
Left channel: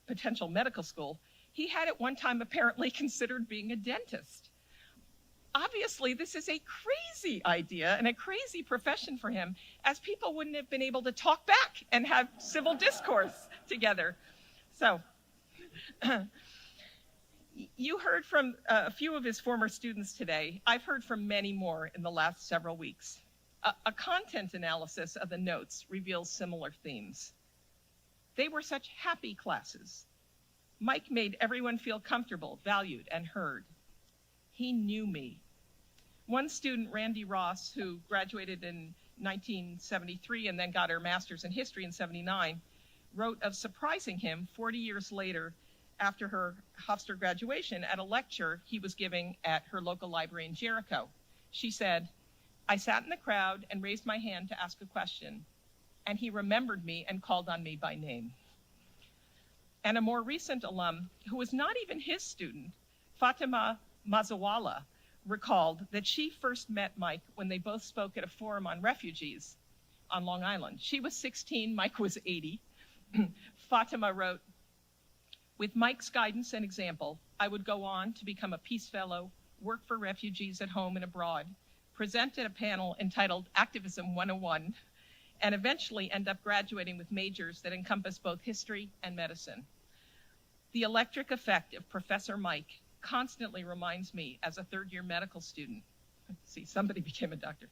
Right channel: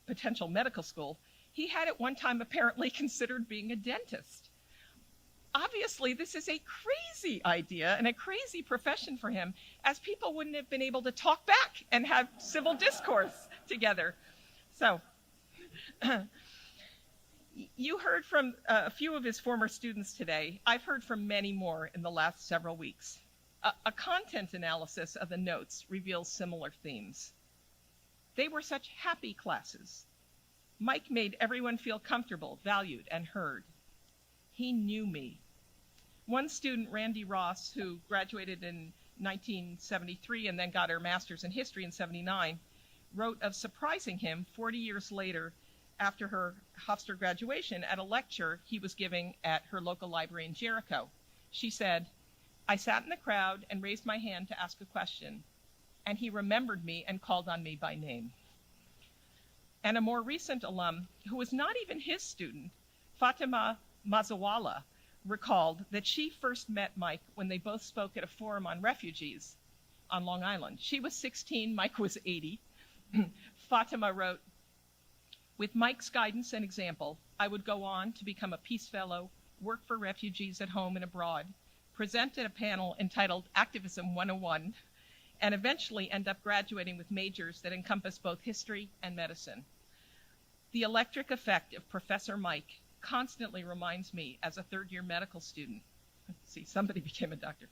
potential medical school, he had at one time apparently considered being a dentist. Obviously, this is a crazy idea and a crazy profession for him, as people wouldn't have been able to talk back and have civil discourse together. So, you heard from a few of his former students today. I've heard from many more in the last several weeks. A content analysis of the notes reveals similar themes. They were such happy classes. Mike made everyone feel comfortable, valued, and heard. He knew me. One student, Randy Ross, who graduated in 1973 and then got her master's in history in 79, wrote of surprising him 40 years later after her Hofstra graduation at a lecture he was giving at her local library in Jericho. She said, "I sat in the crowd and raised my hand to ask a question, and he remembered me and called on me by name." And a more recent alum, who was not even his student, Fatima Mazawala, recalled that she first met Mike when they both spoke at a forum on refugees on Long Island. She was 16, Mike was 80. Fatima wrote, "With Mike's guidance and example, I would go on to become a Peace Fellow, work for refugees at home and abroad, present at a panel entitled Activism 101, and eventually end up graduating with majors that encompass both history and medicine. The electric effect of Professor Mike constantly reminds me as a third-year medical student," see, somebody became a doctor,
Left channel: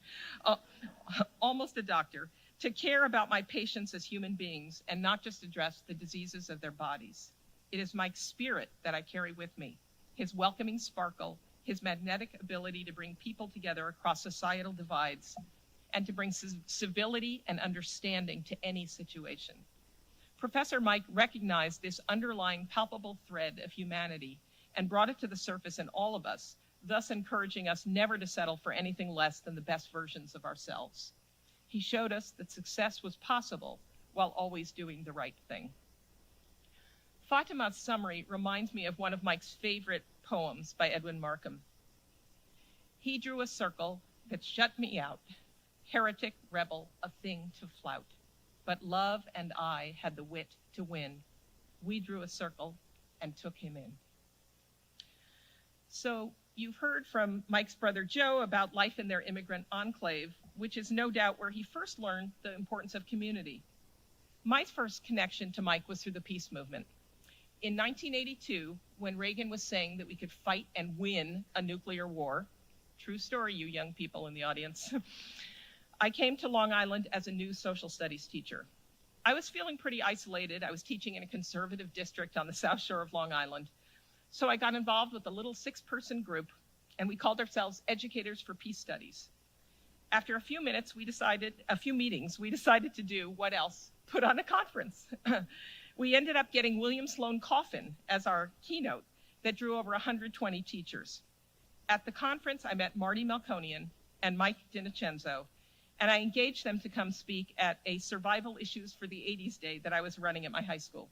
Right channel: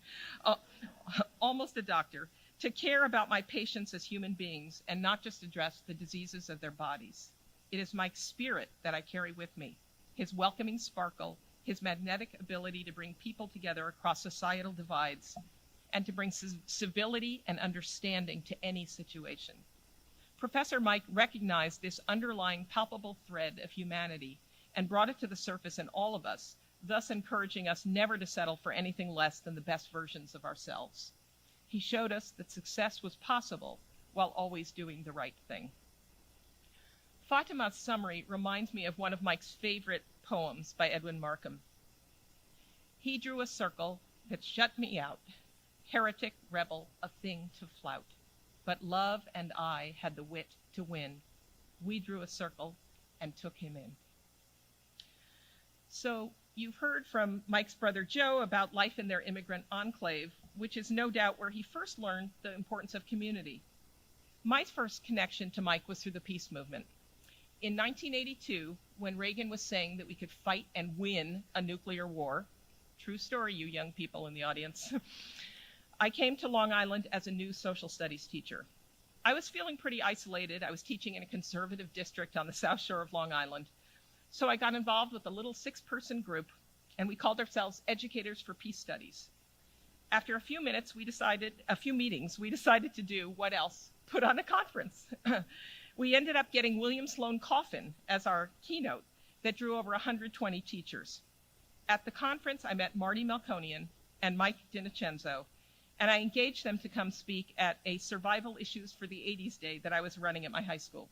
almost a doctor, "to care about my patients as human beings and not just address the diseases of their bodies. It is Mike's spirit that I carry with me, his welcoming sparkle his magnetic ability to bring people together across societal divides, and to bring civility and understanding to any situation. Professor Mike recognized this underlying palpable thread of humanity and brought it to the surface in all of us, thus encouraging us never to settle for anything less than the best versions of ourselves. He showed us that success was possible while always doing the right thing. Fatima's summary reminds me of one of Mike's favorite poems by Edwin Markham. He drew a circle that shut me out, heretic, rebel, a thing to flout. But love and I had the wit to win. We drew a circle and took him in. So you've heard from Mike's brother Joe about life in their immigrant enclave, which is no doubt where he first learned the importance of community. My first connection to Mike was through the peace movement. In 1982, when Reagan was saying that we could fight and win a nuclear war, true story, you young people in the audience, I came to Long Island as a new social studies teacher. I was feeling pretty isolated. I was teaching in a conservative district on the South Shore of Long Island. So I got involved with a little 6-person group, and we called ourselves Educators for Peace Studies. After a few meetings, we decided to do what else? Put on a conference. We ended up getting William Sloane Coffin as our keynote that drew over 120 teachers. At the conference, I met Marty Melkonian and Mike DiNocenzo, and I engaged them to come speak at a Survival Issues for the 80s Day that I was running at my high school.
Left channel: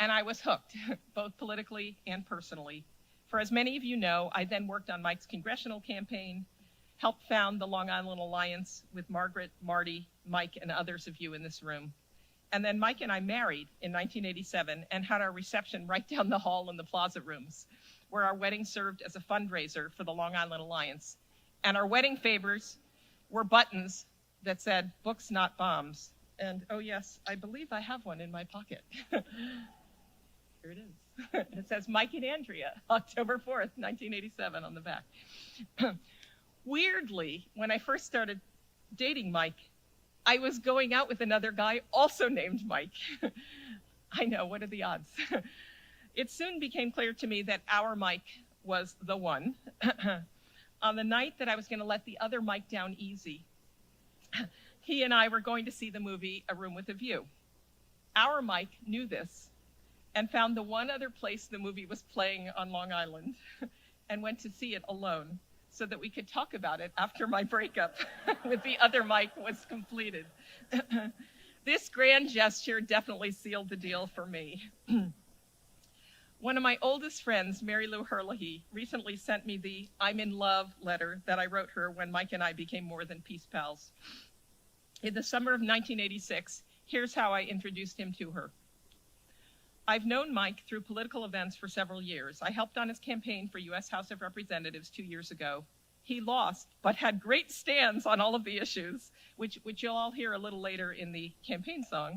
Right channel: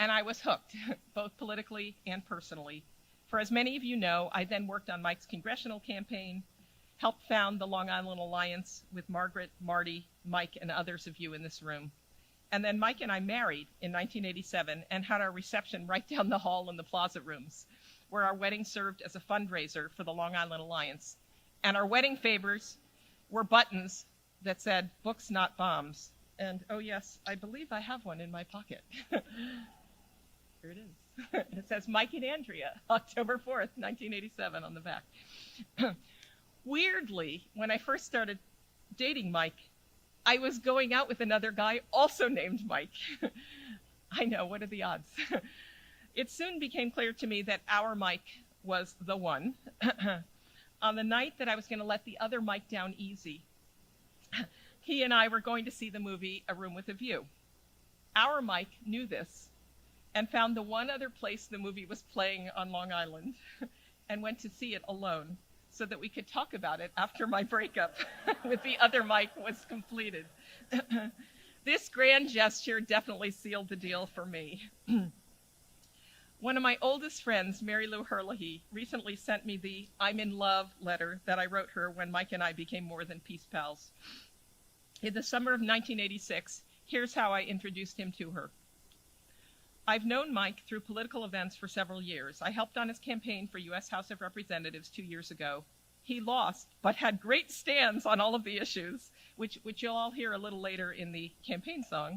And I was hooked, both politically and personally. For as many of you know, I then worked on Mike's congressional campaign, helped found the Long Island Alliance with Margaret, Marty, Mike, and others of you in this room. And then Mike and I married in 1987 and had our reception right down the hall in the Plaza Rooms, where our wedding served as a fundraiser for the Long Island Alliance. And our wedding favors were buttons that said, "Books, not bombs." And oh yes, I believe I have one in my pocket. Here it is. It says Mike and Andrea, October 4th, 1987 on the back. Weirdly, when I first started dating Mike, I was going out with another guy also named Mike. I know, what are the odds? It soon became clear to me that our Mike was the one. On the night that I was going to let the other Mike down easy, he and I were going to see the movie A Room with a View. Our Mike knew this and found the one other place the movie was playing on Long Island and went to see it alone so that we could talk about it after my breakup with the other Mike was completed. This grand gesture definitely sealed the deal for me. One of my oldest friends, Mary Lou Herlihy, recently sent me the "I'm in love" letter that I wrote her when Mike and I became more than peace pals. In the summer of 1986, here's how I introduced him to her. I've known Mike through political events for several years. I helped on his campaign for U.S. House of Representatives 2 years ago. He lost, but had great stands on all of the issues, which you'll all hear a little later in the campaign song.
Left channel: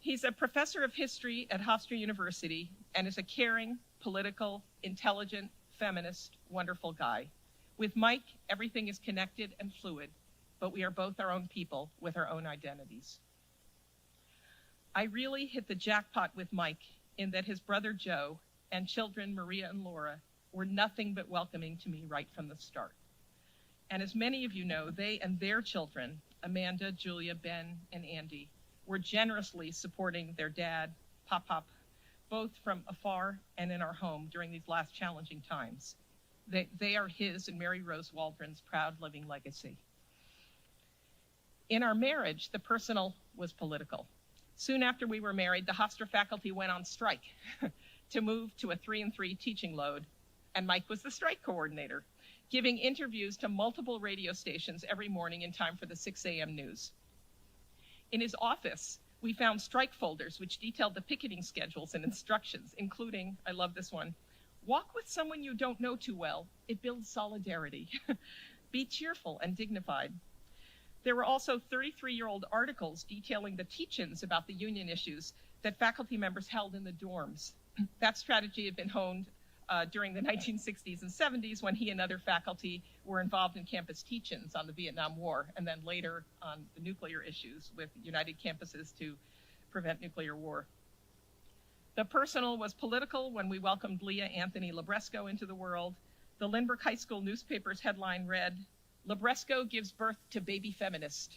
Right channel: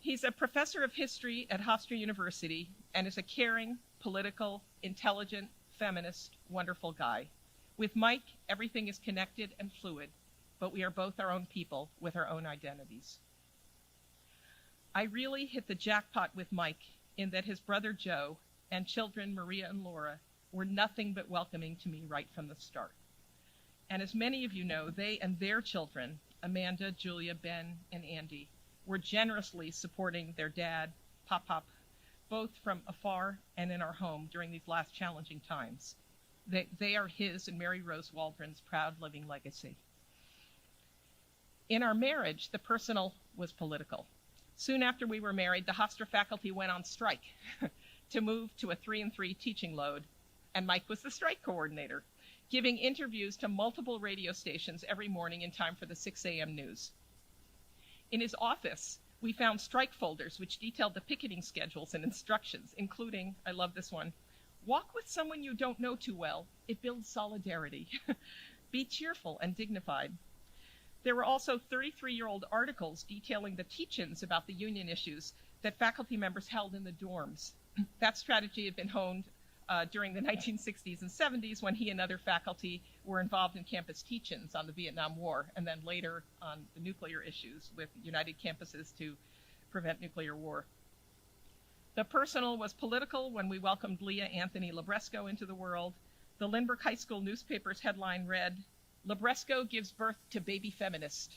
He's a professor of history at Hofstra University and is a caring, political, intelligent, feminist, wonderful guy. With Mike, everything is connected and fluid, but we are both our own people with our own identities. I really hit the jackpot with Mike in that his brother Joe and children Maria and Laura were nothing but welcoming to me right from the start. And as many of you know, they and their children, Amanda, Julia, Ben, and Andy, were generously supporting their dad, Pop-Pop, both from afar and in our home during these last challenging times. They are his and Mary Rose Waldron's proud living legacy. In our marriage, the personal was political. Soon after we were married, the Hofstra faculty went on strike to move to a 3-and-3 teaching load, and Mike was the strike coordinator, giving interviews to multiple radio stations every morning in time for the 6 a.m. news. In his office, we found strike folders which detailed the picketing schedules and instructions, including, I love this one, walk with someone you don't know too well. It builds solidarity. Be cheerful and dignified. There were also 33-year-old articles detailing the teach-ins about the union issues that faculty members held in the dorms. That strategy had been honed during the 1960s and 70s when he and other faculty were involved in campus teach-ins on the Vietnam War, and then later on the nuclear issues with United Campuses to Prevent Nuclear War. The personal was political when we welcomed Leah Anthony Labresco into the world. The Lindbergh High School newspaper's headline read, "Labresco gives birth to baby feminist."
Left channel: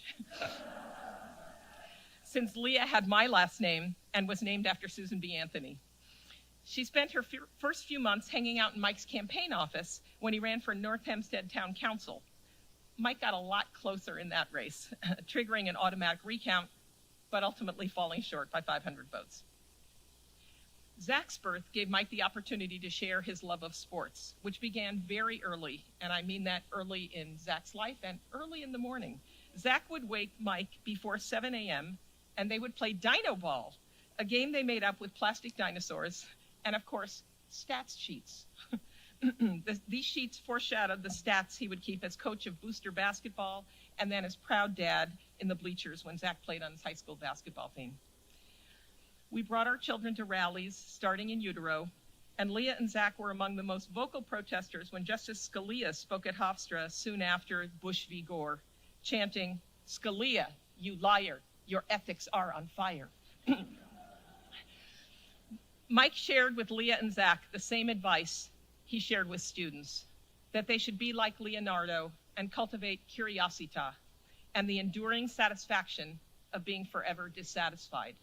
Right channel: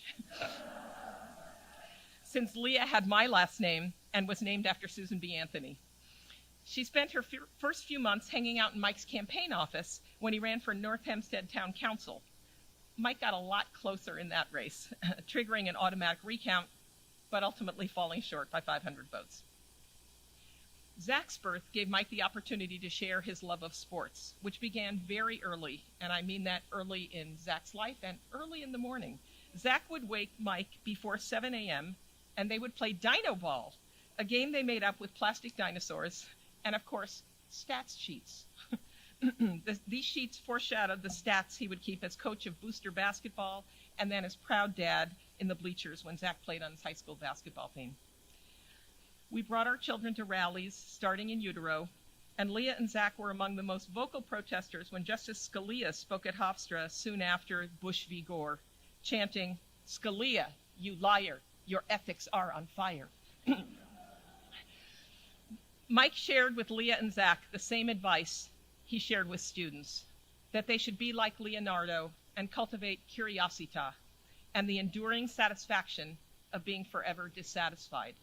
Since Leah had my last name and was named after Susan B. Anthony. She spent her first few months hanging out in Mike's campaign office when he ran for North Hempstead Town Council. Mike got a lot closer in that race, triggering an automatic recount, but ultimately falling short by 500 votes. Zach's birth gave Mike the opportunity to share his love of sports, which began very early, and I mean that early in Zach's life and early in the morning. Zach would wake Mike before 7 a.m., and they would play Dino Ball, a game they made up with plastic dinosaurs, and of course, stats sheets. These sheets foreshadowed the stats he would keep as coach of booster basketball and then as proud dad in the bleachers when Zach played on his high school basketball team. We brought our children to rallies starting in utero, and Leah and Zach were among the most vocal protesters when Justice Scalia spoke at Hofstra soon after Bush v. Gore, chanting, "Scalia, you liar, your ethics are on fire." Mike shared with Leah and Zach the same advice he shared with students, that they should be like Leonardo and cultivate curiosita and the enduring satisfaction of being forever dissatisfied,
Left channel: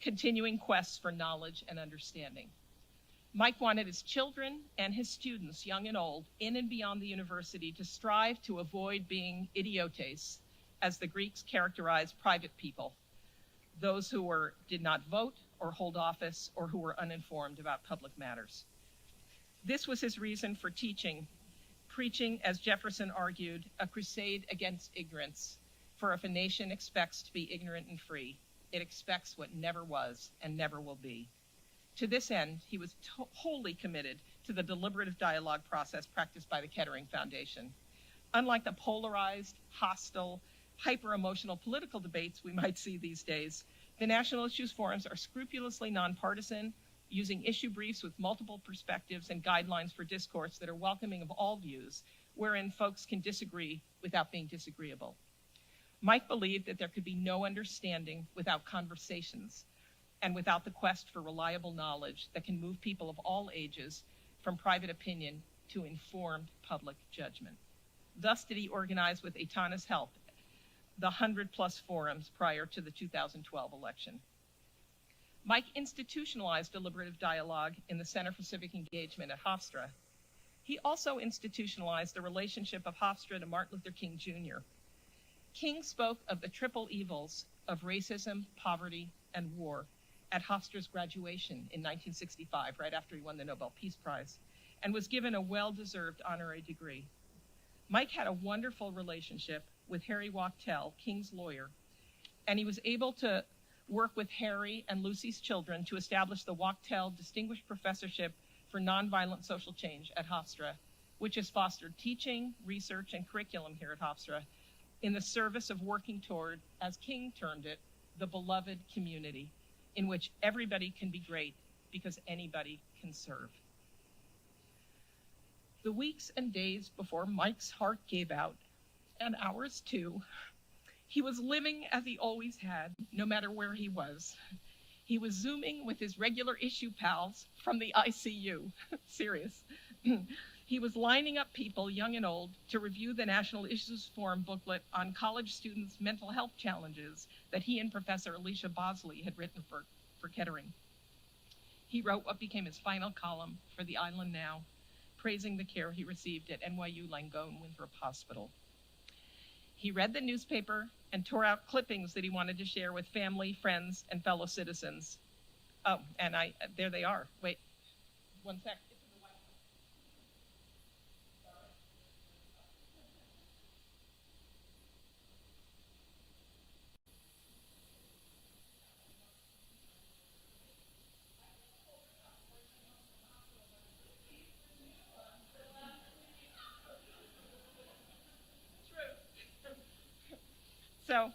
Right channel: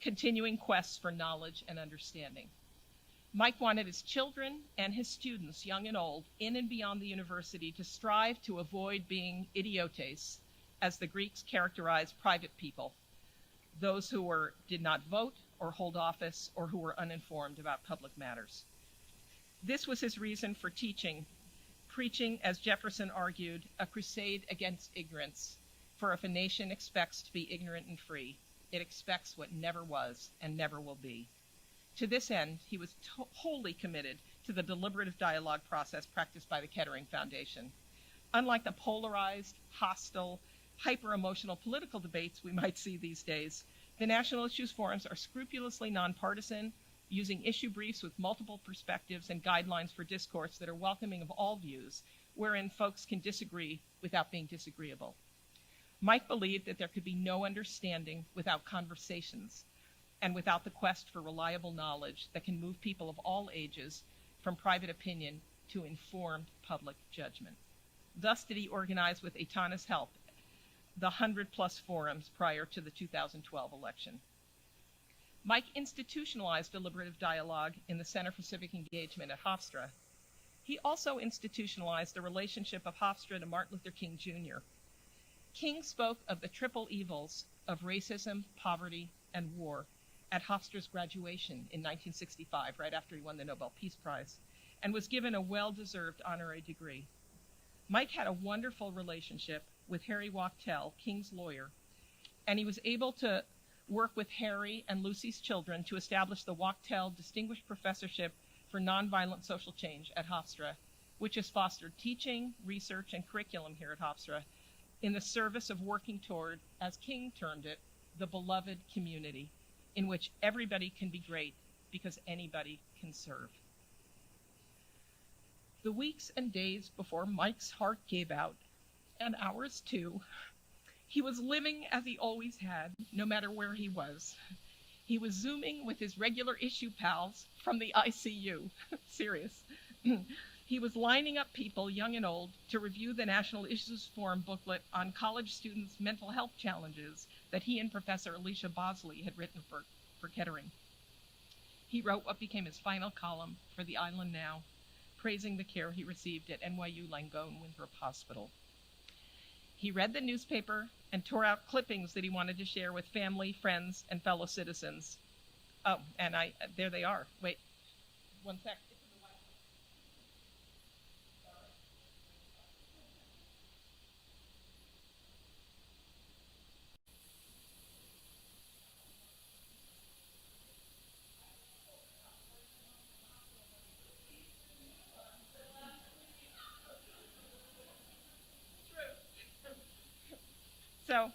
continuing quests for knowledge and understanding. Mike wanted his children and his students, young and old, in and beyond the university, to strive to avoid being idiotes, as the Greeks characterized private people, those who did not vote or hold office or who were uninformed about public matters. This was his reason for teaching, preaching, as Jefferson argued, a crusade against ignorance. For if a nation expects to be ignorant and free, it expects what never was and never will be. To this end, he was wholly committed to the deliberative dialogue process practiced by the Kettering Foundation. Unlike the polarized, hostile, hyper-emotional political debates we might see these days, the National Issues Forums are scrupulously nonpartisan, using issue briefs with multiple perspectives and guidelines for discourse that are welcoming of all views, wherein folks can disagree without being disagreeable. Mike believed that there could be no understanding without conversations and without the quest for reliable knowledge that can move people of all ages from private opinion to informed public judgment. Thus did he organize, with Aitana's help, the 100-plus forums prior to the 2012 election. Mike institutionalized deliberative dialogue in the Center for Civic Engagement at Hofstra. He also institutionalized the relationship of Hofstra to Martin Luther King Jr. King spoke of the triple evils of racism, poverty, and war at Hofstra's graduation in 1965, right after he won the Nobel Peace Prize, and was given a well-deserved honorary degree. Mike had a wonderful relationship with Harry Wachtell, King's lawyer, and he was able to work with Harry and Lucy's children to establish the Wachtell Distinguished Professorship for Nonviolent Social Change at Hofstra, which has fostered teaching, research, and curriculum here at Hofstra in the service of working toward, as King termed it, the beloved community, in which everybody can be great because anybody can serve. The weeks and days before Mike's heart gave out, and ours too, he was living as he always had, no matter where he was. He was Zooming with his regular issue pals from the ICU. Serious. He was lining up people, young and old, to review the National Issues Forum booklet on college students' mental health challenges that he and Professor Alicia Bosley had written for Kettering. He wrote what became his final column for the Island Now, praising the care he received at NYU Langone Winthrop Hospital. He read the newspaper and tore out clippings that he wanted to share with family, friends, and fellow citizens. Oh, and there they are. Wait, one sec. So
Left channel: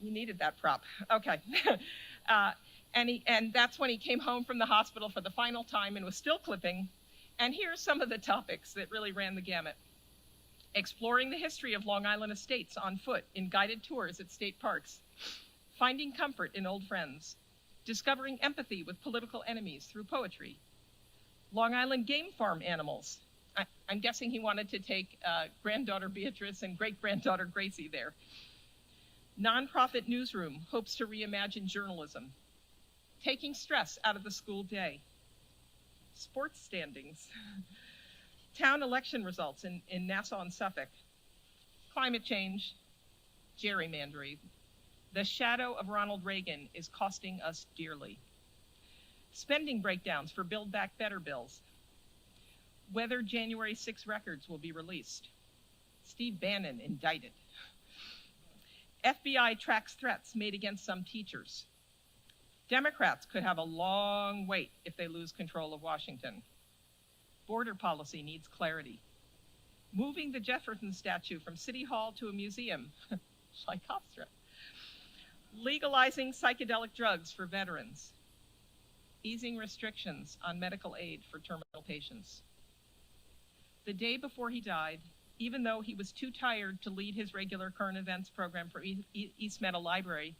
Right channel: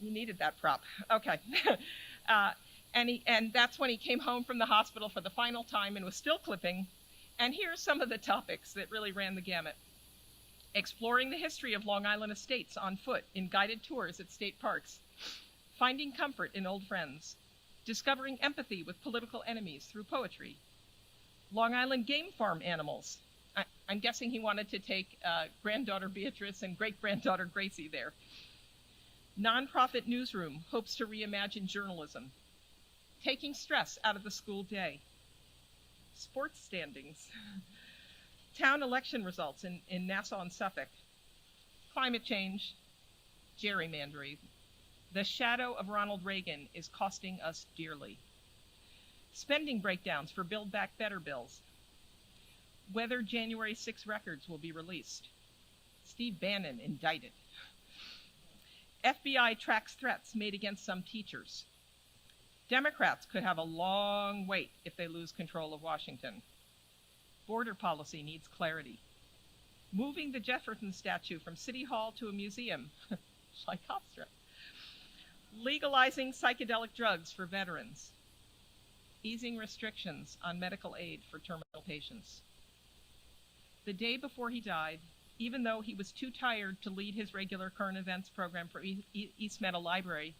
you needed that prop. Okay. And that's when he came home from the hospital for the final time and was still clipping. And here's some of the topics that really ran the gamut. exploring the history of Long Island estates on foot in guided tours at state parks, finding comfort in old friends, discovering empathy with political enemies through poetry, Long Island game farm animals. I'm guessing he wanted to take granddaughter Beatrice and great-granddaughter Gracie there. Nonprofit newsroom hopes to reimagine journalism, taking stress out of the school day. Sports standings, town election results in Nassau and Suffolk, climate change, gerrymandering. The shadow of Ronald Reagan is costing us dearly. Spending breakdowns for Build Back Better bills. Whether January 6 records will be released. Steve Bannon indicted. FBI tracks threats made against some teachers. Democrats could have a long wait if they lose control of Washington. Border policy needs clarity. Moving the Jefferson statue from City Hall to a museum, like Hofstra. Legalizing psychedelic drugs for veterans. Easing restrictions on medical aid for terminal patients. The day before he died, even though he was too tired to lead his regular current events program for East Meadow Library,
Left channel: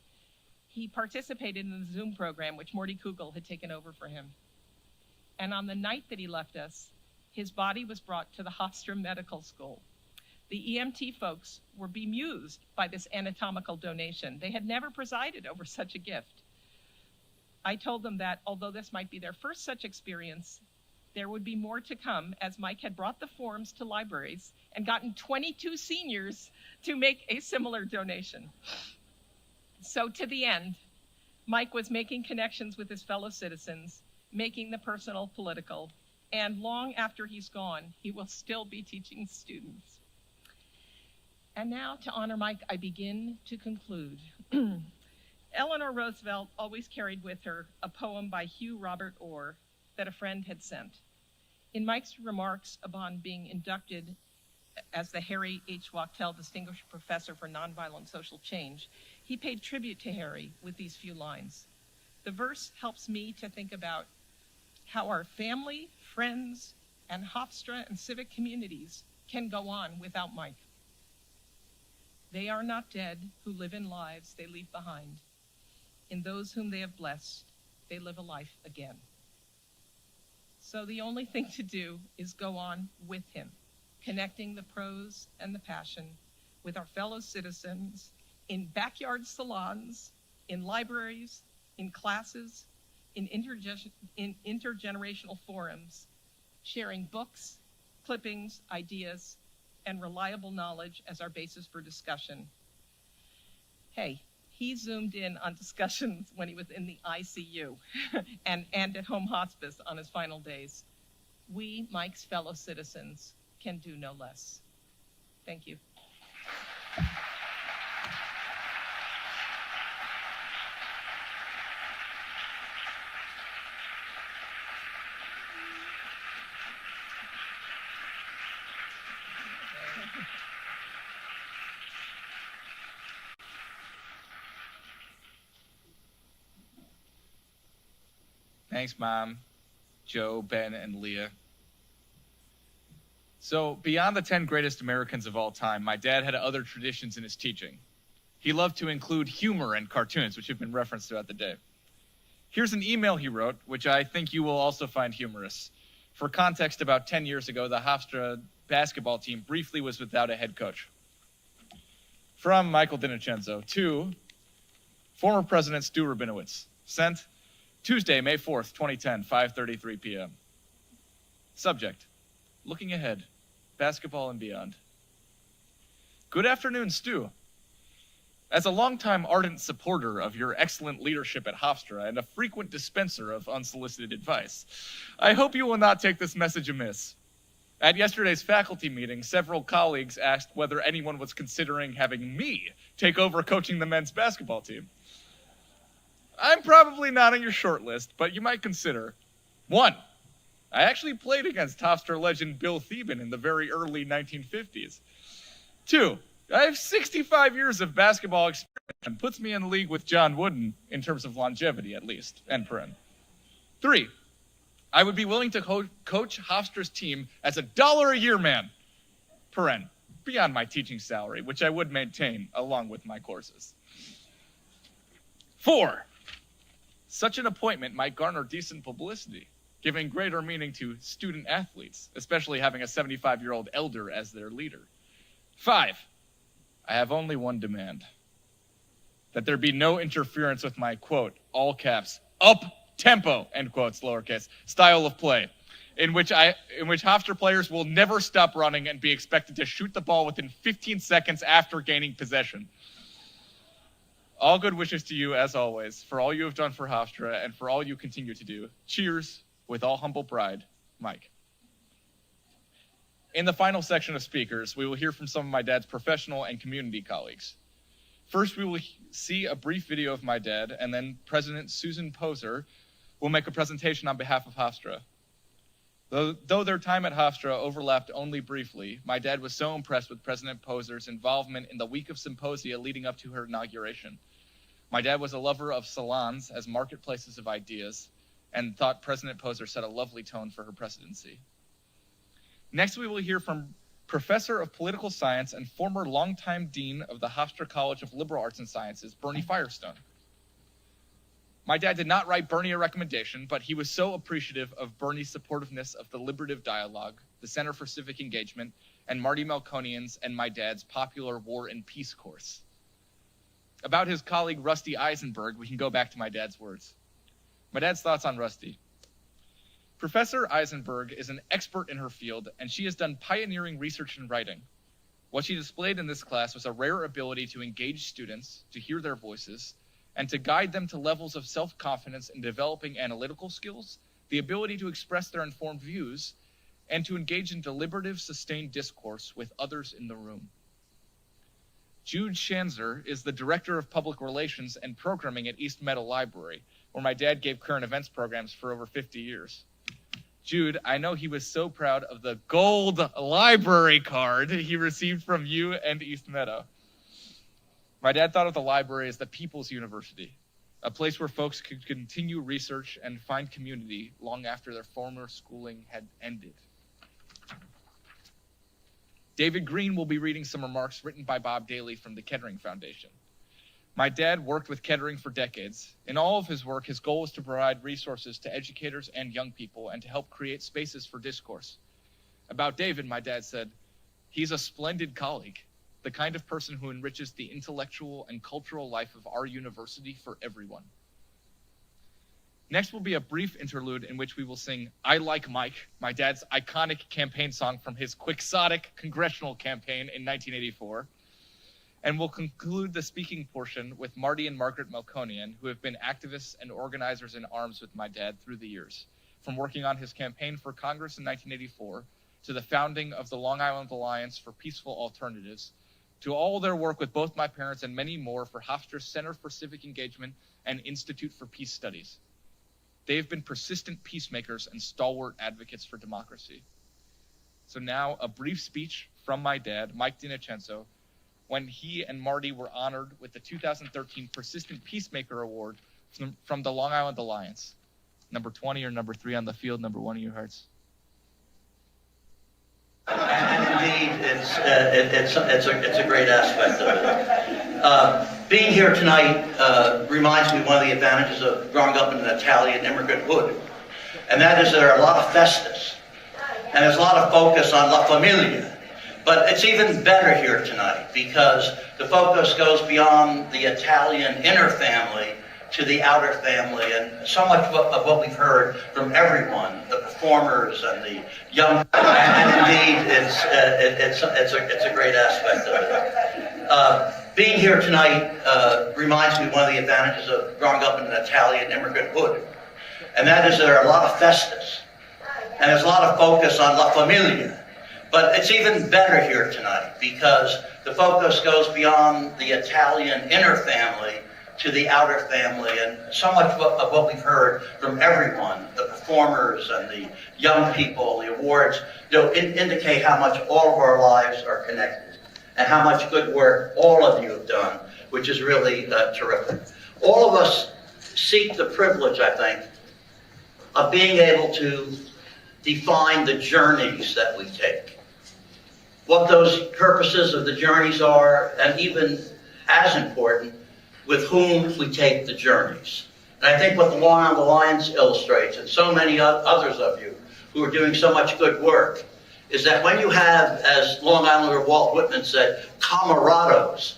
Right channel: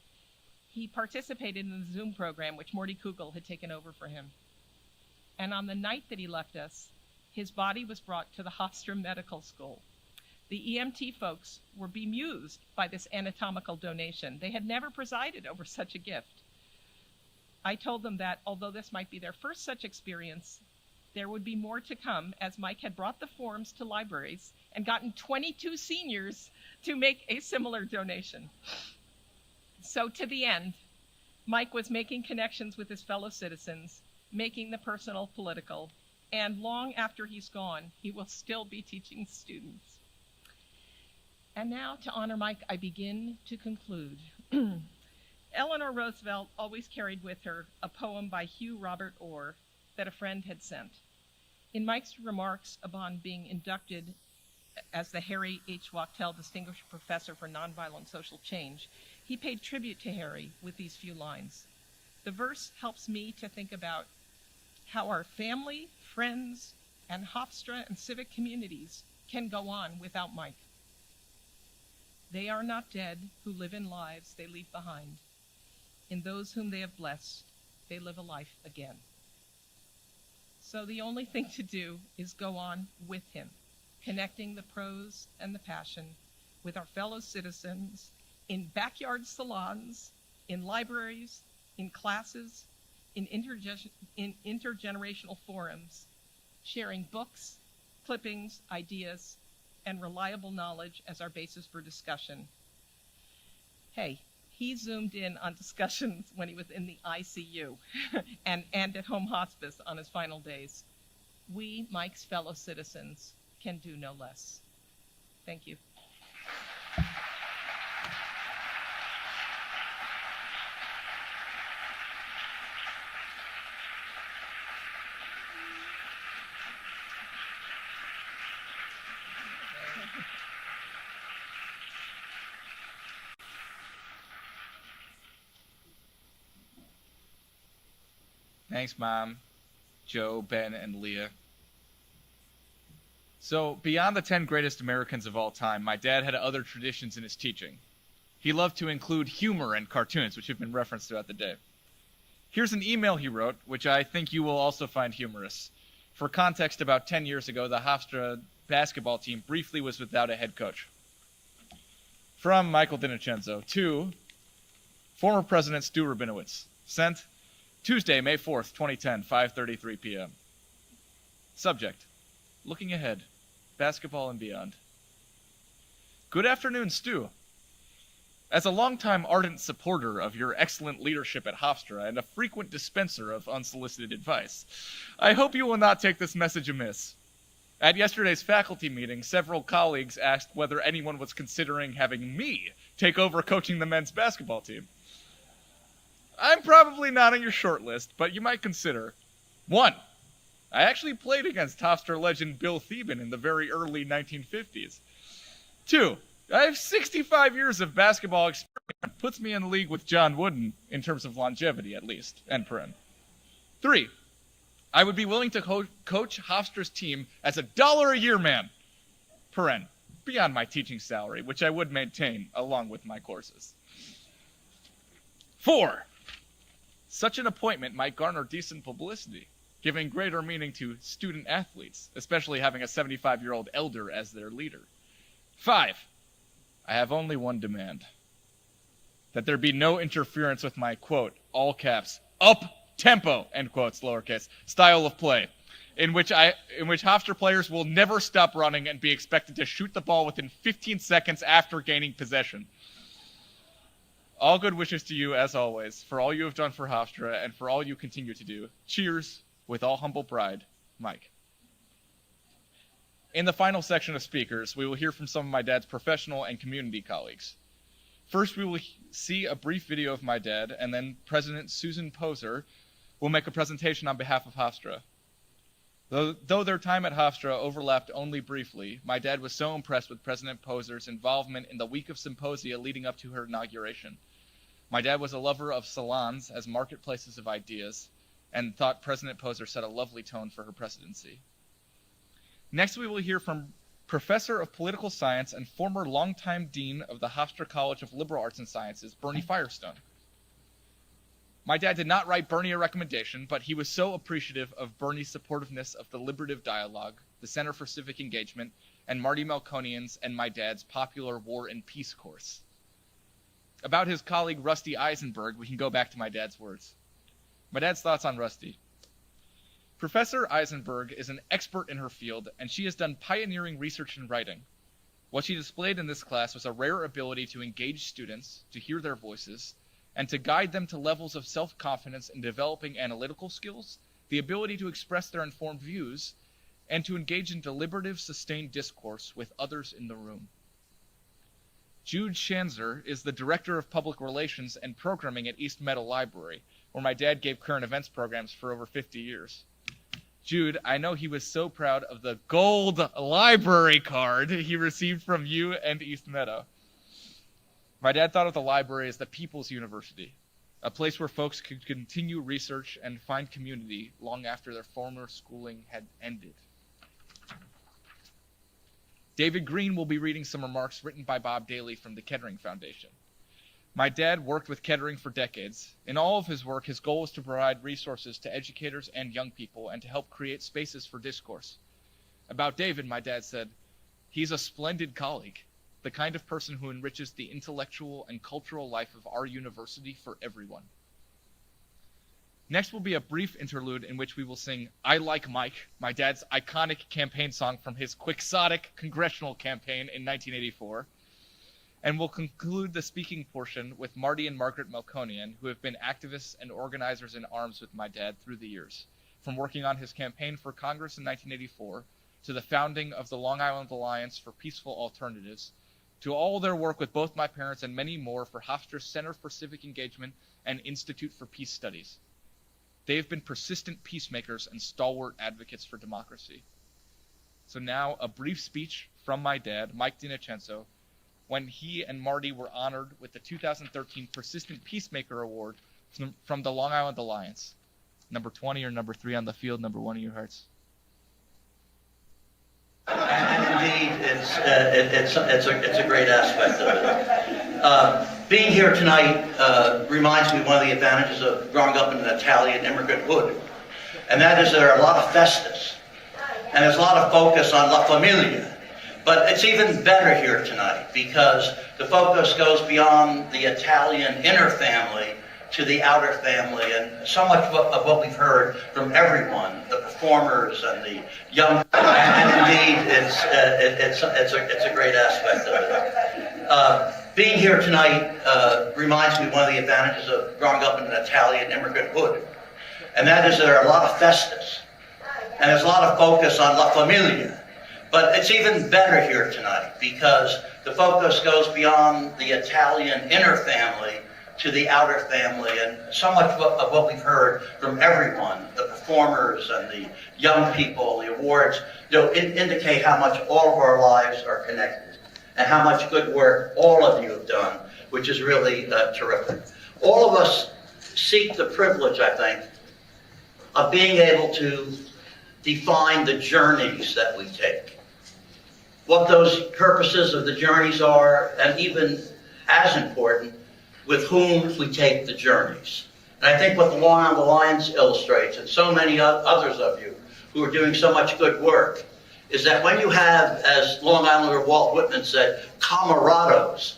he participated in the Zoom program which Morty Kugel had taken over for him. And on the night that he left us, his body was brought to the Hofstra Medical School. The EMT folks were bemused by this anatomical donation. They had never presided over such a gift. I told them that although this might be their first such experience, there would be more to come, as Mike had brought the forms to libraries and gotten 22 seniors to make a similar donation. So to the end, Mike was making connections with his fellow citizens, making the personal political, and long after he's gone, he will still be teaching students. And now, to honor Mike, I begin to conclude. Eleanor Roosevelt always carried with her a poem by Hugh Robert Orr that a friend had sent. In Mike's remarks upon being inducted as the Harry H. Wachtell Distinguished Professor for Nonviolent Social Change, he paid tribute to Harry with these few lines. The verse helps me to think about how our family, friends, and Hofstra and civic communities can go on without Mike. They are not dead who live in lives they leave behind. In those whom they have blessed, they live a life again. So the only thing to do is go on with him, connecting the prose and the passion with our fellow citizens in backyard salons, in libraries, in classes, in intergenerational forums, sharing books, clippings, ideas, and reliable knowledge as our basis for discussion. Hey, he zoomed in on discussions when he was in the ICU and at home hospice on his final days. We, Mike's fellow citizens, can do no less. Thank you. Thanks, Mom, Joe, Ben, and Leah. So, beyond the 10 greatest Americans of all time, my dad had other traditions in his teaching. He loved to include humor and cartoons, which have been referenced throughout the day. Here's an email he wrote, which I think you will also find humorous. For context, about 10 years ago, the Hofstra basketball team briefly was without a head coach. From Michael DiNocenzo to former President Stu Rabinowitz. Sent Tuesday, May 4th, 2010, 5:33 p.m. Subject: looking ahead, basketball and beyond. Good afternoon, Stu. As a longtime ardent supporter of your excellent leadership at Hofstra and a frequent dispenser of unsolicited advice, I hope you will not take this message amiss. At yesterday's faculty meeting, several colleagues asked whether anyone was considering having me take over coaching the men's basketball team. I'm probably not on your short list, but you might consider. 1. I actually played against Hofstra legend Bill Thieben in the very early 1950s. 2. I have 65 years of basketball experience and puts me in a league with John Wooden, in terms of longevity at least, end paren. 3. I would be willing to coach Hofstra's team as $1 a year man, paren. beyond my teaching salary, which I would maintain along with my courses. 4. Such an appointment might garner decent publicity, giving greater meaning to student athletes, especially having a 75-year-old elder as their leader. 5. I have only one demand. That there be no interference with my, quote, all caps, up-tempo, end quotes, lowercase, style of play, in which Hofstra players will never stop running and be expected to shoot the ball within 15 seconds after gaining possession. All good wishes to you, as always, for all you have done for Hofstra and for all you continue to do. Cheers, with all humble pride, Mike. In the final section of speakers, we will hear from some of my dad's professional and community colleagues. First, we will see a brief video of my dad, and then President Susan Poser will make a presentation on behalf of Hofstra. Though their time at Hofstra overlapped only briefly, my dad was so impressed with President Poser's involvement in the week of symposia leading up to her inauguration. My dad was a lover of salons as marketplaces of ideas, and thought President Poser set a lovely tone for her presidency. Next, we will hear from Professor of Political Science and former longtime Dean of the Hofstra College of Liberal Arts and Sciences, Bernie Firestone. My dad did not write Bernie a recommendation, but he was so appreciative of Bernie's supportiveness of the Deliberative Dialogue, the Center for Civic Engagement, and Marty Melkonian's and my dad's popular War and Peace course. About his colleague Rusty Eisenberg, we can go back to my dad's words. My dad's thoughts on Rusty. Professor Eisenberg is an expert in her field, and she has done pioneering research and writing. What she displayed in this class was a rare ability to engage students, to hear their voices, and to guide them to levels of self-confidence in developing analytical skills, the ability to express their informed views, and to engage in deliberative, sustained discourse with others in the room. Jude Schanzer is the Director of Public Relations and Programming at East Meadow Library, where my dad gave current events programs for over 50 years. Jude, I know he was so proud of the gold library card he received from you and East Meadow. My dad thought of the library as the people's university, a place where folks could continue research and find community long after their former schooling had ended. David Green will be reading some remarks written by Bob Daly from the Kettering Foundation. My dad worked with Kettering for decades. In all of his work, his goal was to provide resources to educators and young people and to help create spaces for discourse. About David, my dad said, he's a splendid colleague, the kind of person who enriches the intellectual and cultural life of our university for everyone. Next will be a brief interlude in which we will sing I Like Mike, my dad's iconic campaign song from his quixotic congressional campaign in 1984. And we'll conclude the speaking portion with Marty and Margaret Melkonian, who have been activists and organizers in arms with my dad through the years, from working on his campaign for Congress in 1984 to the founding of the Long Island Alliance for Peaceful Alternatives, to all their work with both my parents and many more for Hofstra's Center for Civic Engagement and Institute for Peace Studies. They have been persistent peacemakers and stalwart advocates for democracy. So now a brief speech from my dad, Mike DiNocenzo, when he and Marty were honored with the 2013 Persistent Peacemaker Award from the Long Island Alliance. Number 20 or number 3 on the field, number 1 of your hearts. Indeed, it's a great aspect of it. Being here tonight reminds me of one of the advantages of growing up in an Italian immigrant hood, and that is there are a lot of festas, and there's a lot of focus on La Familia. But it's even better here tonight because the focus goes beyond the Italian inner family to the outer family, and so much of what we've heard from everyone, the performers and the young. Indeed, it's a great aspect of it. Being here tonight reminds me of one of the advantages of growing up in an Italian immigrant hood, and that is there are a lot of festas, and there's a lot of focus on La Familia. But it's even better here tonight because the focus goes beyond the Italian inner family to the outer family, and so much of what we've heard from everyone, the performers and the young people, the awards, indicate how much all of our lives are connected and how much good work all of you have done, which is really terrific. All of us seek the privilege, I think, of being able to define the journeys that we take. what those purposes of the journeys are, and even as important, with whom we take the journeys. And I think what the Long Island Alliance illustrates, and so many others of you who are doing so much good work, is that when you have, as Long Islander Walt Whitman said, camarados,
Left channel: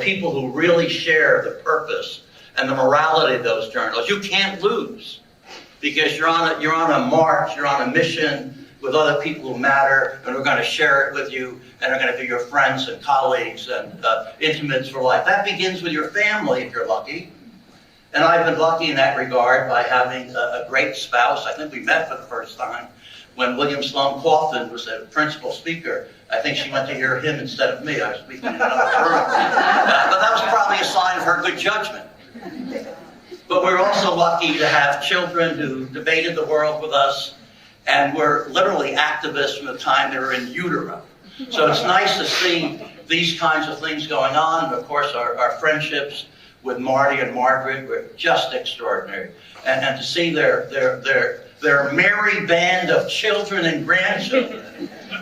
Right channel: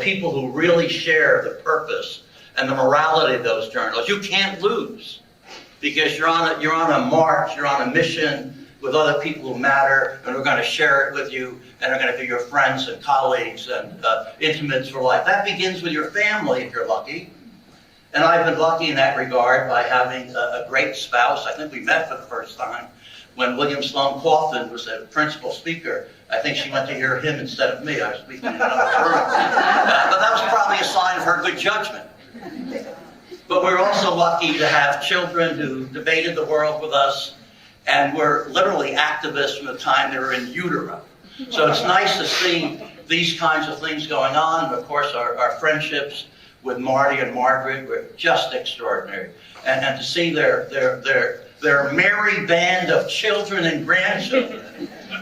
people who really share the purpose and the morality of those journals, you can't lose, because you're on a march, you're on a mission with other people who matter, and are going to share it with you, and are going to be your friends and colleagues and intimates for life. That begins with your family, if you're lucky. And I've been lucky in that regard by having a great spouse. I think we met for the first time when William Sloane Coffin was the principal speaker. I think she went to hear him instead of me. I was speaking in another room. But that was probably a sign of her good judgment. But we're also lucky to have children who debated the world with us and were literally activists from the time they were in utero. So it's nice to see these kinds of things going on. And of course, our friendships with Marty and Margaret were just extraordinary. And to see their merry band of children and grandchildren.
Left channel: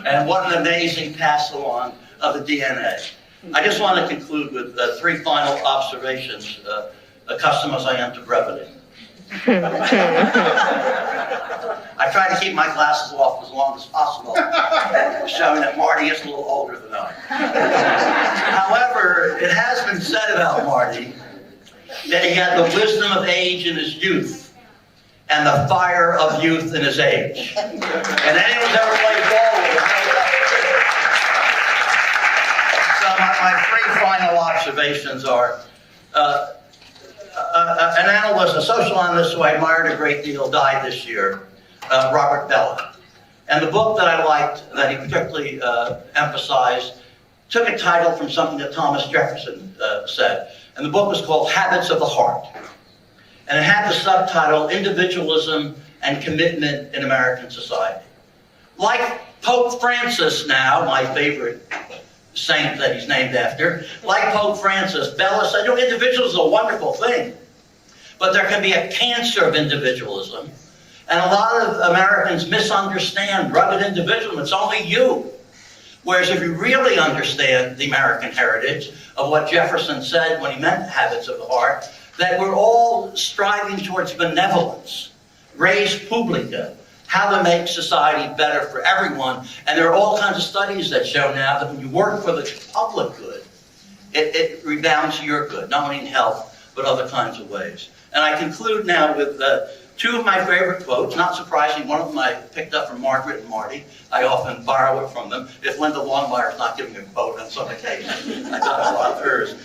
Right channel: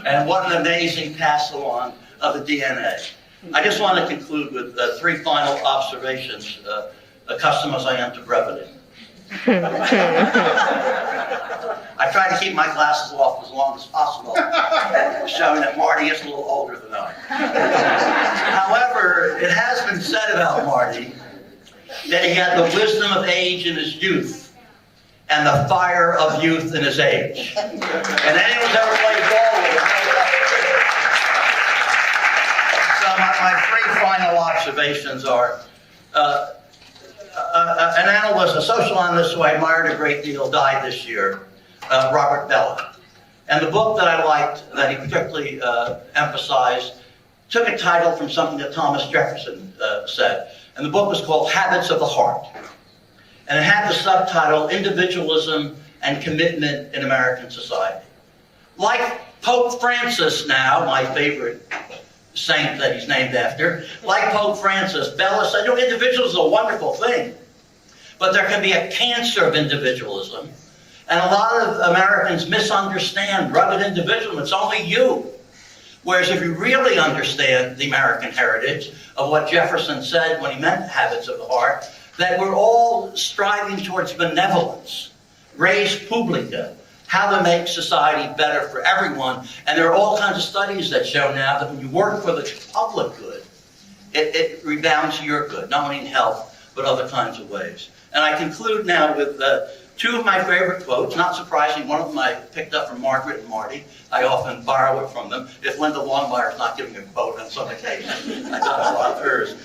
And what an amazing pass along of the DNA. I just want to conclude with three final observations, accustomed as I am to brevity. I try to keep my glasses off as long as possible, showing that Marty is a little older than I. However, it has been said about Marty that he had the wisdom of age in his youth and the fire of youth in his age. And anyone who's ever played ball with him. So my three final observations are, an analyst, a social analyst who I admired a great deal, died this year, Robert Belloc. And the book that I liked, that he particularly emphasized, took a title from something that Thomas Jefferson said. And the book was called Habits of the Heart. And it had the subtitle, Individualism and Commitment in American Society. Like Pope Francis now, my favorite saint that he's named after, like Pope Francis, Belloc said, individualism is a wonderful thing, but there can be a cancer of individualism. And a lot of Americans misunderstand rugged individualism. It's only you. Whereas if you really understand the American heritage of what Jefferson said when he meant habits of the heart, that we're all striving towards benevolence, res publica, how to make society better for everyone. And there are all kinds of studies that show now that when you work for the public good, it rebounds to your good, not only in health, but other kinds of ways. And I conclude now with two of my favorite quotes. Not surprising, one of them I picked up from Margaret and Marty. I often borrow it from them. If Linda Longmire's not giving a quote on some occasion, I got a lot of hers.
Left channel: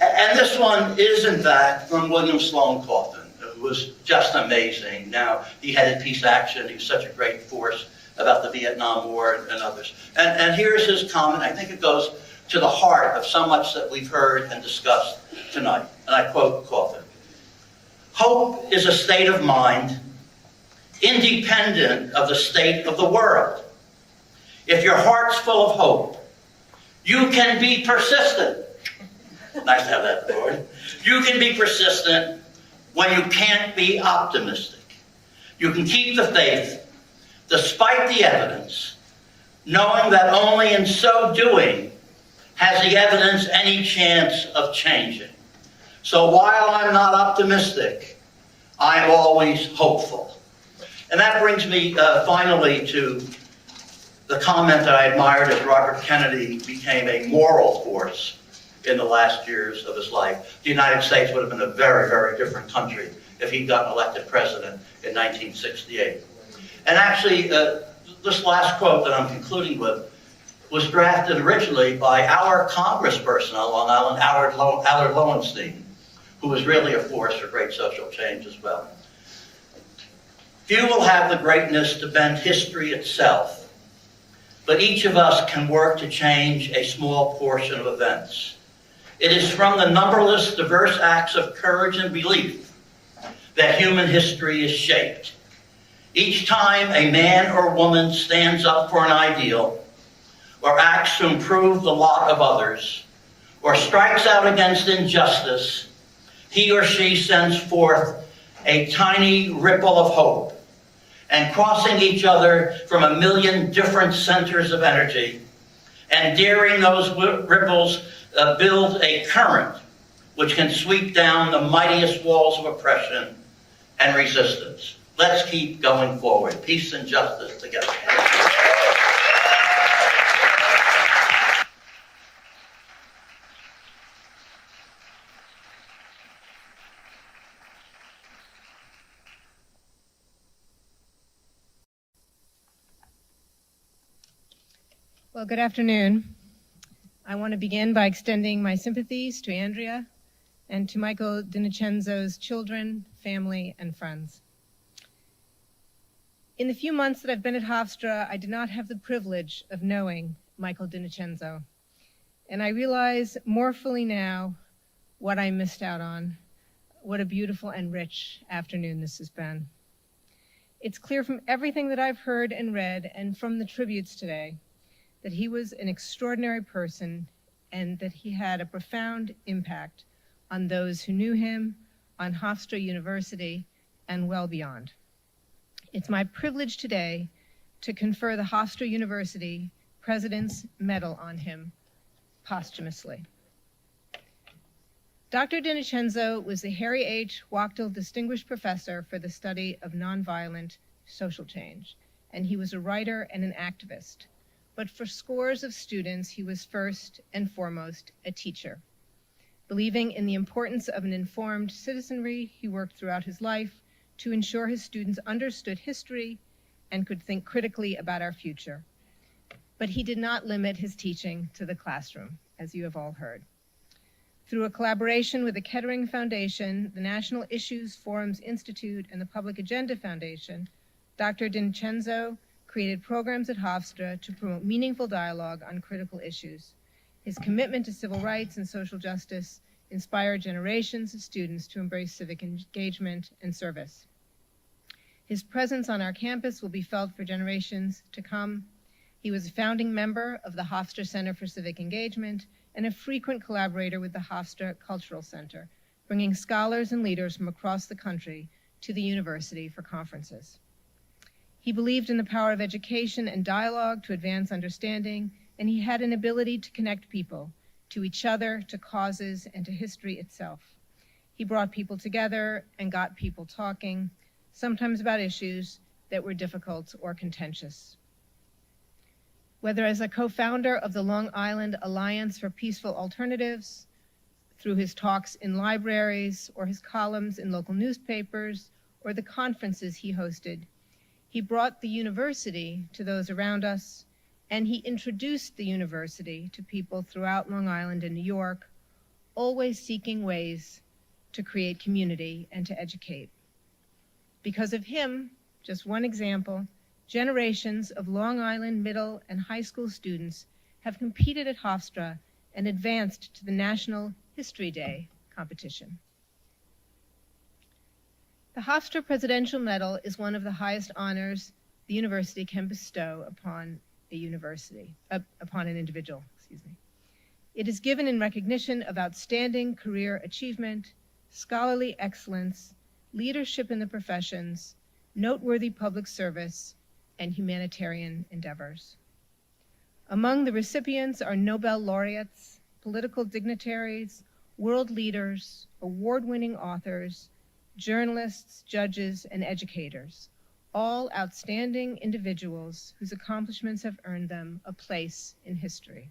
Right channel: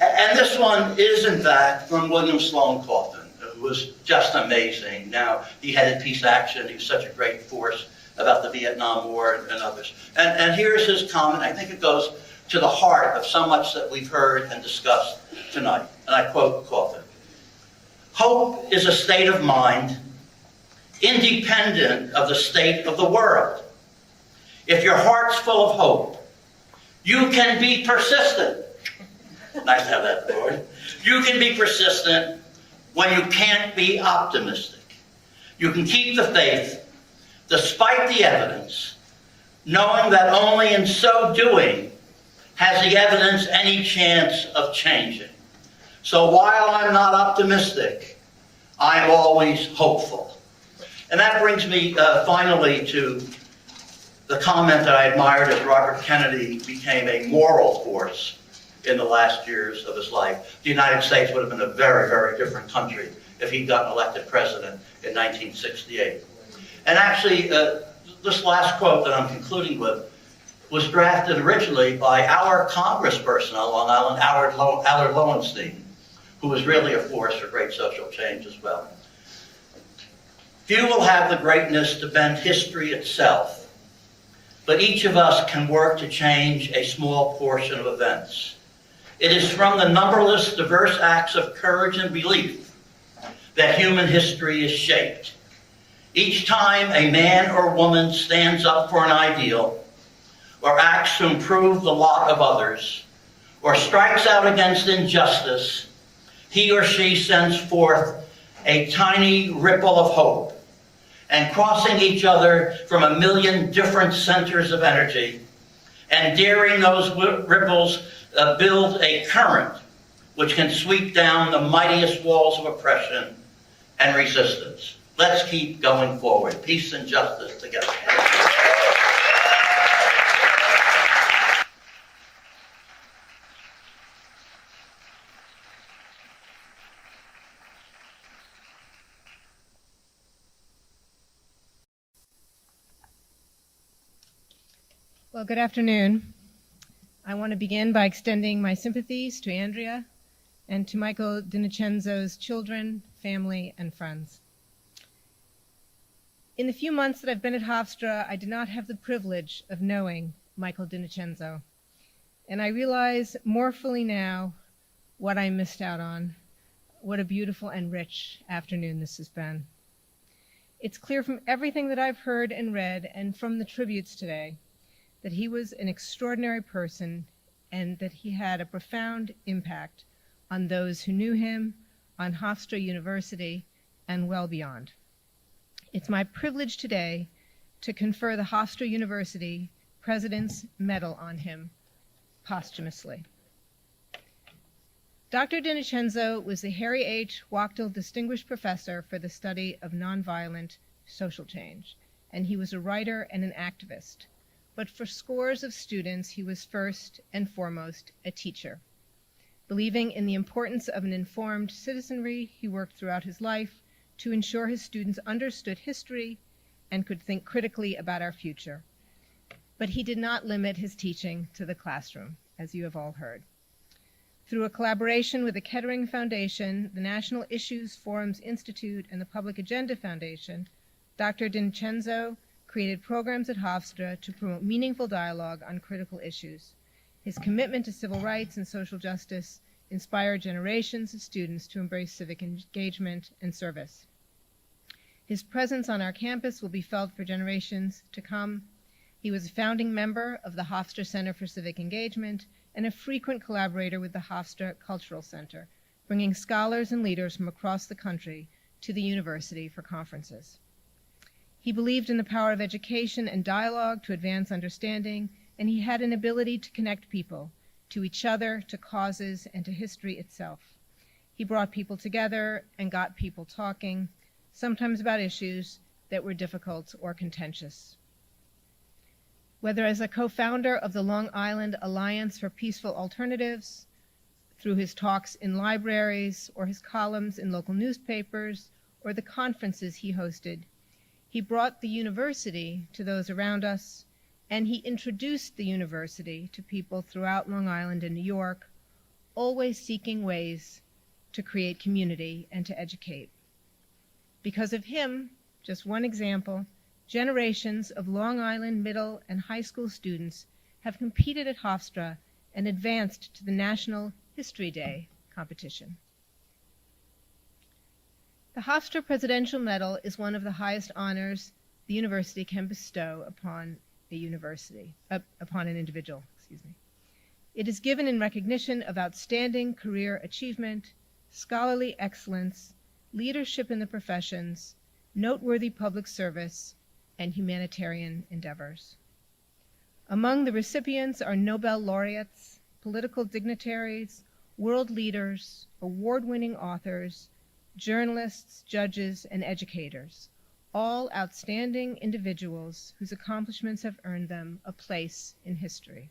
And this one is, in fact, from William Sloane Coffin. It was just amazing. Now, he headed Peace Action. He was such a great force about the Vietnam War and others. And here's his comment. I think it goes to the heart of so much that we've heard and discussed tonight. And I quote Coffin. Hope is a state of mind independent of the state of the world. If your heart's full of hope, you can be persistent. Nice to have that word. You can be persistent when you can't be optimistic. You can keep the faith despite the evidence, knowing that only in so doing has the evidence any chance of changing. So while I'm not optimistic, I'm always hopeful. And that brings me finally to the comment that I admired as Robert Kennedy became a moral force in the last years of his life. The United States would have been a very, very different country if he'd gotten elected president in 1968. And actually, this last quote that I'm concluding with was drafted originally by our congressperson on Long Island, Allard Lowenstein, who was really a force for great social change as well. Few will have the greatness to bend history itself, but each of us can work to change a small portion of events. It is from the numberless diverse acts of courage and belief that human history is shaped. Each time a man or woman stands up for an ideal, or acts to improve the lot of others, or strikes out against injustice, he or she sends forth a tiny ripple of hope and crossing each other from a million different centers of energy, and daring those ripples build a current which can sweep down the mightiest walls of oppression and resistance. Let's keep going forward. Peace and justice together. Well, good afternoon. I want to begin by extending my sympathies to Andrea and to Michael DiNincenzo's children, family, and friends. In the few months that I've been at Hofstra, I did not have the privilege of knowing Michael DiNincenzo, and I realize more fully now what I missed out on. What a beautiful and rich afternoon this has been. It's clear from everything that I've heard and read and from the tributes today that he was an extraordinary person and that he had a profound impact on those who knew him, on Hofstra University, and well beyond. It's my privilege today to confer the Hofstra University President's Medal on him posthumously. Dr. DiNincenzo was the Harry H. Wachtel Distinguished Professor for the Study of Nonviolent Social Change, and he was a writer and an activist. But for scores of students, he was first and foremost a teacher. Believing in the importance of an informed citizenry, he worked throughout his life to ensure his students understood history and could think critically about our future. But he did not limit his teaching to the classroom, as you have all heard. Through a collaboration with the Kettering Foundation, the National Issues Forums Institute, and the Public Agenda Foundation, Dr. DiNincenzo created programs at Hofstra to promote meaningful dialogue on critical issues. His commitment to civil rights and social justice inspired generations of students to embrace civic engagement and service. His presence on our campus will be felt for generations to come. He was a founding member of the Hofstra Center for Civic Engagement and a frequent collaborator with the Hofstra Cultural Center, bringing scholars and leaders from across the country to the university for conferences. He believed in the power of education and dialogue to advance understanding, and he had an ability to connect people to each other, to causes, and to history itself. He brought people together and got people talking, sometimes about issues that were difficult or contentious. Whether as a co-founder of the Long Island Alliance for Peaceful Alternatives, through his talks in libraries, or his columns in local newspapers, or the conferences he hosted, he brought the university to those around us, and he introduced the university to people throughout Long Island and New York, always seeking ways to create community and to educate. Because of him, just one example, generations of Long Island middle and high school students have competed at Hofstra and advanced to the National History Day competition. The Hofstra Presidential Medal is one of the highest honors the university can bestow upon an individual. It is given in recognition of outstanding career achievement, scholarly excellence, leadership in the professions, noteworthy public service, and humanitarian endeavors. Among the recipients are Nobel laureates, political dignitaries, world leaders, award-winning authors, journalists, judges, and educators, all outstanding individuals whose accomplishments have earned them a place in history.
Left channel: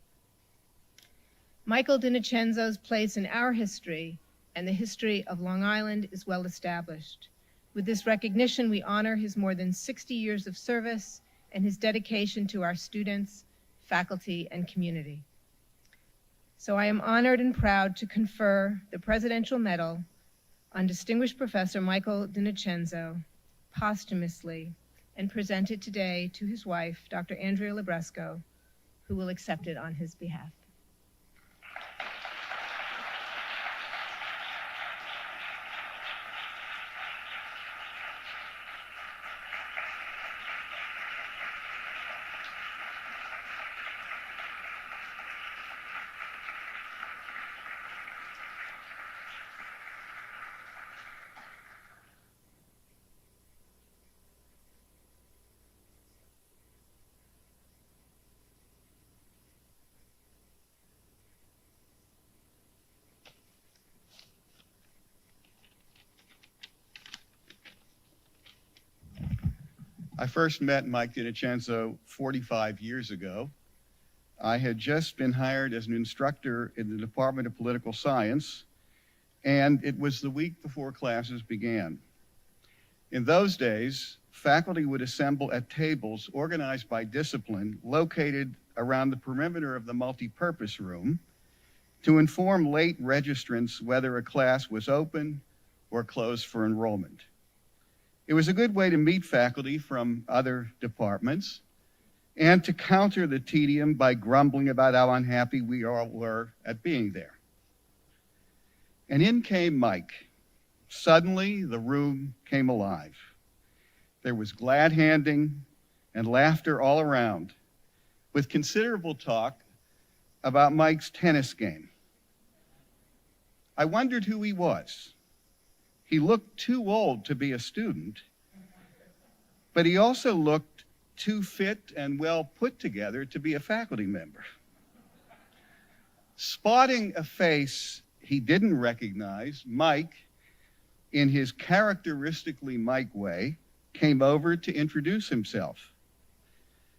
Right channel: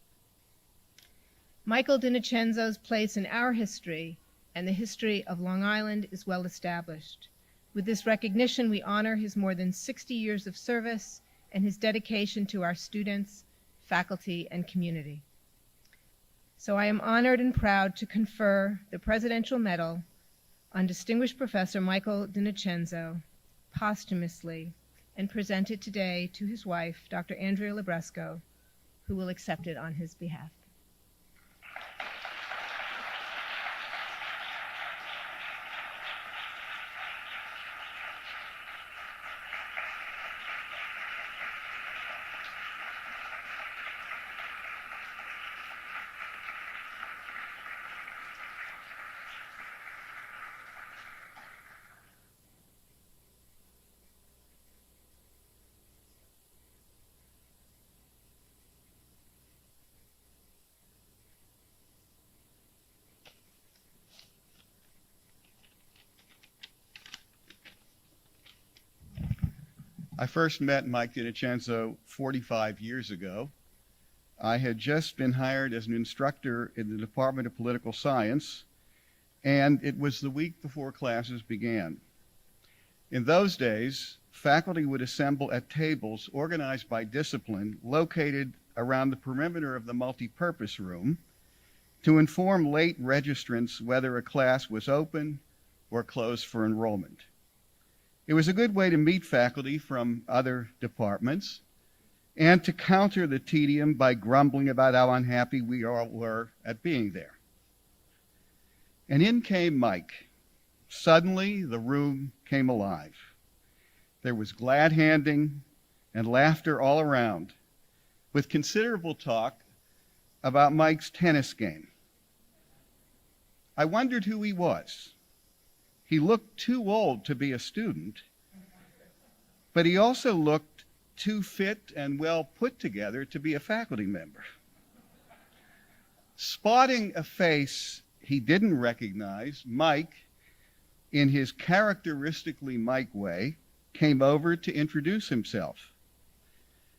Michael DiNincenzo's place in our history and the history of Long Island is well established. With this recognition, we honor his more than 60 years of service and his dedication to our students, faculty, and community. So I am honored and proud to confer the Presidential Medal on Distinguished Professor Michael DiNincenzo posthumously and present it today to his wife, Dr. Andrea Libresco, who will accept it on his behalf. I first met Mike DiNocenzo 45 years ago. I had just been hired as an instructor in the Department of Political Science, and it was the week before classes began. In those days, faculty would assemble at tables organized by discipline located around the perimeter of the multipurpose room to inform late registrants whether a class was open or closed for enrollment. It was a good way to meet faculty from other departments and to counter the tedium by grumbling about how unhappy we all were at being there. And in came Mike. Suddenly, the room came alive. There was glad handing and laughter all around, with considerable talk about Mike's tennis game. I wondered who he was. He looked too old to be a student, but he also looked too fit and well put together to be a faculty member. Spotting a face he didn't recognize, Mike, in his characteristically Mike way, came over to introduce himself.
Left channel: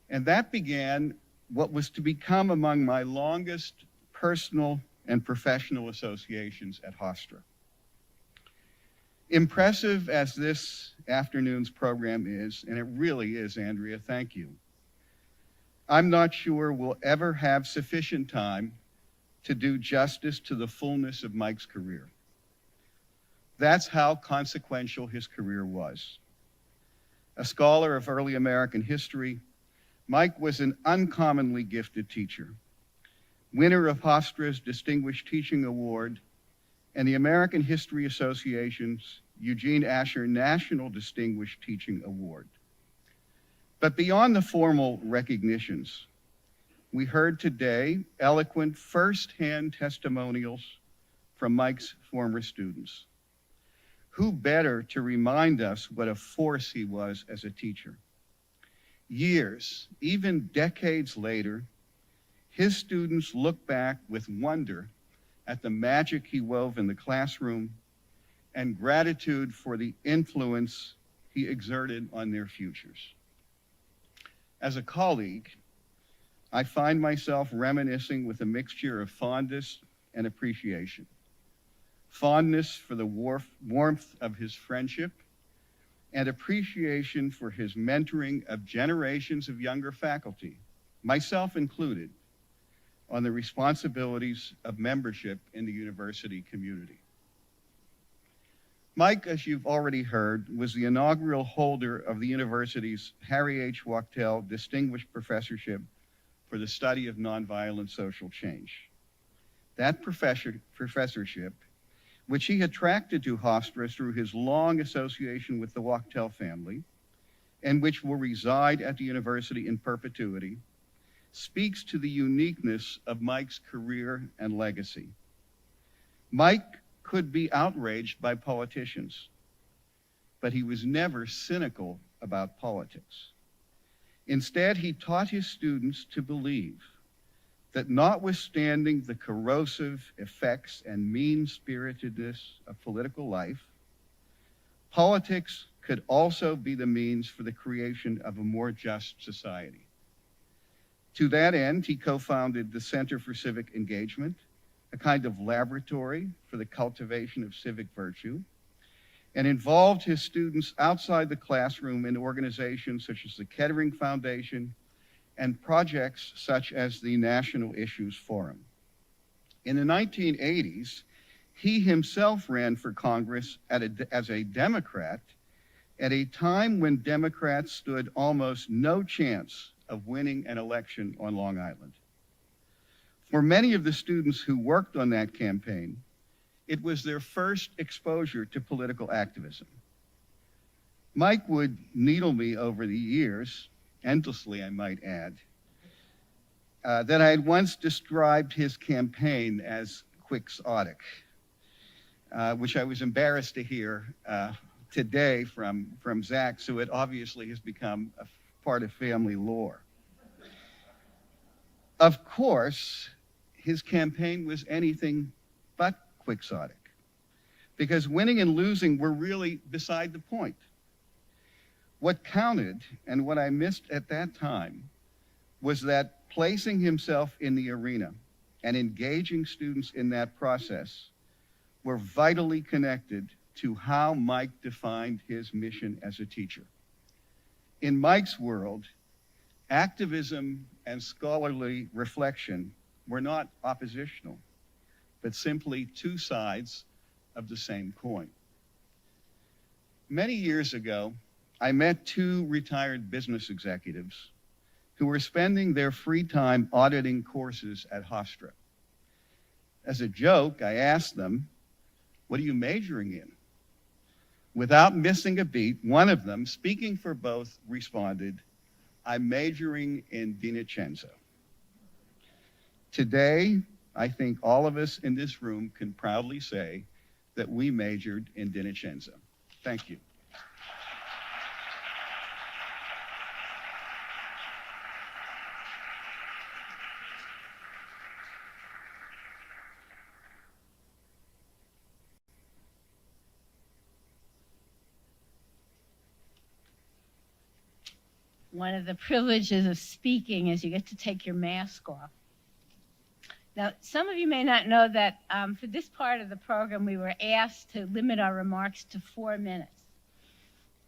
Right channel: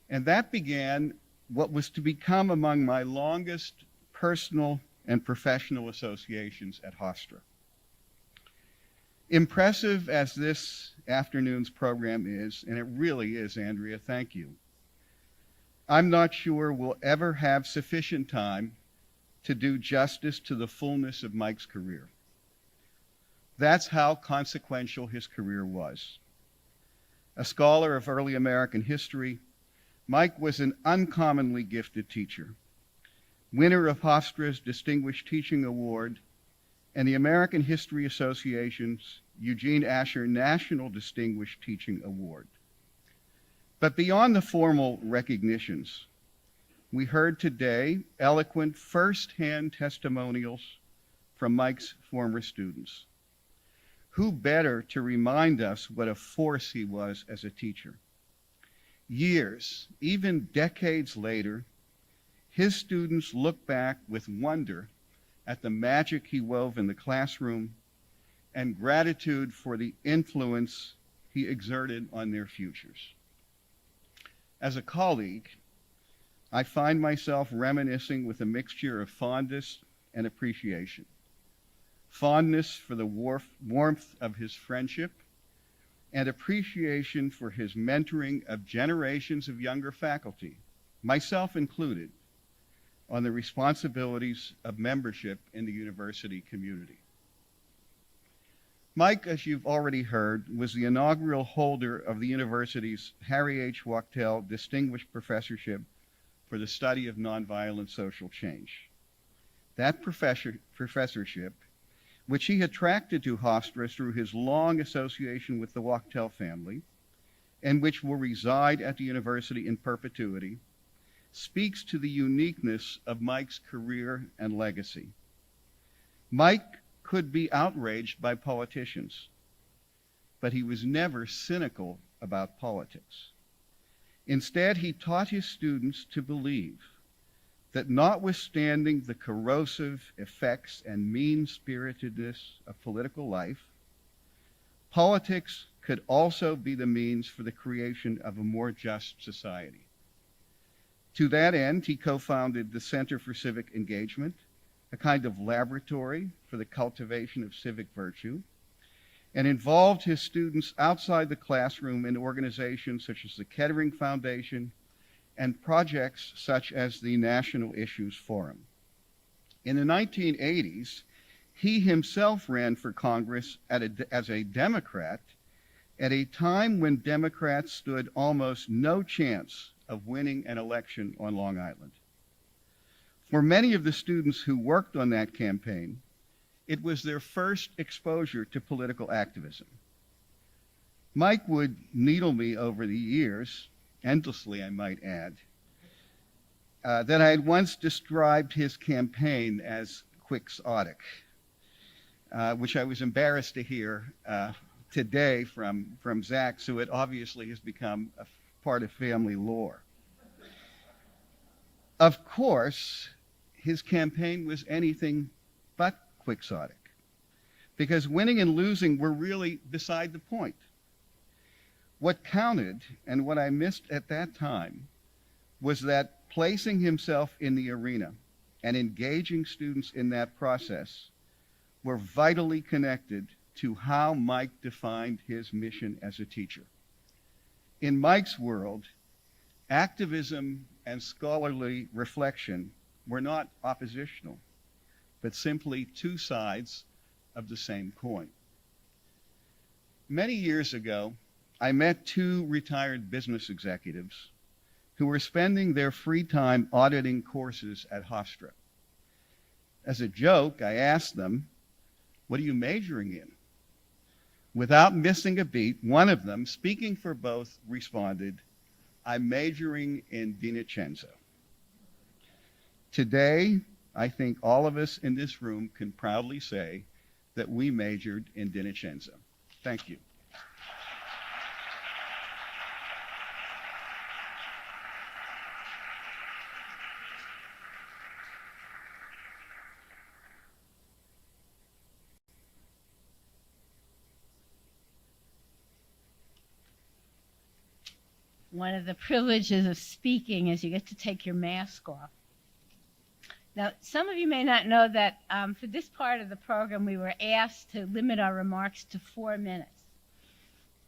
And that began what was to become among my longest personal and professional associations at Hofstra. Impressive as this afternoon's program is, and it really is, Andrea, thank you, I'm not sure we'll ever have sufficient time to do justice to the fullness of Mike's career. That's how consequential his career was. A scholar of early American history, Mike was an uncommonly gifted teacher, winner of Hofstra's Distinguished Teaching Award and the American History Association's Eugene Asher National Distinguished Teaching Award. But beyond the formal recognitions, we heard today eloquent first-hand testimonials from Mike's former students. Who better to remind us what a force he was as a teacher? Years, even decades later, his students look back with wonder at the magic he wove in the classroom and gratitude for the influence he exerted on their futures. As a colleague, I find myself reminiscing with a mixture of fondness and appreciation. Fondness for the warmth of his friendship and appreciation for his mentoring of generations of younger faculty, myself included, on the responsibilities of membership in the university community. Mike, as you've already heard, was the inaugural holder of the university's Harry H. Wachtell Distinguished Professorship for the Study of Nonviolent Social Change. That professorship, which he attracted to Hofstra through his long association with the Wachtell family, and which will reside at the university in perpetuity, speaks to the uniqueness of Mike's career and legacy. Mike could be outraged by politicians, but he was never cynical about politics. Instead, he taught his students to believe that notwithstanding the corrosive effects and mean-spiritedness of political life, politics could also be the means for the creation of a more just society. To that end, he co-founded the Center for Civic Engagement, a kind of laboratory for the cultivation of civic virtue, and involved his students outside the classroom in organizations such as the Kettering Foundation and projects such as the National Issues Forum. In the 1980s, he himself ran for Congress as a Democrat at a time when Democrats stood almost no chance of winning an election on Long Island. For many of the students who worked on that campaign, it was their first exposure to political activism. Mike would needle me over the years, endlessly I might add, that I had once described his campaign as quixotic, which I was embarrassed to hear today from Zach, so it obviously has become a part of family lore. Of course, his campaign was anything but quixotic, because winning and losing were really beside the point. What counted and what I missed at that time was that placing himself in the arena and engaging students in that process were vitally connected to how Mike defined his mission as a teacher. In Mike's world, activism and scholarly reflection were not oppositional, but simply two sides of the same coin. Many years ago, I met two retired business executives who were spending their free time auditing courses at Hofstra. As a joke, I asked them, "What are you majoring in?" Without missing a beat, one of them, speaking for both, responded, "I'm majoring in DiNicenzo." Today, I think all of us in this room can proudly say that we majored in DiNicenzo. Thank you. One of the privileges of speaking is you get to take your mask off. Now, some of you may not know that for this part of the program, we were asked to limit our remarks to 4 minutes.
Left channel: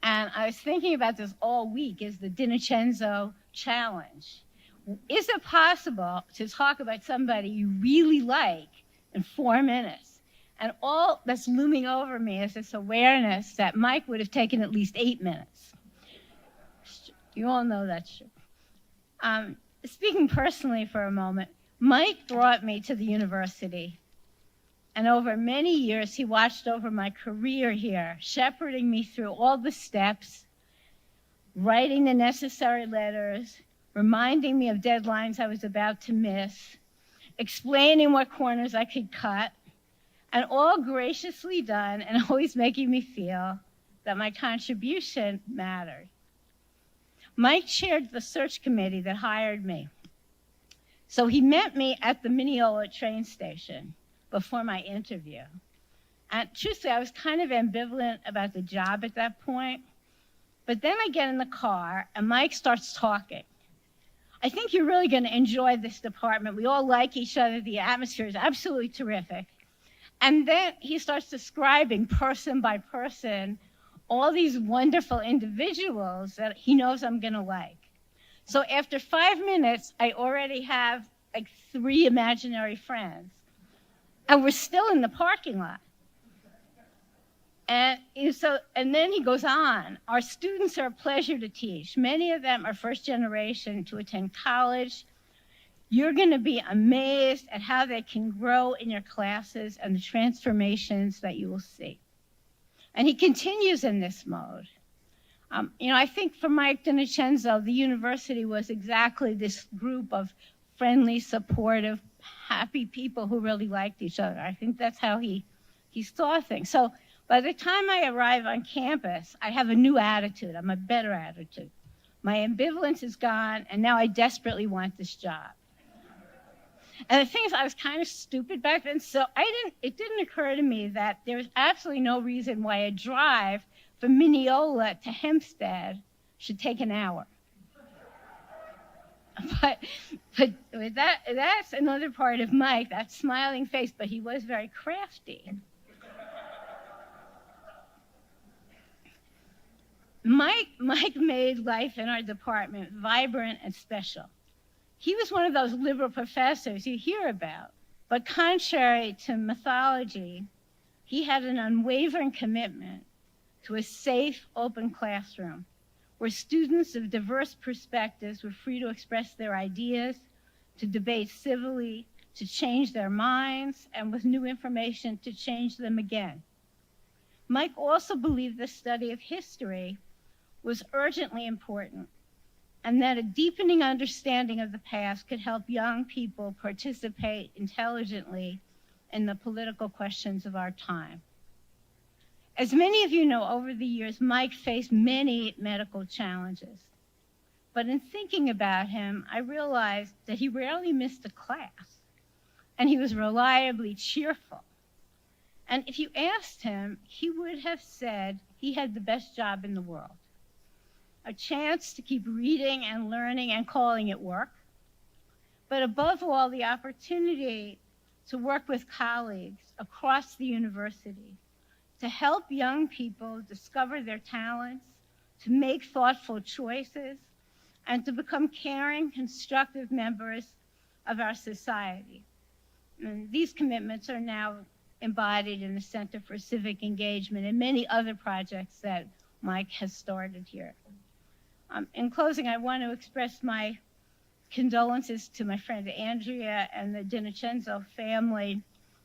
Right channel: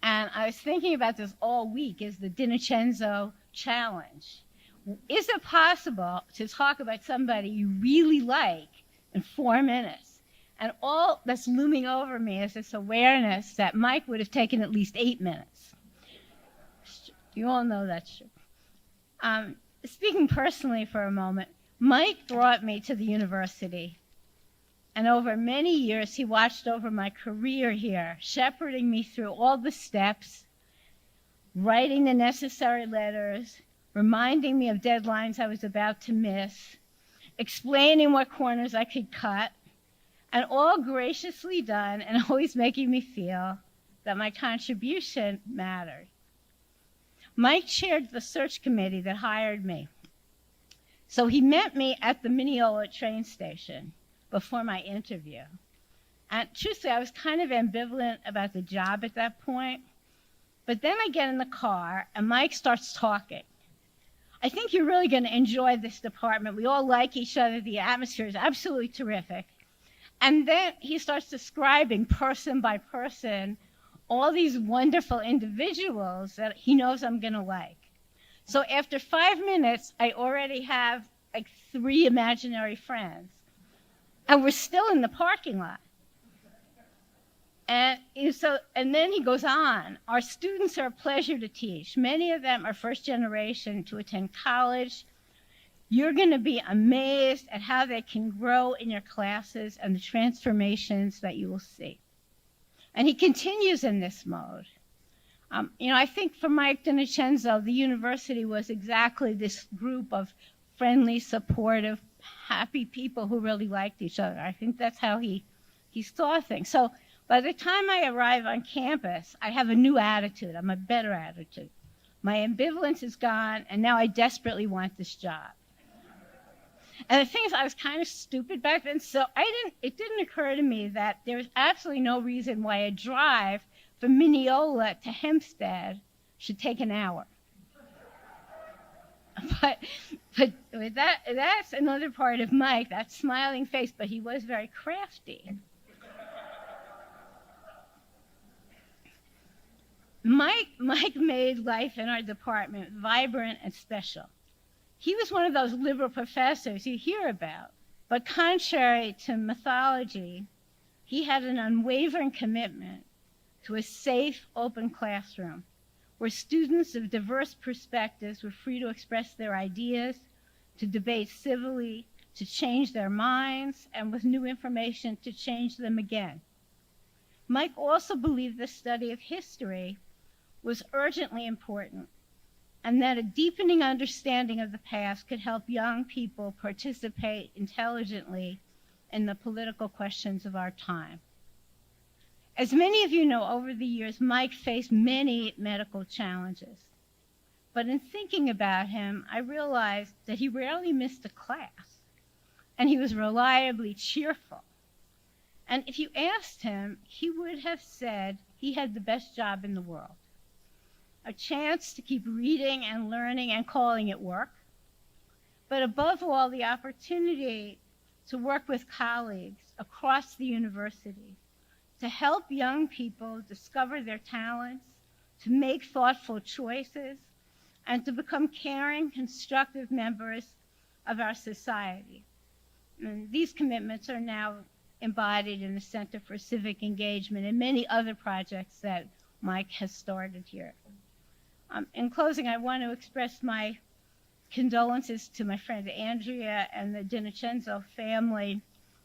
And I was thinking about this all week, is the DiNicenzo challenge. Is it possible to talk about somebody you really like in 4 minutes? And all that's looming over me is this awareness that Mike would have taken at least 8 minutes. You all know that's true. Speaking personally for a moment, Mike brought me to the university, and over many years he watched over my career here, shepherding me through all the steps, writing the necessary letters, reminding me of deadlines I was about to miss, explaining what corners I could cut, and all graciously done and always making me feel that my contribution mattered. Mike chaired the search committee that hired me. So he met me at the Mineola train station before my interview. And truthfully, I was kind of ambivalent about the job at that point. But then I get in the car and Mike starts talking. "I think you're really going to enjoy this department. We all like each other. The atmosphere is absolutely terrific." And then he starts describing person by person all these wonderful individuals that he knows I'm going to like. So after 5 minutes, I already have like 3 imaginary friends. And we're still in the parking lot. And then he goes on. "Our students are a pleasure to teach. Many of them are first generation to attend college. You're going to be amazed at how they can grow in your classes and the transformations that you will see." And he continues in this mode. I think for Mike DiNicenzo, the university was exactly this group of friendly, supportive, happy people who really liked each other. I think that's how he saw things. So by the time I arrive on campus, I have a new attitude. I'm a better attitude. My ambivalence is gone, and now I desperately want this job. And the thing is, I was kind of stupid back then, so it didn't occur to me that there was absolutely no reason why a drive from Mineola to Hempstead should take an hour. But that's another part of Mike, that smiling face, but he was very crafty. Mike made life in our department vibrant and special. He was one of those liberal professors you hear about, but contrary to mythology, he had an unwavering commitment to a safe, open classroom where students of diverse perspectives were free to express their ideas, to debate civilly, to change their minds, and with new information to change them again. Mike also believed the study of history was urgently important, and that a deepening understanding of the past could help young people participate intelligently in the political questions of our time. As many of you know, over the years, Mike faced many medical challenges. But in thinking about him, I realized that he rarely missed a class, and he was reliably cheerful. And if you asked him, he would have said he had the best job in the world. a chance to keep reading and learning and calling it work, but above all, the opportunity to work with colleagues across the university to help young people discover their talents, to make thoughtful choices, and to become caring, constructive members of our society. And these commitments are now embodied in the Center for Civic Engagement and many other projects that Mike has started here. In closing, I want to express my condolences to my friend Andrea and the DiNocenzo family,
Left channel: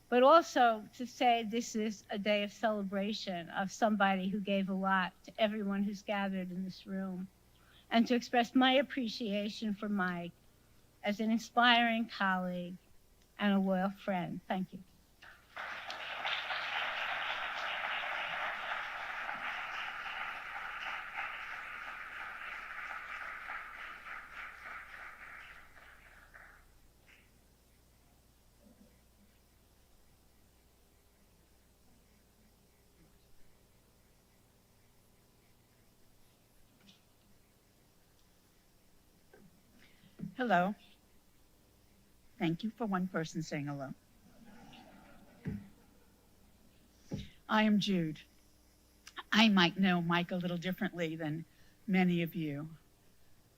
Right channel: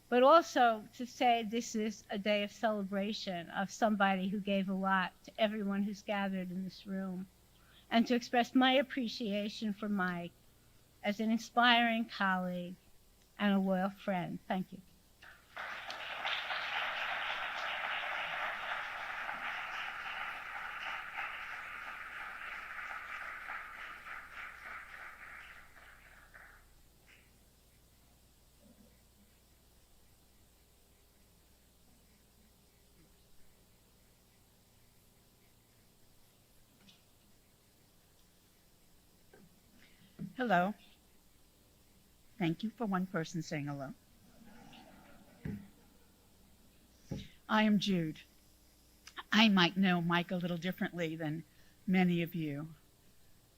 but also to say this is a day of celebration of somebody who gave a lot to everyone who's gathered in this room, and to express my appreciation for Mike as an inspiring colleague and a loyal friend. Thank you. Hello. Thank you for one person saying hello. I am Jude. I might know Mike a little differently than many of you.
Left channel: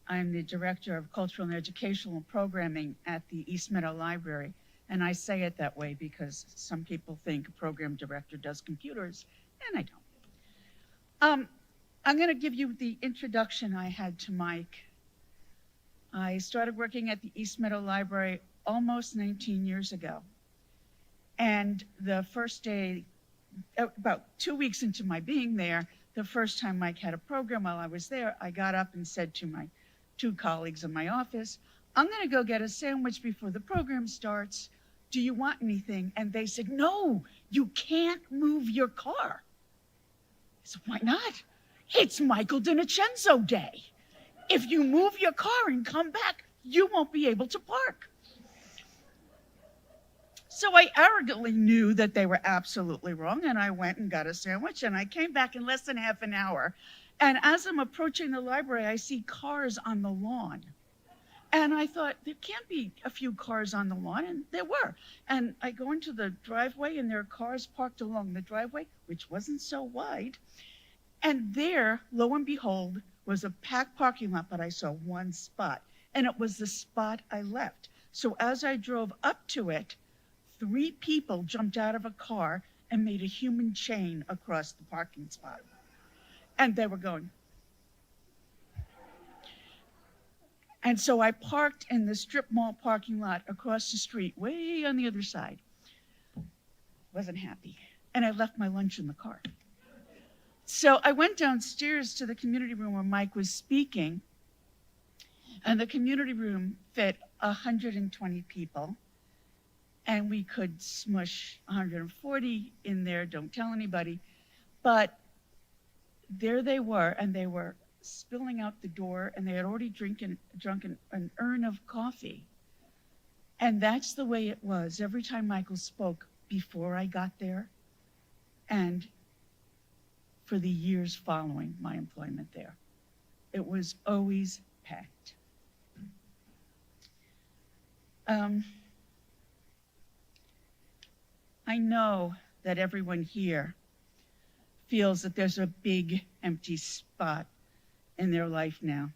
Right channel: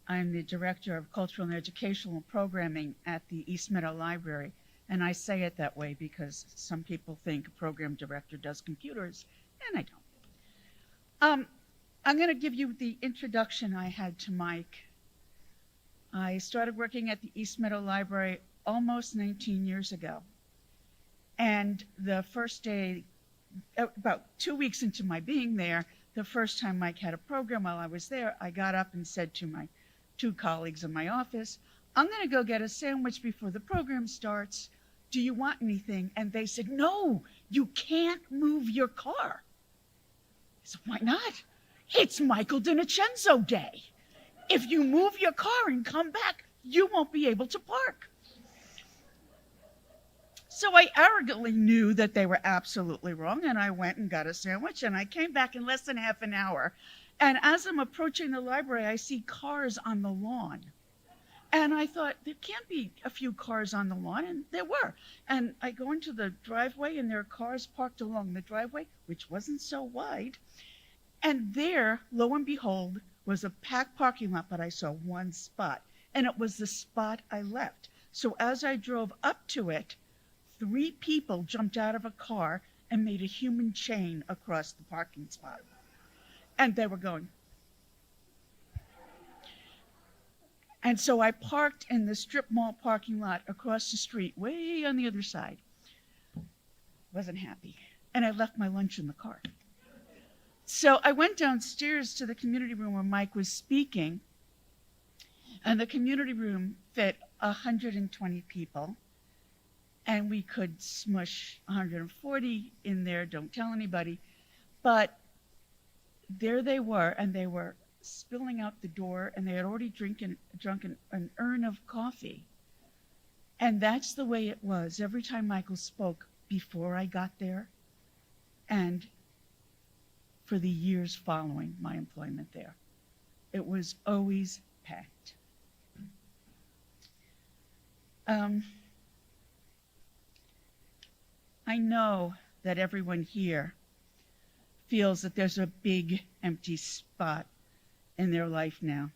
I'm the Director of Cultural and Educational Programming at the East Meadow Library, and I say it that way because some people think a program director does computers, and I don't. I'm going to give you the introduction I had to Mike. I started working at the East Meadow Library almost 19 years ago. And the first day, about 2 weeks into my being there, the first time Mike had a program while I was there, I got up and said to my two colleagues in my office, I'm going to go get a sandwich before the program starts. Do you want anything? And they said, no, you can't move your car. I said, why not? It's Michael DiNocenzo Day. If you move your car and come back, you won't be able to park. So I arrogantly knew that they were absolutely wrong, and I went and got a sandwich, and I came back in less than half an hour. And as I'm approaching the library, I see cars on the lawn. And I thought, there can't be a few cars on the lawn, and there were. And I go into the driveway, and there are cars parked along the driveway, which wasn't so wide. And there, lo and behold, was a packed parking lot, but I saw one spot, and it was the spot I left. So as I drove up to it, 3 people jumped out of a car and made a human chain across the parking spot. And they were going. And so I parked in the strip mall parking lot across the street, way on the other side. Wasn't happy. And I left my lunch in the car. So I went downstairs to the community room where Mike was speaking, and the community room fit 120 people, and we could smush 140 in there, don't tell anybody, but there they were, and they were spilling out the door, and they had already drunk an urn of coffee. And that's the way it was every time Michael spoke before I got there, and for the years following my employment there. It was always packed. I know that everyone here feels that there's a big empty spot in their life now.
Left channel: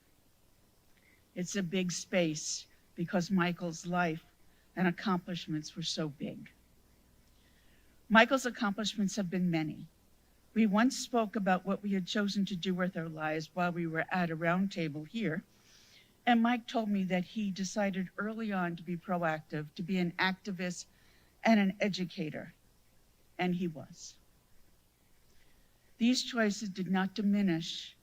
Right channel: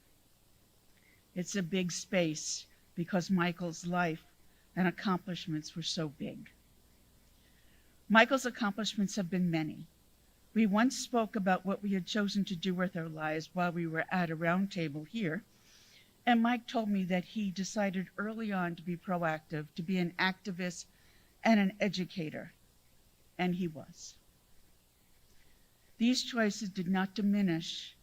It's a big space because Michael's life and accomplishments were so big. Michael's accomplishments have been many. We once spoke about what we had chosen to do with our lives while we were at a round table here, and Mike told me that he decided early on to be proactive, to be an activist and an educator, and he was. These choices did not diminish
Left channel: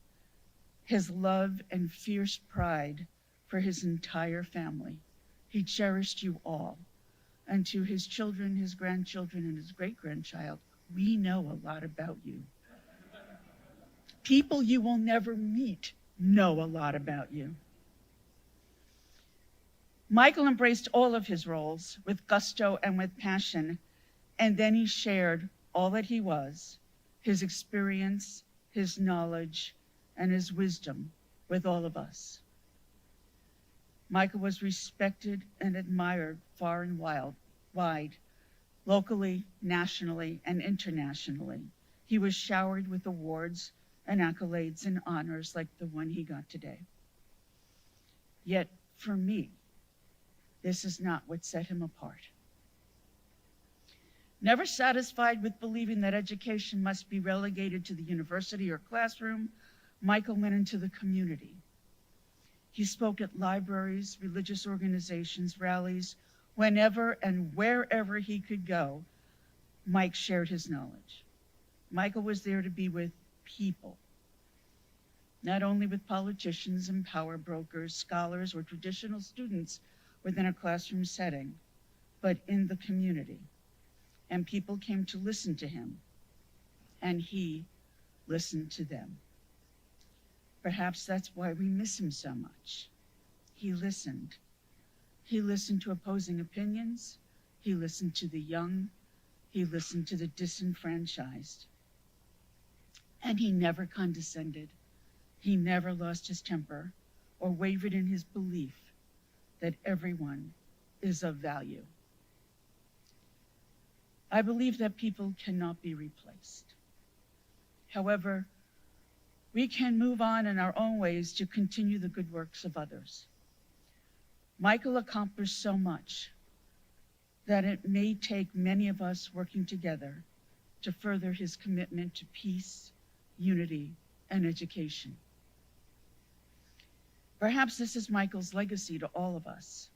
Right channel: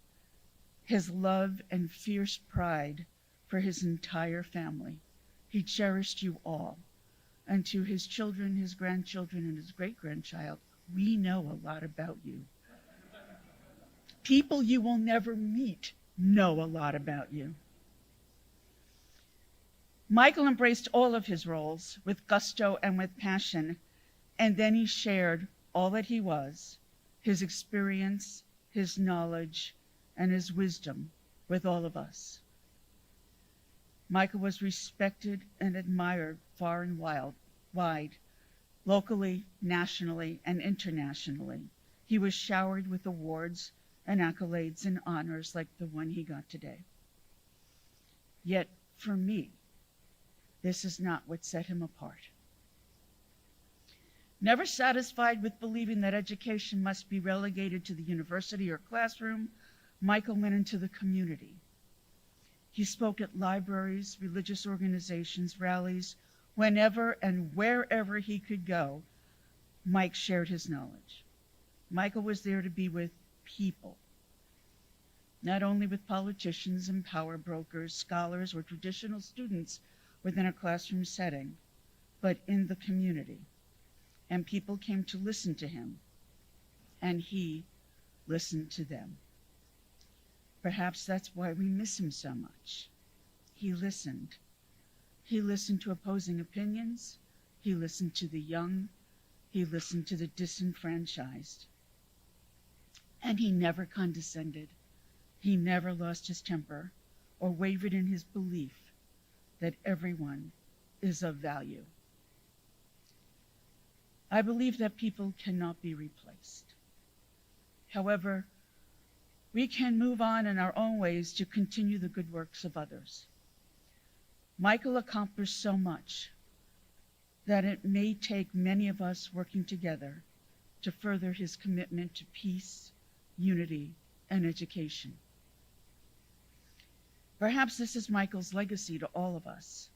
his love and fierce pride for his entire family. He cherished you all, and to his children, his grandchildren, and his great-grandchild, we know a lot about you. People you will never meet know a lot about you. Michael embraced all of his roles with gusto and with passion, and then he shared all that he was, his experience, his knowledge, and his wisdom with all of us. Michael was respected and admired far and wide, locally, nationally, and internationally. He was showered with awards and accolades and honors like the one he got today. Yet, for me, this is not what set him apart. Never satisfied with believing that education must be relegated to the university or classroom, Michael went into the community. He spoke at libraries, religious organizations, rallies. Whenever and wherever he could go, Mike shared his knowledge. Michael was there to be with people, not only with politicians and power brokers, scholars, or traditional students within a classroom setting, but in the community. And people came to listen to him, and he listened to them. Perhaps that's why we miss him so much. He listened. He listened to opposing opinions. He listened to the young. He listened to the disenfranchised. And he never condescended. He never lost his temper or wavered in his belief that everyone is of value. I believe that people cannot be replaced. However, we can move on in our own ways to continue the good works of others. Michael accomplished so much that it may take many of us working together to further his commitment to peace, unity, and education. Perhaps this is Michael's legacy to all of us.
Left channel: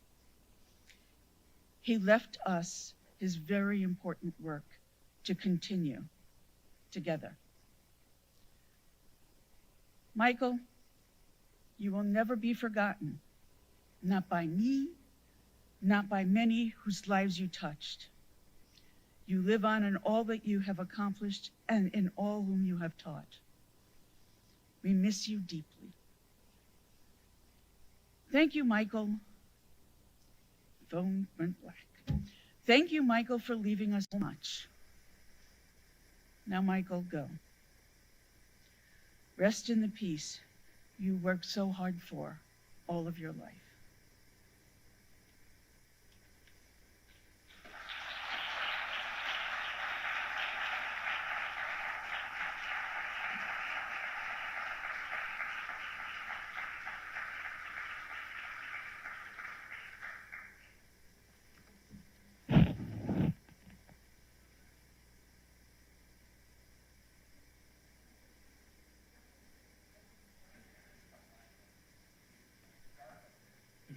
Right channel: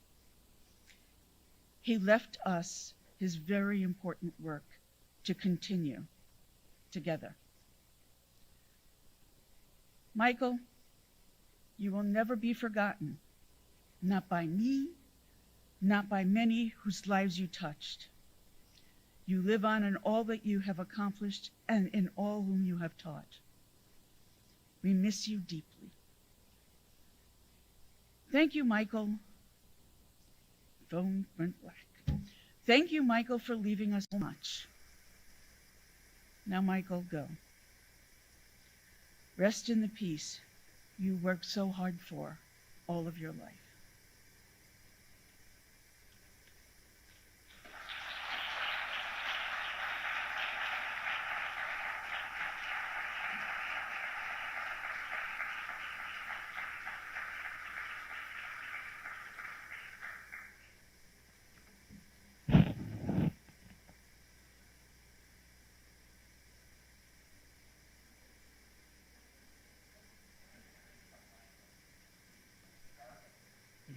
He left us his very important work to continue together. Michael, you will never be forgotten, not by me, not by many whose lives you touched. You live on in all that you have accomplished and in all whom you have taught. We miss you deeply. Thank you, Michael. Phone went black. Thank you, Michael, for leaving us so much. Now, Michael, go. Rest in the peace you worked so hard for all of your life.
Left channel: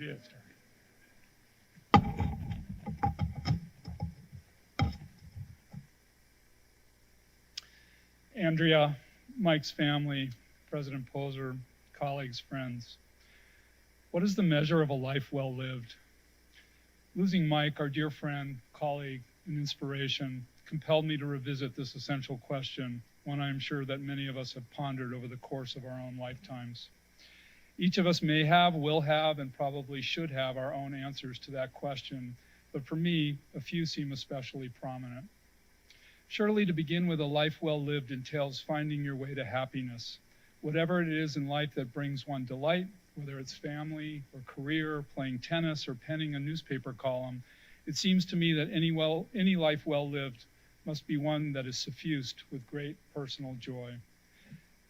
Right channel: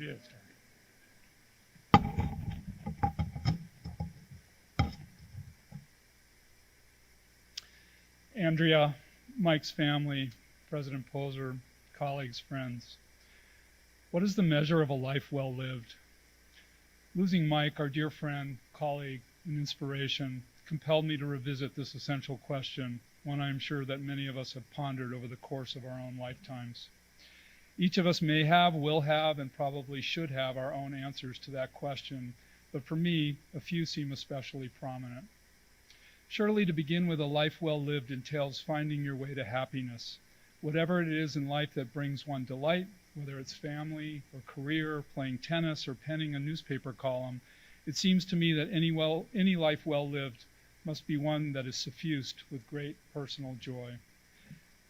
It is. Andrea, Mike's family, President Poser, colleagues, friends. What is the measure of a life well lived? Losing Mike, our dear friend, colleague, and inspiration, compelled me to revisit this essential question, one I am sure that many of us have pondered over the course of our own lifetimes. Each of us may have, will have, and probably should have our own answers to that question, but for me, a few seem especially prominent. Surely to begin with a life well lived entails finding your way to happiness, whatever it is in life that brings one delight, whether it's family or career, playing tennis, or penning a newspaper column. It seems to me that any life well lived must be one that is suffused with great personal joy.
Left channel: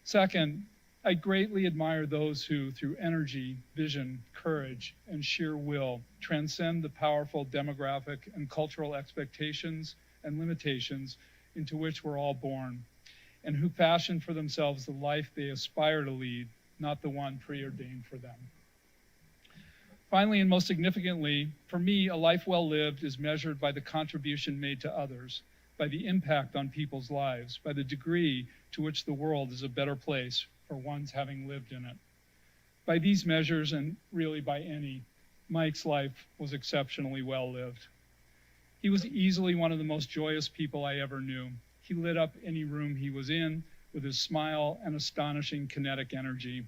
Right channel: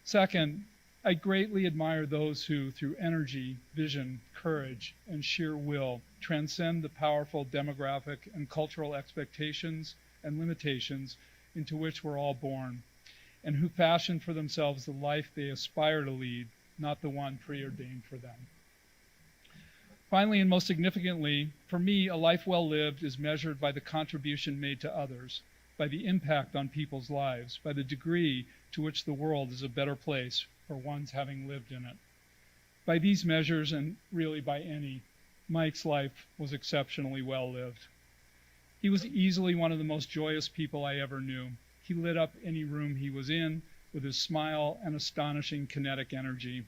Second, I greatly admire those who, through energy, vision, courage, and sheer will, transcend the powerful demographic and cultural expectations and limitations into which we're all born, and who fashion for themselves the life they aspire to lead, not the one preordained for them. Finally, and most significantly, for me, a life well lived is measured by the contribution made to others, by the impact on people's lives, by the degree to which the world is a better place for one's having lived in it. By these measures, and really by any, Mike's life was exceptionally well lived. He was easily one of the most joyous people I ever knew. He lit up any room he was in with his smile and astonishing kinetic energy,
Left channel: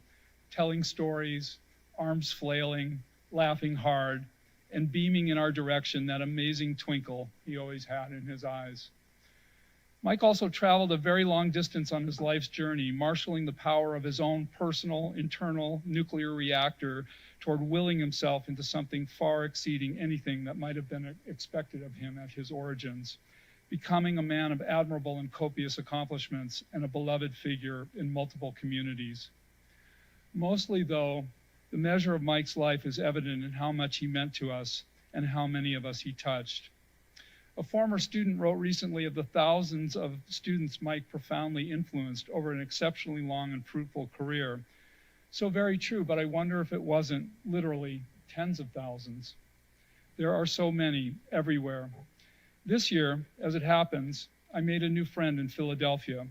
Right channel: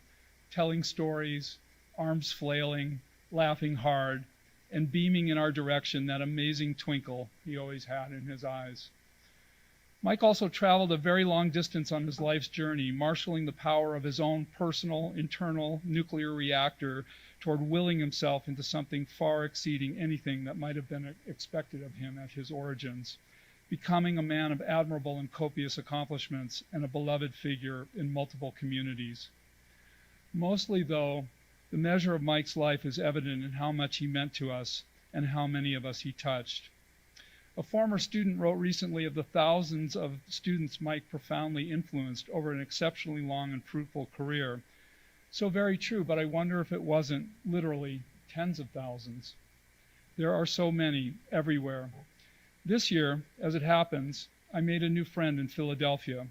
telling stories, arms flailing, laughing hard, and beaming in our direction that amazing twinkle he always had in his eyes. Mike also traveled a very long distance on his life's journey, marshaling the power of his own personal, internal nuclear reactor toward willing himself into something far exceeding anything that might have been expected of him at his origins, becoming a man of admirable and copious accomplishments and a beloved figure in multiple communities. Mostly, though, the measure of Mike's life is evident in how much he meant to us and how many of us he touched. A former student wrote recently of the thousands of students Mike profoundly influenced over an exceptionally long and fruitful career. So very true, but I wonder if it wasn't literally tens of thousands. There are so many everywhere. This year, as it happens, I made a new friend in Philadelphia.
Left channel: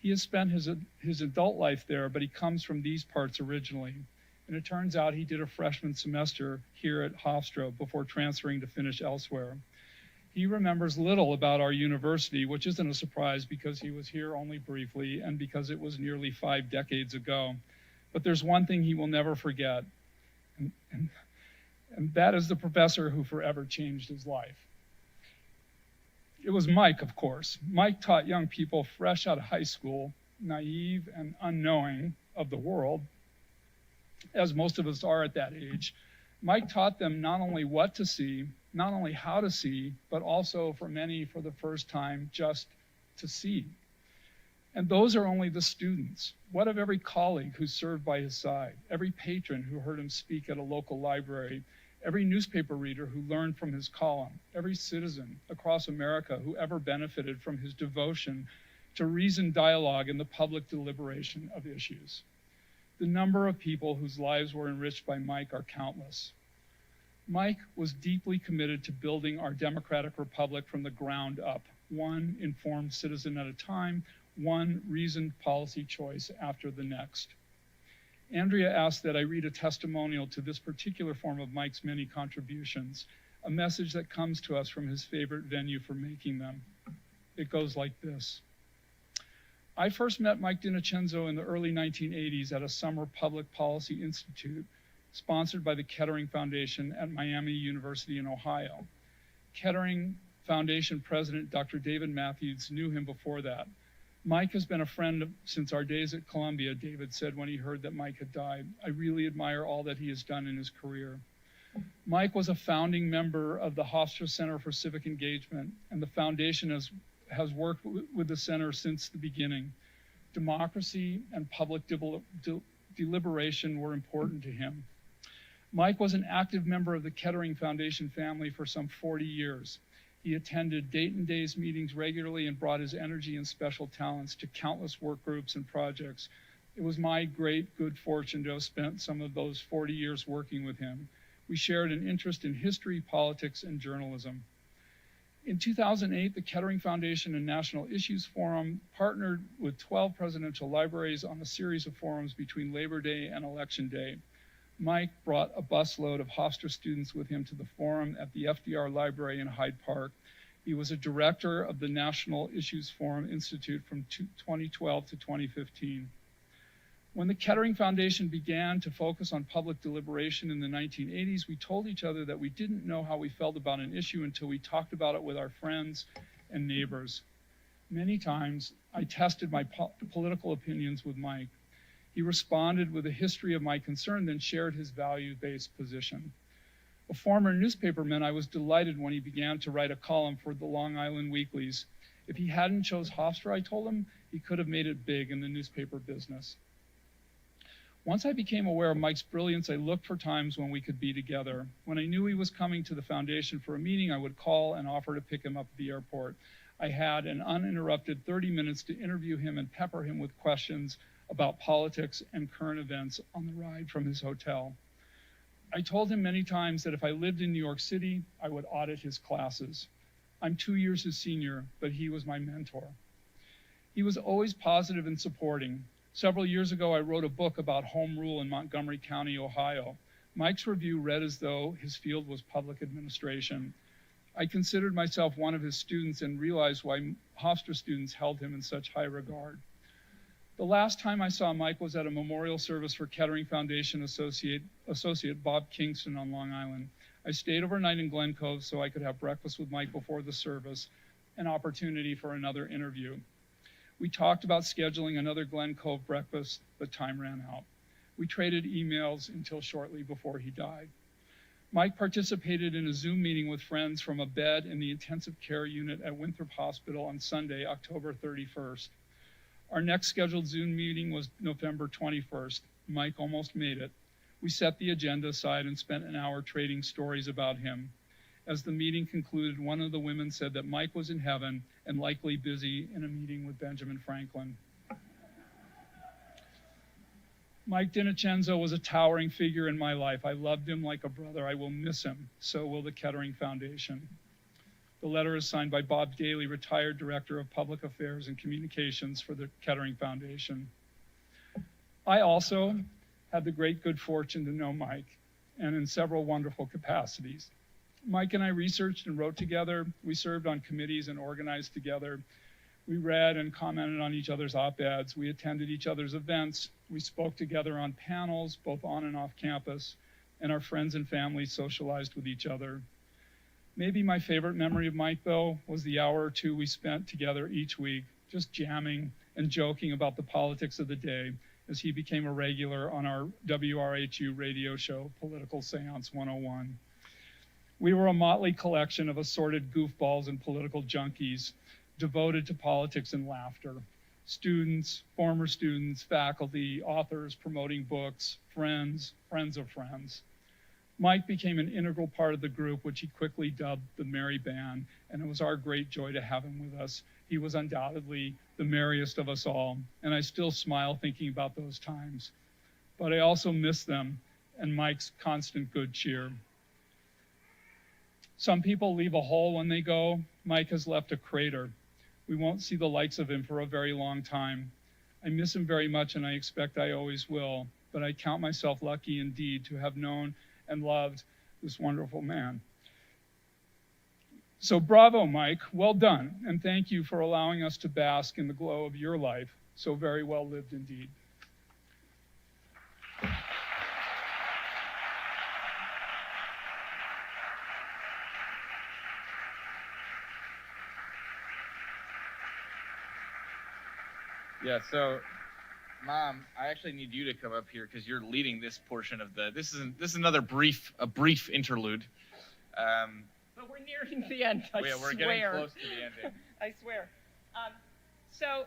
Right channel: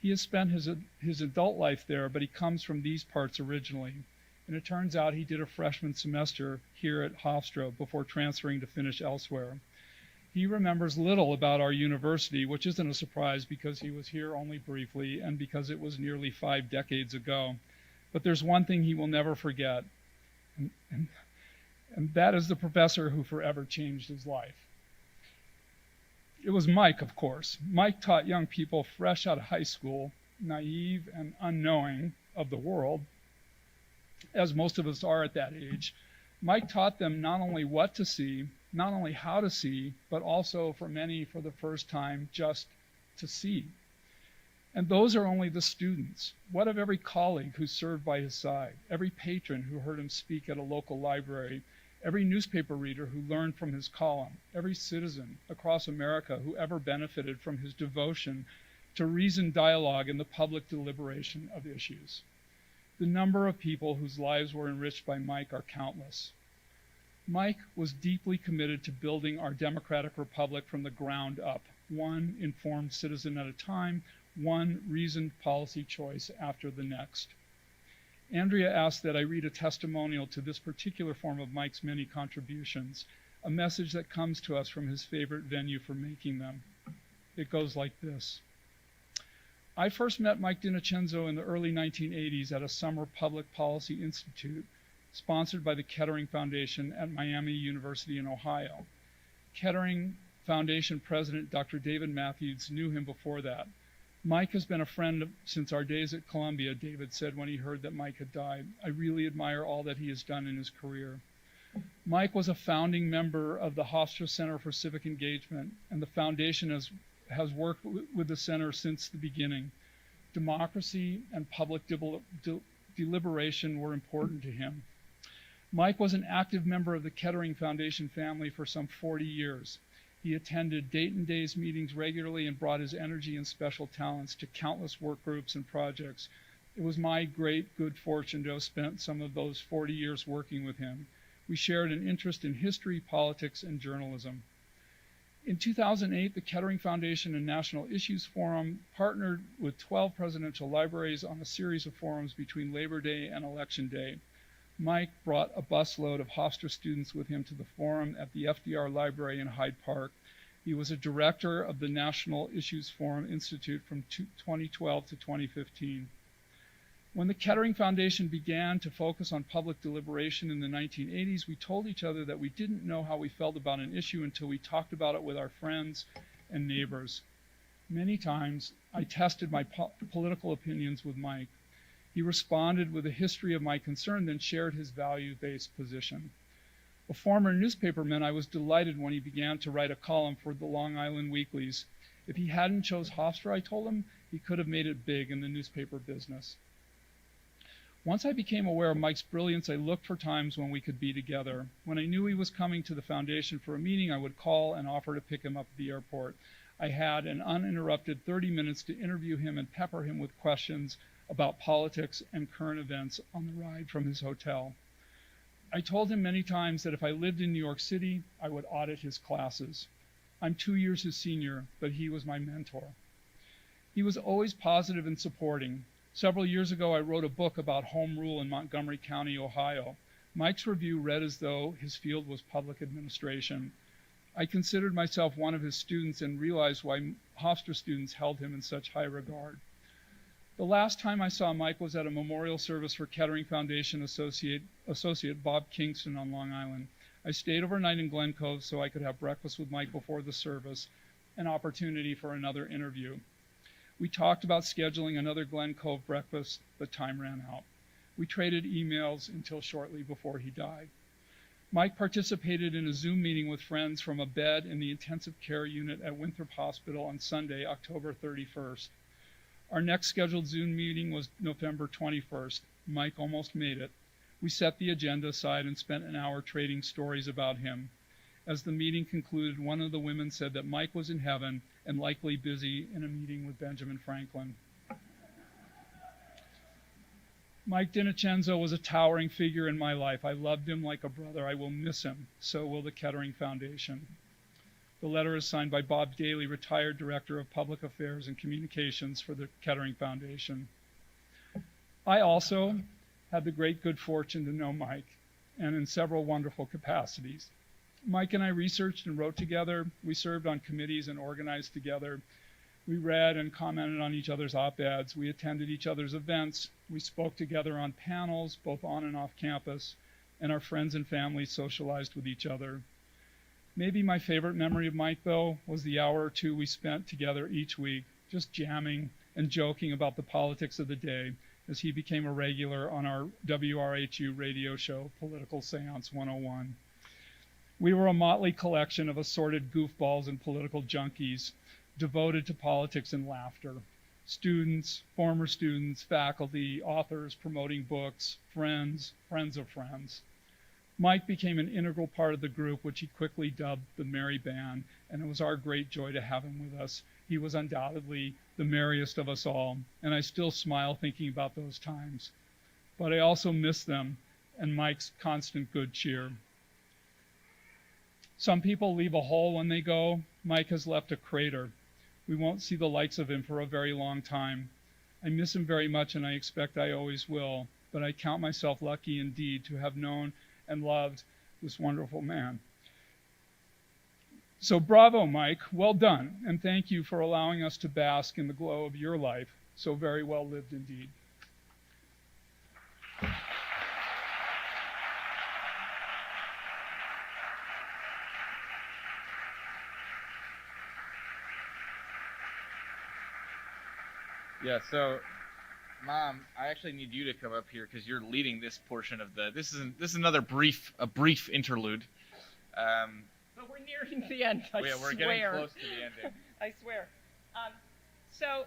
He has spent his adult life there, but he comes from these parts originally. And it turns out he did a freshman semester here at Hofstra before transferring to finish elsewhere. He remembers little about our university, which isn't a surprise because he was here only briefly and because it was nearly 5 decades ago. But there's one thing he will never forget, and that is the professor who forever changed his life. It was Mike, of course. Mike taught young people fresh out of high school, naive and unknowing of the world, as most of us are at that age. Mike taught them not only what to see, not only how to see, but also for many for the first time, just to see. And those are only the students. What of every colleague who served by his side, every patron who heard him speak at a local library, every newspaper reader who learned from his column, every citizen across America who ever benefited from his devotion to reasoned dialogue and the public deliberation of issues? The number of people whose lives were enriched by Mike are countless. Mike was deeply committed to building our democratic republic from the ground up, one informed citizen at a time, one reasoned policy choice after the next. Andrea asked that I read a testimonial to this particular form of Mike's many contributions, a message that comes to us from his favorite venue for making them. It goes like this. I first met Mike DiNocenzo in the early 1980s at a summer public policy institute sponsored by the Kettering Foundation at Miami University in Ohio. Kettering Foundation President Dr. David Matthews knew him before that. Mike has been a friend since our days at Columbia, David said when he heard that Mike had died. I really admire all that he has done in his career. Mike was a founding member of the Hofstra Center for Civic Engagement, and the foundation has worked with the center since the beginning. Democracy and public deliberation were important to him. Mike was an active member of the Kettering Foundation family for some 40 years. He attended Dayton Days meetings regularly and brought his energy and special talents to countless work groups and projects. It was my great good fortune to have spent some of those 40 years working with him. We shared an interest in history, politics, and journalism. In 2008, the Kettering Foundation and National Issues Forum partnered with 12 presidential libraries on a series of forums between Labor Day and Election Day. Mike brought a busload of Hofstra students with him to the forum at the FDR Library in Hyde Park. He was a director of the National Issues Forum Institute from 2012 to 2015. When the Kettering Foundation began to focus on public deliberation in the 1980s, we told each other that we didn't know how we felt about an issue until we talked about it with our friends and neighbors. Many times, I tested my political opinions with Mike. He responded with a history of my concern, then shared his value-based position. A former newspaperman, I was delighted when he began to write a column for the Long Island weeklies. If he hadn't chose Hofstra, I told him, he could have made it big in the newspaper business. Once I became aware of Mike's brilliance, I looked for times when we could be together. When I knew he was coming to the foundation for a meeting, I would call and offer to pick him up at the airport. I had an uninterrupted 30 minutes to interview him and pepper him with questions about politics and current events on the ride from his hotel. I told him many times that if I lived in New York City, I would audit his classes. I'm 2 years his senior, but he was my mentor. He was always positive and supporting. Several years ago, I wrote a book about home rule in Montgomery County, Ohio. Mike's review read as though his field was public administration. I considered myself one of his students and realized why Hofstra students held him in such high regard. The last time I saw Mike was at a memorial service for Kettering Foundation associate Bob Kingston on Long Island. I stayed overnight in Glen Cove so I could have breakfast with Mike before the service. an opportunity for another interview. We talked about scheduling another Glen Cove breakfast, but time ran out. We traded emails until shortly before he died. Mike participated in a Zoom meeting with friends from a bed in the intensive care unit at Winthrop Hospital on Sunday, October 31st. Our next scheduled Zoom meeting was November 21st. Mike almost made it. We set the agenda aside and spent an hour trading stories about him. As the meeting concluded, one of the women said that Mike was in heaven and likely busy in a meeting with Benjamin Franklin. Mike DiNocenzo was a towering figure in my life. I loved him like a brother. I will miss him. So will the Kettering Foundation. The letter is signed by Bob Daly, retired Director of Public Affairs and Communications for the Kettering Foundation. I also had the great good fortune to know Mike, and in several wonderful capacities. Mike and I researched and wrote together. We served on committees and organized together. We read and commented on each other's op-eds. We attended each other's events. We spoke together on panels, both on and off campus, and our friends and family socialized with each other. Maybe my favorite memory of Mike, though, was the hour or two we spent together each week, just jamming and joking about the politics of the day as he became a regular on our WRHU radio show, Political Seance 101. We were a motley collection of assorted goofballs and political junkies, devoted to politics and laughter. Students, former students, faculty, authors promoting books, friends of friends. Mike became an integral part of the group, which he quickly dubbed the Merry Band, and it was our great joy to have him with us. He was undoubtedly the merriest of us all, and I still smile thinking about those times. But I also miss them and Mike's constant good cheer. Some people leave a hole when they go. Mike has left a crater. We won't see the likes of him for a very long time. I miss him very much, and I expect I always will, but I count myself lucky indeed to have known and loved this wonderful man. So bravo, Mike, well done, and thank you for allowing us to bask in the glow of your life, so very well lived indeed. Yeah, so Mom, I actually need you to come up here because you're leading this portion of the. This is another brief interlude. But we're nearing the end. I swear. We're getting close to the ending. I swear. So.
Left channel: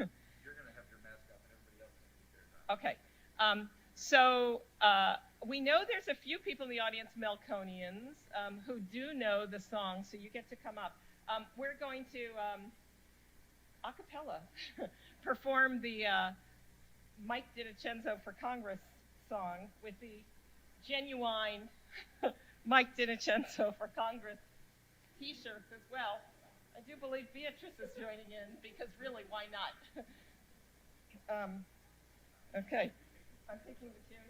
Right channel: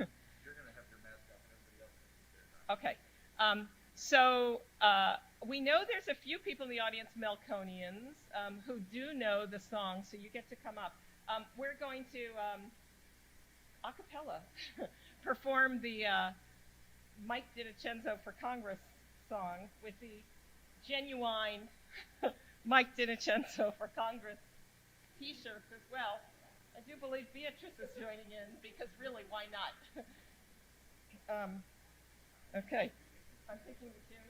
You're gonna have your mask up, and everybody else can keep theirs on. Okay. We know there's a few people in the audience, Melconians, who do know the song, so you get to come up. We're going to a cappella perform the Mike DiNocenzo for Congress song with the genuine Mike DiNocenzo for Congress t-shirts as well. I do believe Beatrice is joining in because really, why not? Okay. I'm taking the chair.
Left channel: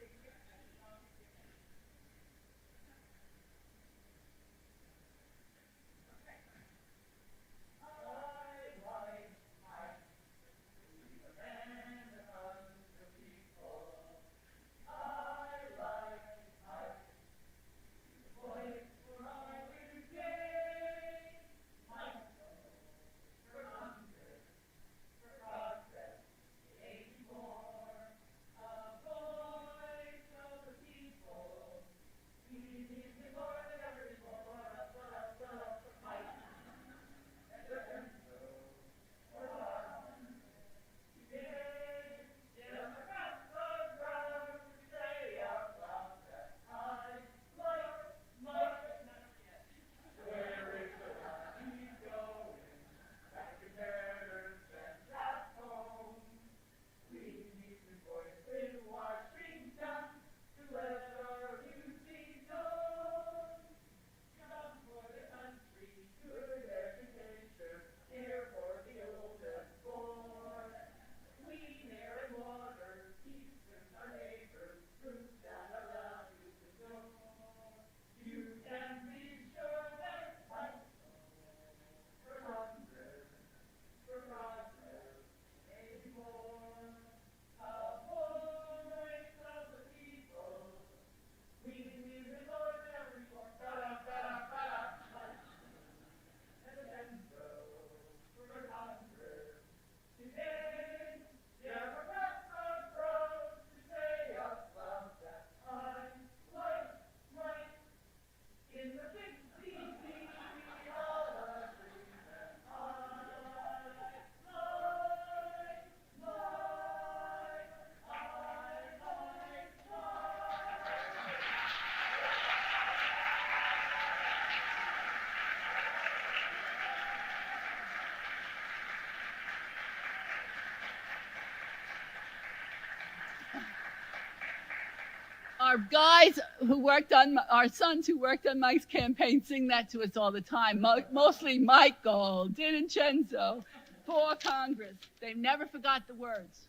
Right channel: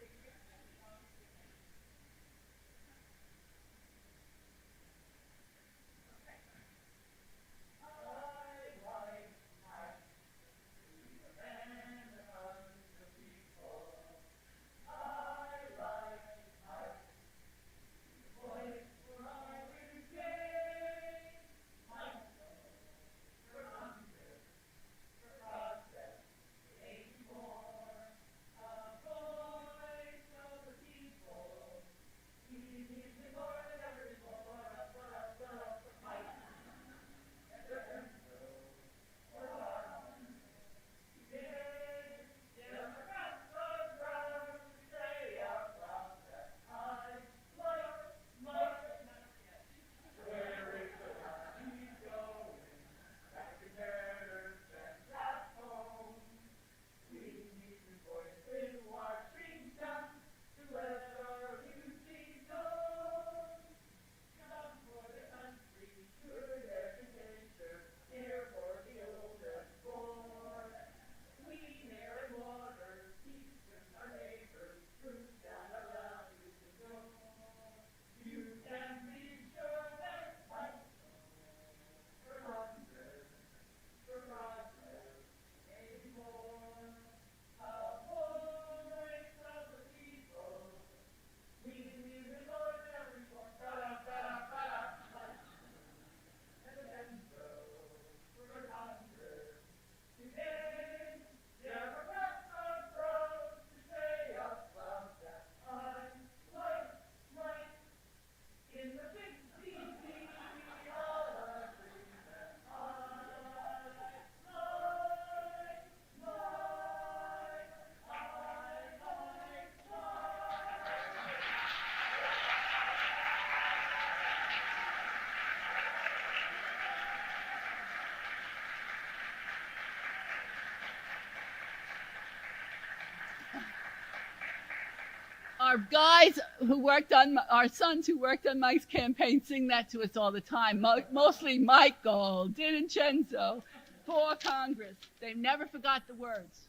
our guys who worked on, our sons who worked on Mike's campaign sing that to us all the time. Mostly Michael, DiNincenzo, for Congress. They never forgot the words.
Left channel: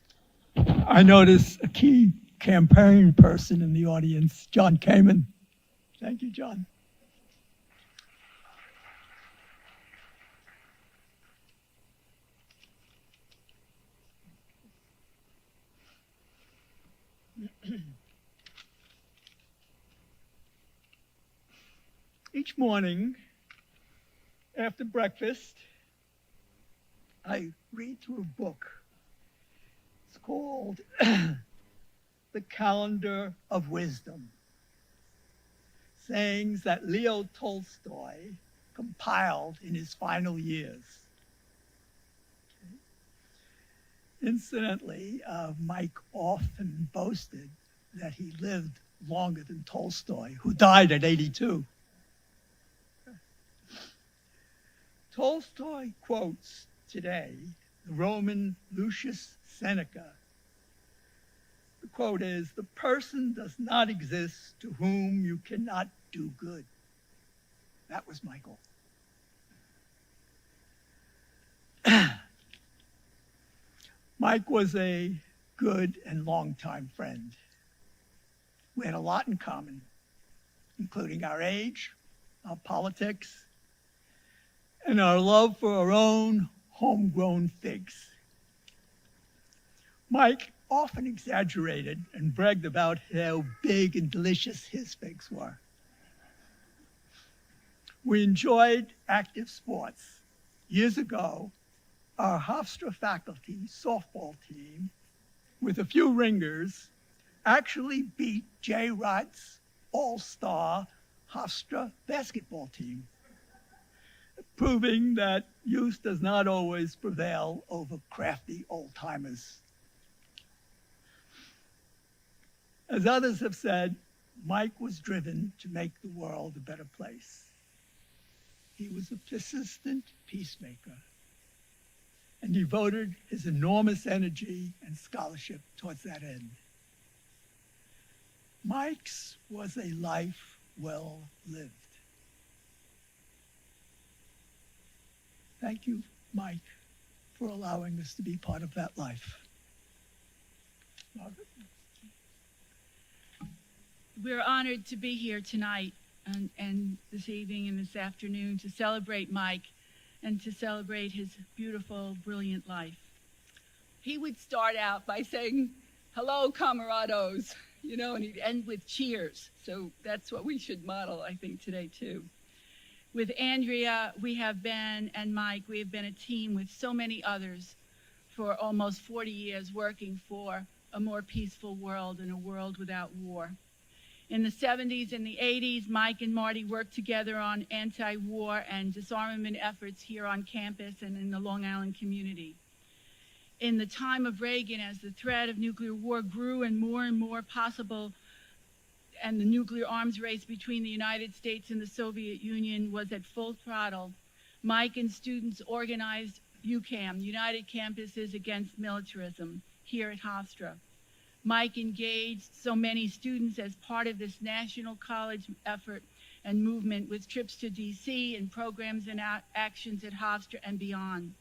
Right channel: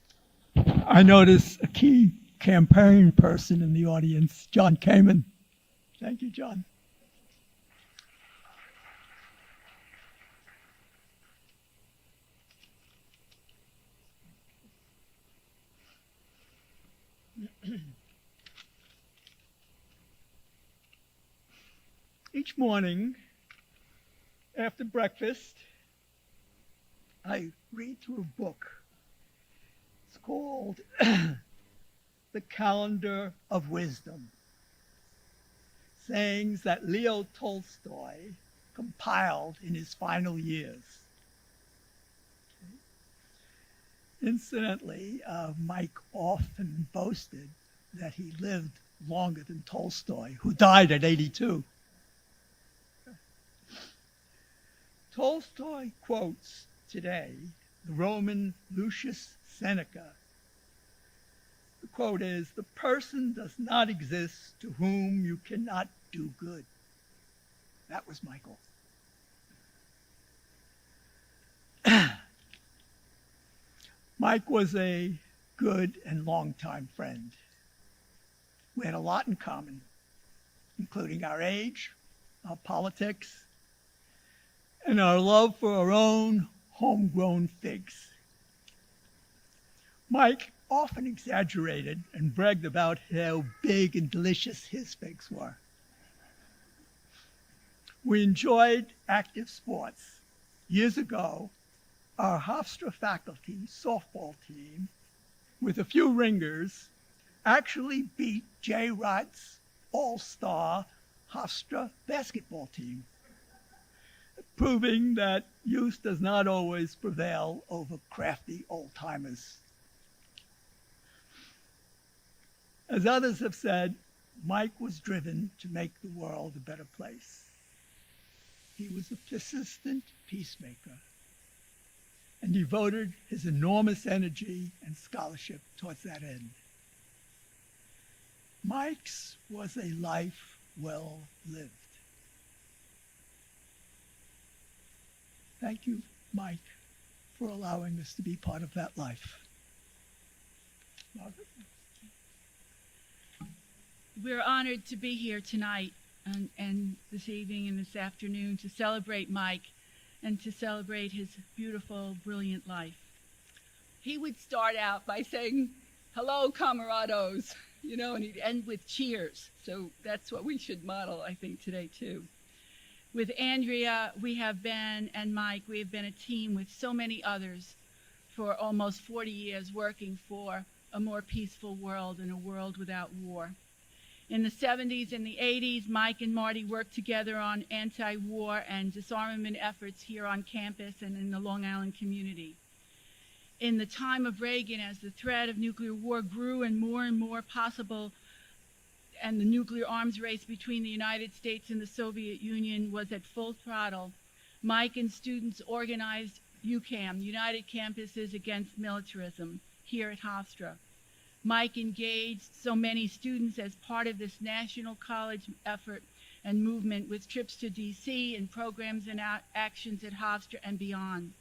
I notice a key campaign person in the audience, John Kamen. Thank you, John. Each morning, after breakfast, I read through a book. It's called The Calendar of Wisdom, sayings that Leo Tolstoy compiled in his final years. Incidentally, Mike often boasted that he lived longer than Tolstoy, who died at 82. Tolstoy quotes today the Roman Lucius Seneca. The quote is, "The person does not exist to whom you cannot do good." That was my goal. Mike was a good and longtime friend. We had a lot in common, including our age, our politics, and our love for our own homegrown figs. Mike often exaggerated and bragged about how big and delicious his figs were. We enjoyed active sports. Years ago, our Hofstra faculty softball team, with a few ringers, actually beat J. Rott's all-star Hofstra basketball team, proving that youth does not always prevail over crafty old-timers. As others have said, Mike was driven to make the world a better place. He was a persistent peacemaker and devoted his enormous energy and scholarship towards that end. Mike's was a life well lived. Thank you, Mike, for allowing us to be part of that life. Margaret? We're honored to be here tonight and this evening and this afternoon to celebrate Mike and to celebrate his beautiful, brilliant life. He would start out by saying, "Hello, camarados," and he'd end with cheers. So that's what we should model, I think, today, too. With Andrea, and Mike, we have been a team with so many others for almost 40 years working for a more peaceful world and a world without war. In the 70s and the 80s, Mike and Marty worked together on anti-war and disarmament efforts here on campus and in the Long Island community. In the time of Reagan, as the threat of nuclear war grew and more possible, and the nuclear arms race between the United States and the Soviet Union was at full throttle, Mike and students organized UCAM, United Campuses Against Militarism, here at Hofstra. Mike engaged so many students as part of this national college effort and movement with trips to DC and programs and actions at Hofstra and beyond.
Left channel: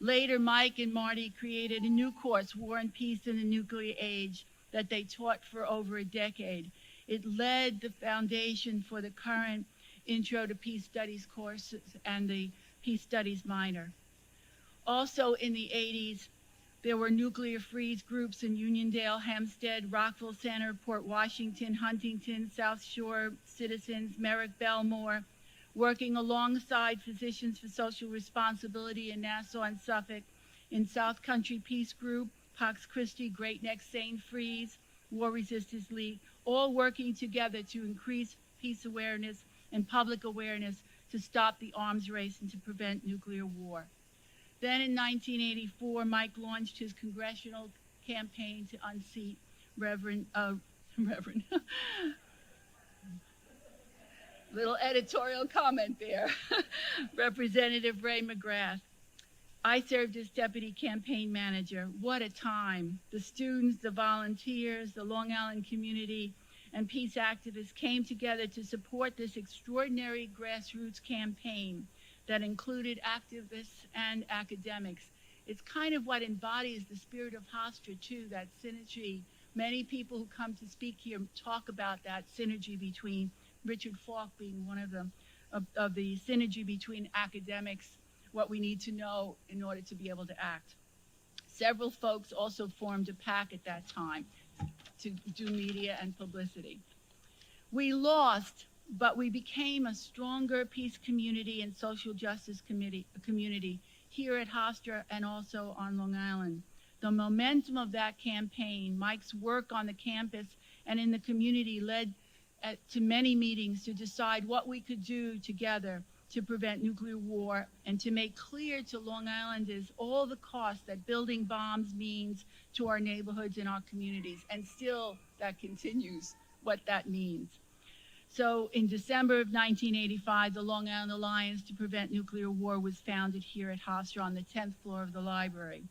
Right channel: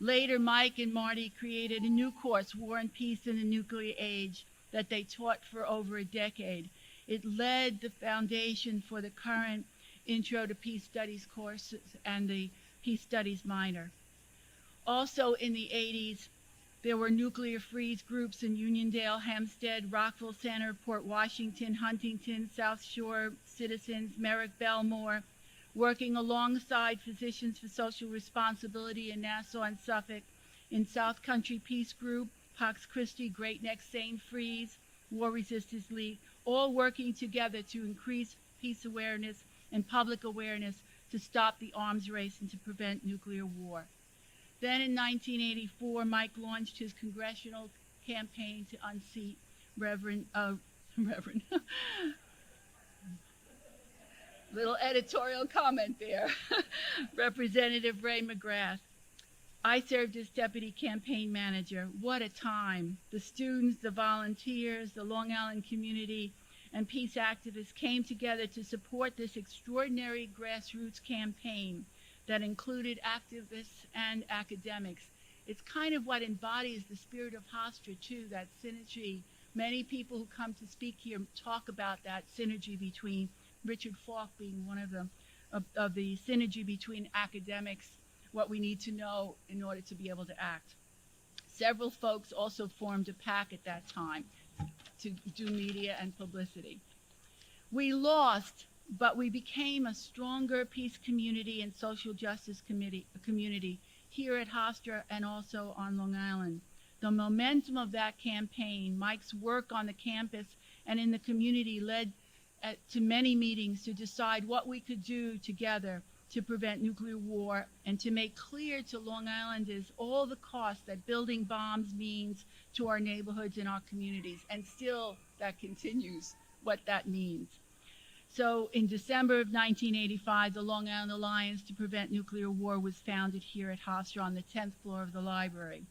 Later, Mike and Marty created a new course, War and Peace in the Nuclear Age, that they taught for over a decade. It led the foundation for the current Intro to Peace Studies courses and the Peace Studies minor. Also in the 80s, there were nuclear freeze groups in Uniondale, Hempstead, Rockville Center, Port Washington, Huntington, South Shore Citizens, Merrick Belmore, working alongside Physicians for Social Responsibility in Nassau and Suffolk, in South Country Peace Group, Pax Christi, Great Neck Seine Freeze, War Resistance League, all working together to increase peace awareness and public awareness to stop the arms race and to prevent nuclear war. Then in 1984, Mike launched his congressional campaign to unseat Reverend little editorial comment there, Representative Ray McGrath. I served as deputy campaign manager. What a time. The students, the volunteers, the Long Island community, and peace activists came together to support this extraordinary grassroots campaign that included activists and academics. It's kind of what embodies the spirit of Hofstra too, that synergy. Many people who come to speak here talk about that synergy between, Richard Falk being one of them, of the synergy between academics, what we need to know in order to be able to act. Several folks also formed a PAC at that time to do media and publicity. We lost, but we became a stronger peace community and social justice community here at Hofstra and also on Long Island. The momentum of that campaign, Mike's work on the campus and in the community led to many meetings to decide what we could do together to prevent nuclear war and to make clear to Long Islanders all the costs that building bombs means to our neighborhoods and our communities. And still that continues what that means. So in December of 1985, the Long Island Alliance to Prevent Nuclear War was founded here at Hofstra on the 10th floor of the library.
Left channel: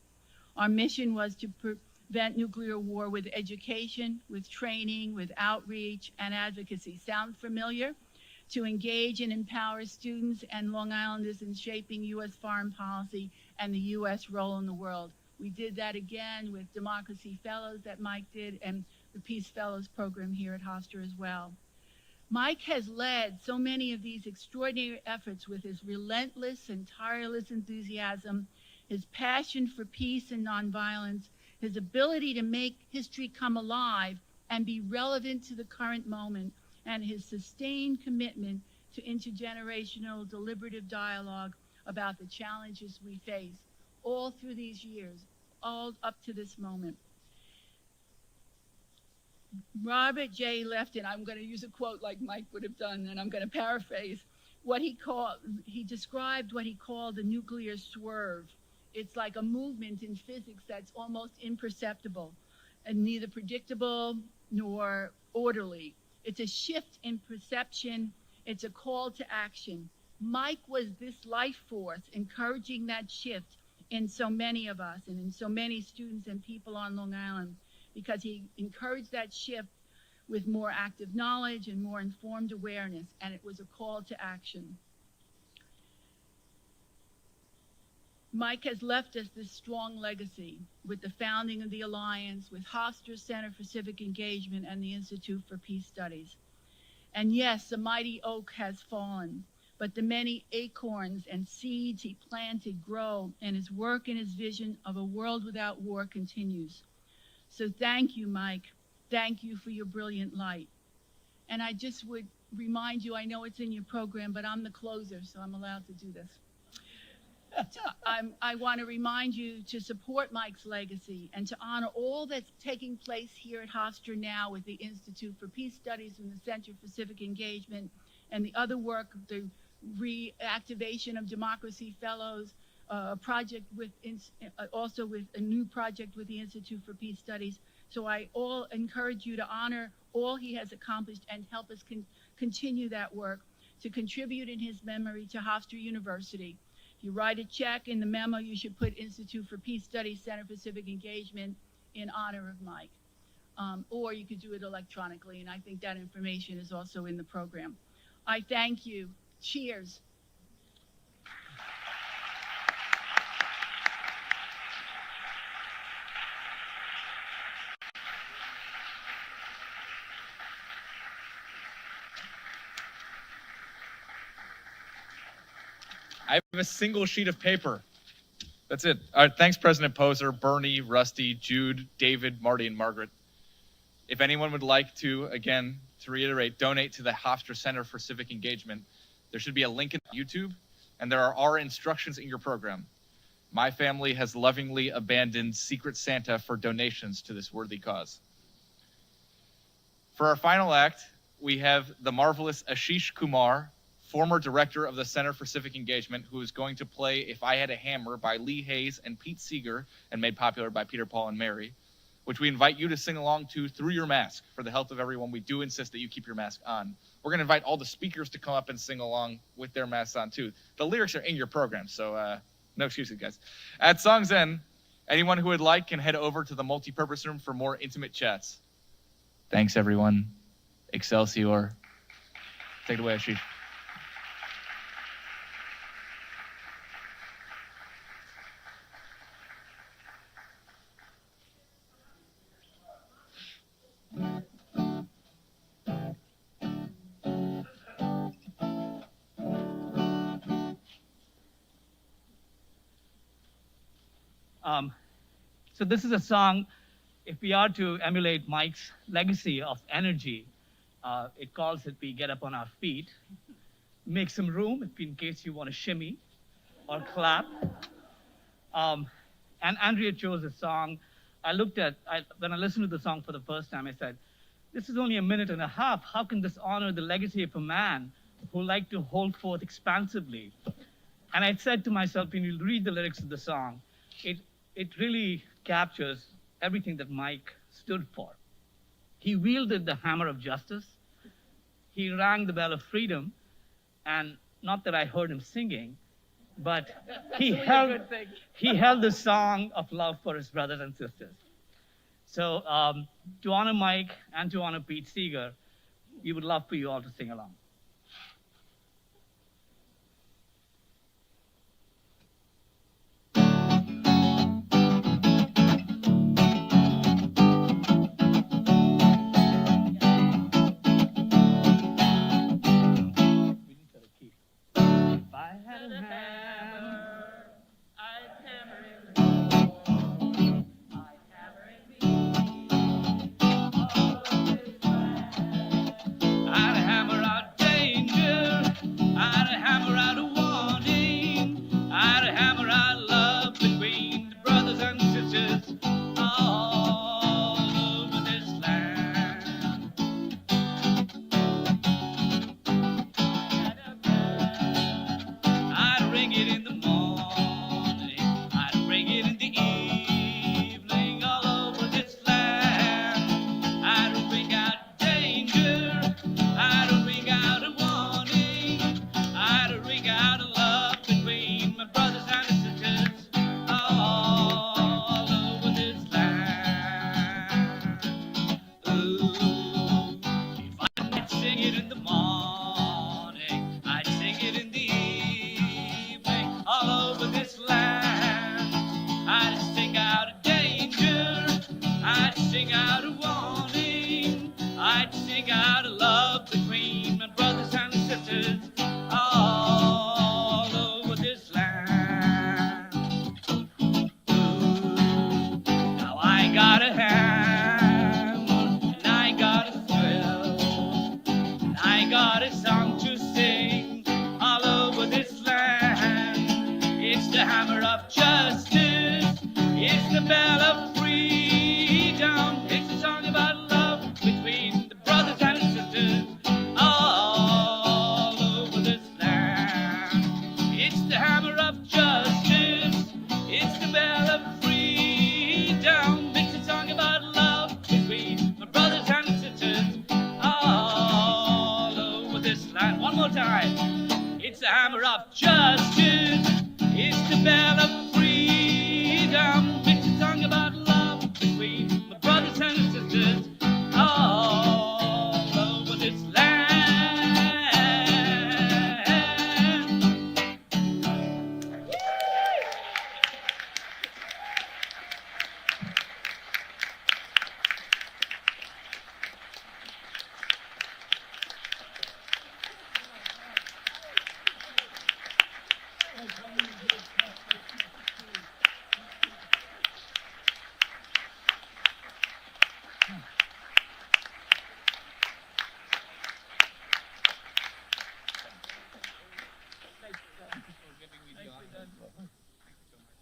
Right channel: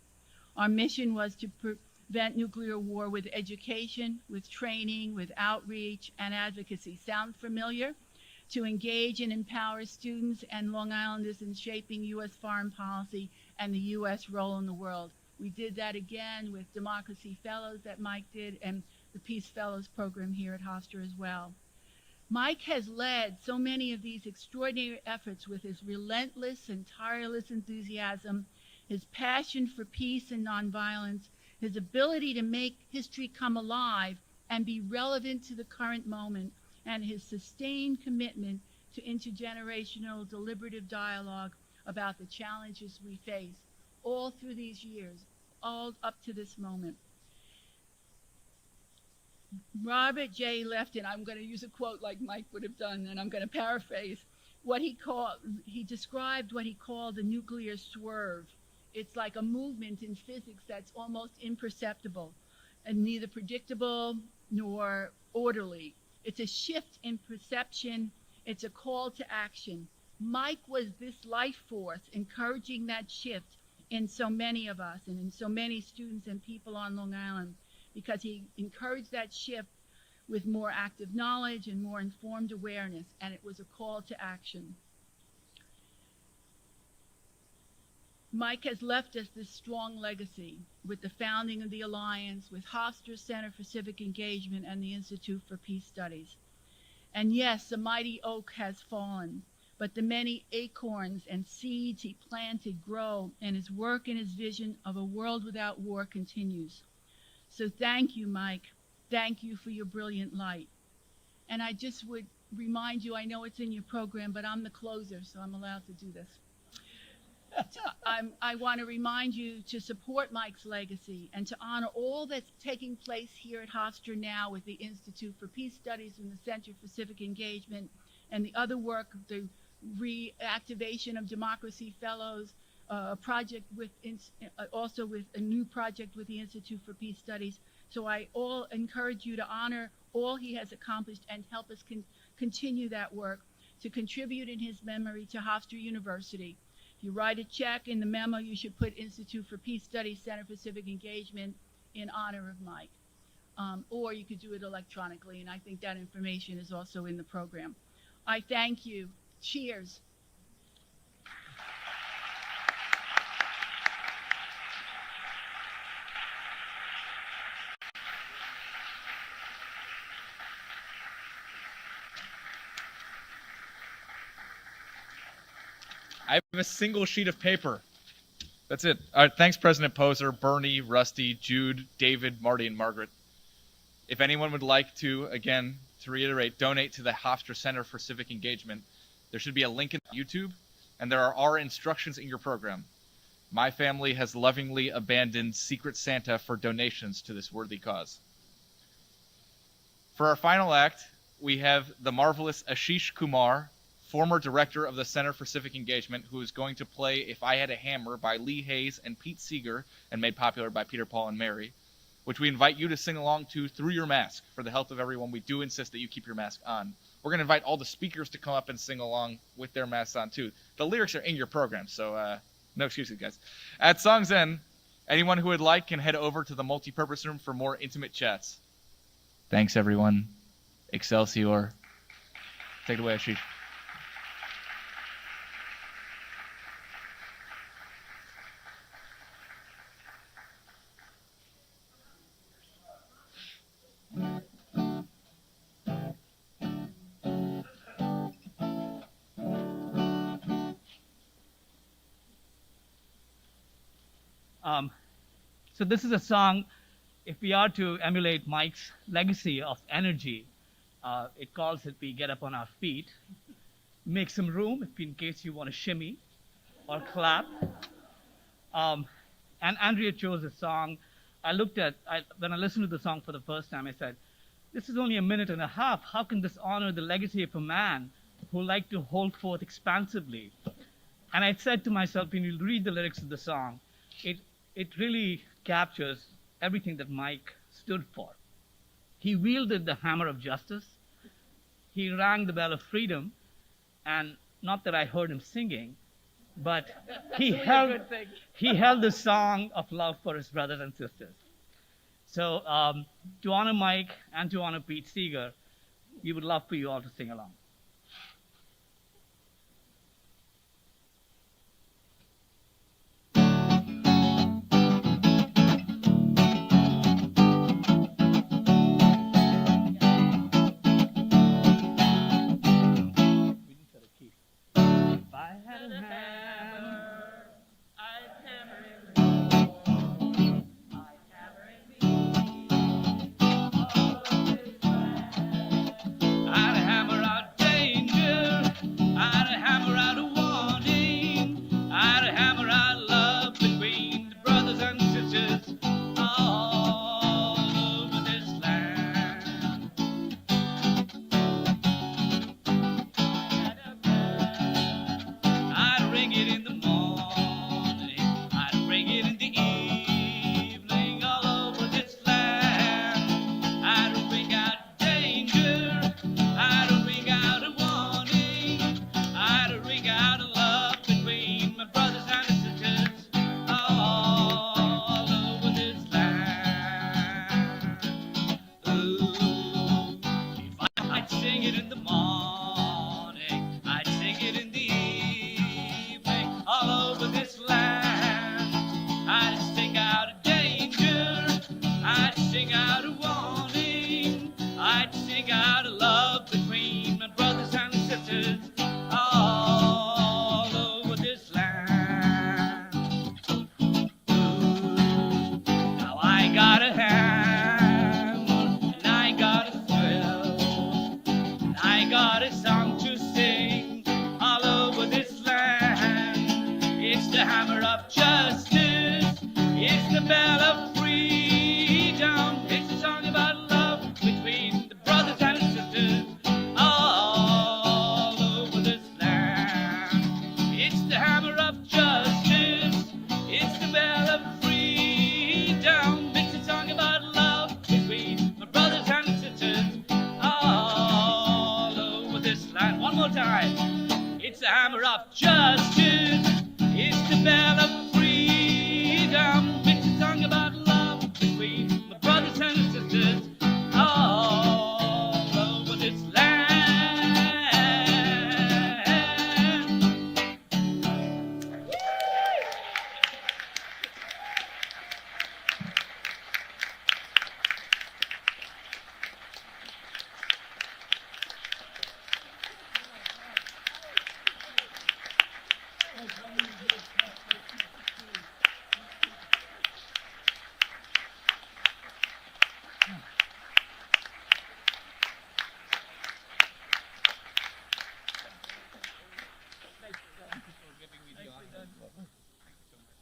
Our mission was to prevent nuclear war with education, with training, with outreach, and advocacy. Sound familiar? To engage and empower students and Long Islanders in shaping U.S. foreign policy and the U.S. role in the world. We did that again with Democracy Fellows that Mike did and the Peace Fellows program here at Hofstra as well. Mike has led so many of these extraordinary efforts with his relentless and tireless enthusiasm, his passion for peace and nonviolence, his ability to make history come alive and be relevant to the current moment, and his sustained commitment to intergenerational deliberative dialogue about the challenges we face all through these years, all up to this moment. Robert J. Lefton, I'm going to use a quote like Mike would have done, and I'm going to paraphrase what he described what he called the nuclear swerve. It's like a movement in physics that's almost imperceptible and neither predictable nor orderly. It's a shift in perception. It's a call to action. Mike was this life force encouraging that shift in so many of us and in so many students and people on Long Island, because he encouraged that shift with more active knowledge and more informed awareness, and it was a call to action. Mike has left us this strong legacy with the founding of the Alliance, with Hofstra Center for Civic Engagement and the Institute for Peace Studies. And yes, the mighty oak has fallen, but the many acorns and seeds he planted grow, and his work and his vision of a world without war continues. So thank you, Mike. Thank you for your brilliant light. And I just would remind you, I know it's in your program, but I'm the closer, so I'm allowed to do this. I want to remind you to support Mike's legacy and to honor all that's taking place here at Hofstra now with the Institute for Peace Studies and the Center for Civic Engagement and the other work, the reactivation of Democracy Fellows, a project with also with a new project with the Institute for Peace Studies. So I all encourage you to honor all he has accomplished and help us continue that work, to contribute in his memory to Hofstra University. If you write a check in the memo, you should put Institute for Peace Studies, Center for Civic Engagement in honor of Mike. Or you could do it electronically, and I think that information is also in the program. I thank you. Cheers. I have a single sheet of paper. That's it. All right, thanks, President Poser, Bernie, Rusty, Jude, David, Marty, and Margaret. If anyone would like to, again, to reiterate, donate to the Hofstra Center for Civic Engagement, there should be a link in YouTube, and there are instructions in your program. My family has lovingly abandoned Secret Santa for donations to this worthy cause. For our final act, we have the marvelous Ashish Kumar, former director of the Center for Civic Engagement, who is going to play If I Had a Hammer by Lee Hayes and Pete Seeger, and made popular by Peter, Paul, and Mary, which we invite you to sing along to through your mask. For the health of everyone, we do insist that you keep your mask on. We're going to invite all the speakers to come up and sing along with their masks on, too. The lyrics are in your program, so no excuses, guys. At song's end, anyone who would like can head over to the multipurpose room for more intimate chats. Thanks, everyone. Excelsior. Take it away, Ashish. So this is a song, if we are to emulate Mike's legacy of energy, it calls it We Get Up on Our Feet. Make some room in case you want to shimmy or clap. And Andrea chose a song. When I listened to the song for the first time, I said, this is only a minute and a half. How can this honor the legacy of a man who liked to hold forth expansively? And I said to myself, when you read the lyrics of the song, it really captures everything that Mike stood for. He wielded the hammer of justice. He rang the bell of freedom. And not that I heard him singing, but he held the song of love for his brothers and sisters. So to honor Mike and to honor Pete Seeger, we would love for you all to sing along.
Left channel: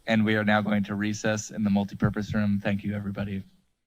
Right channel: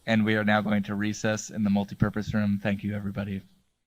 And we are now going to recess in the multipurpose room. Thank you, everybody.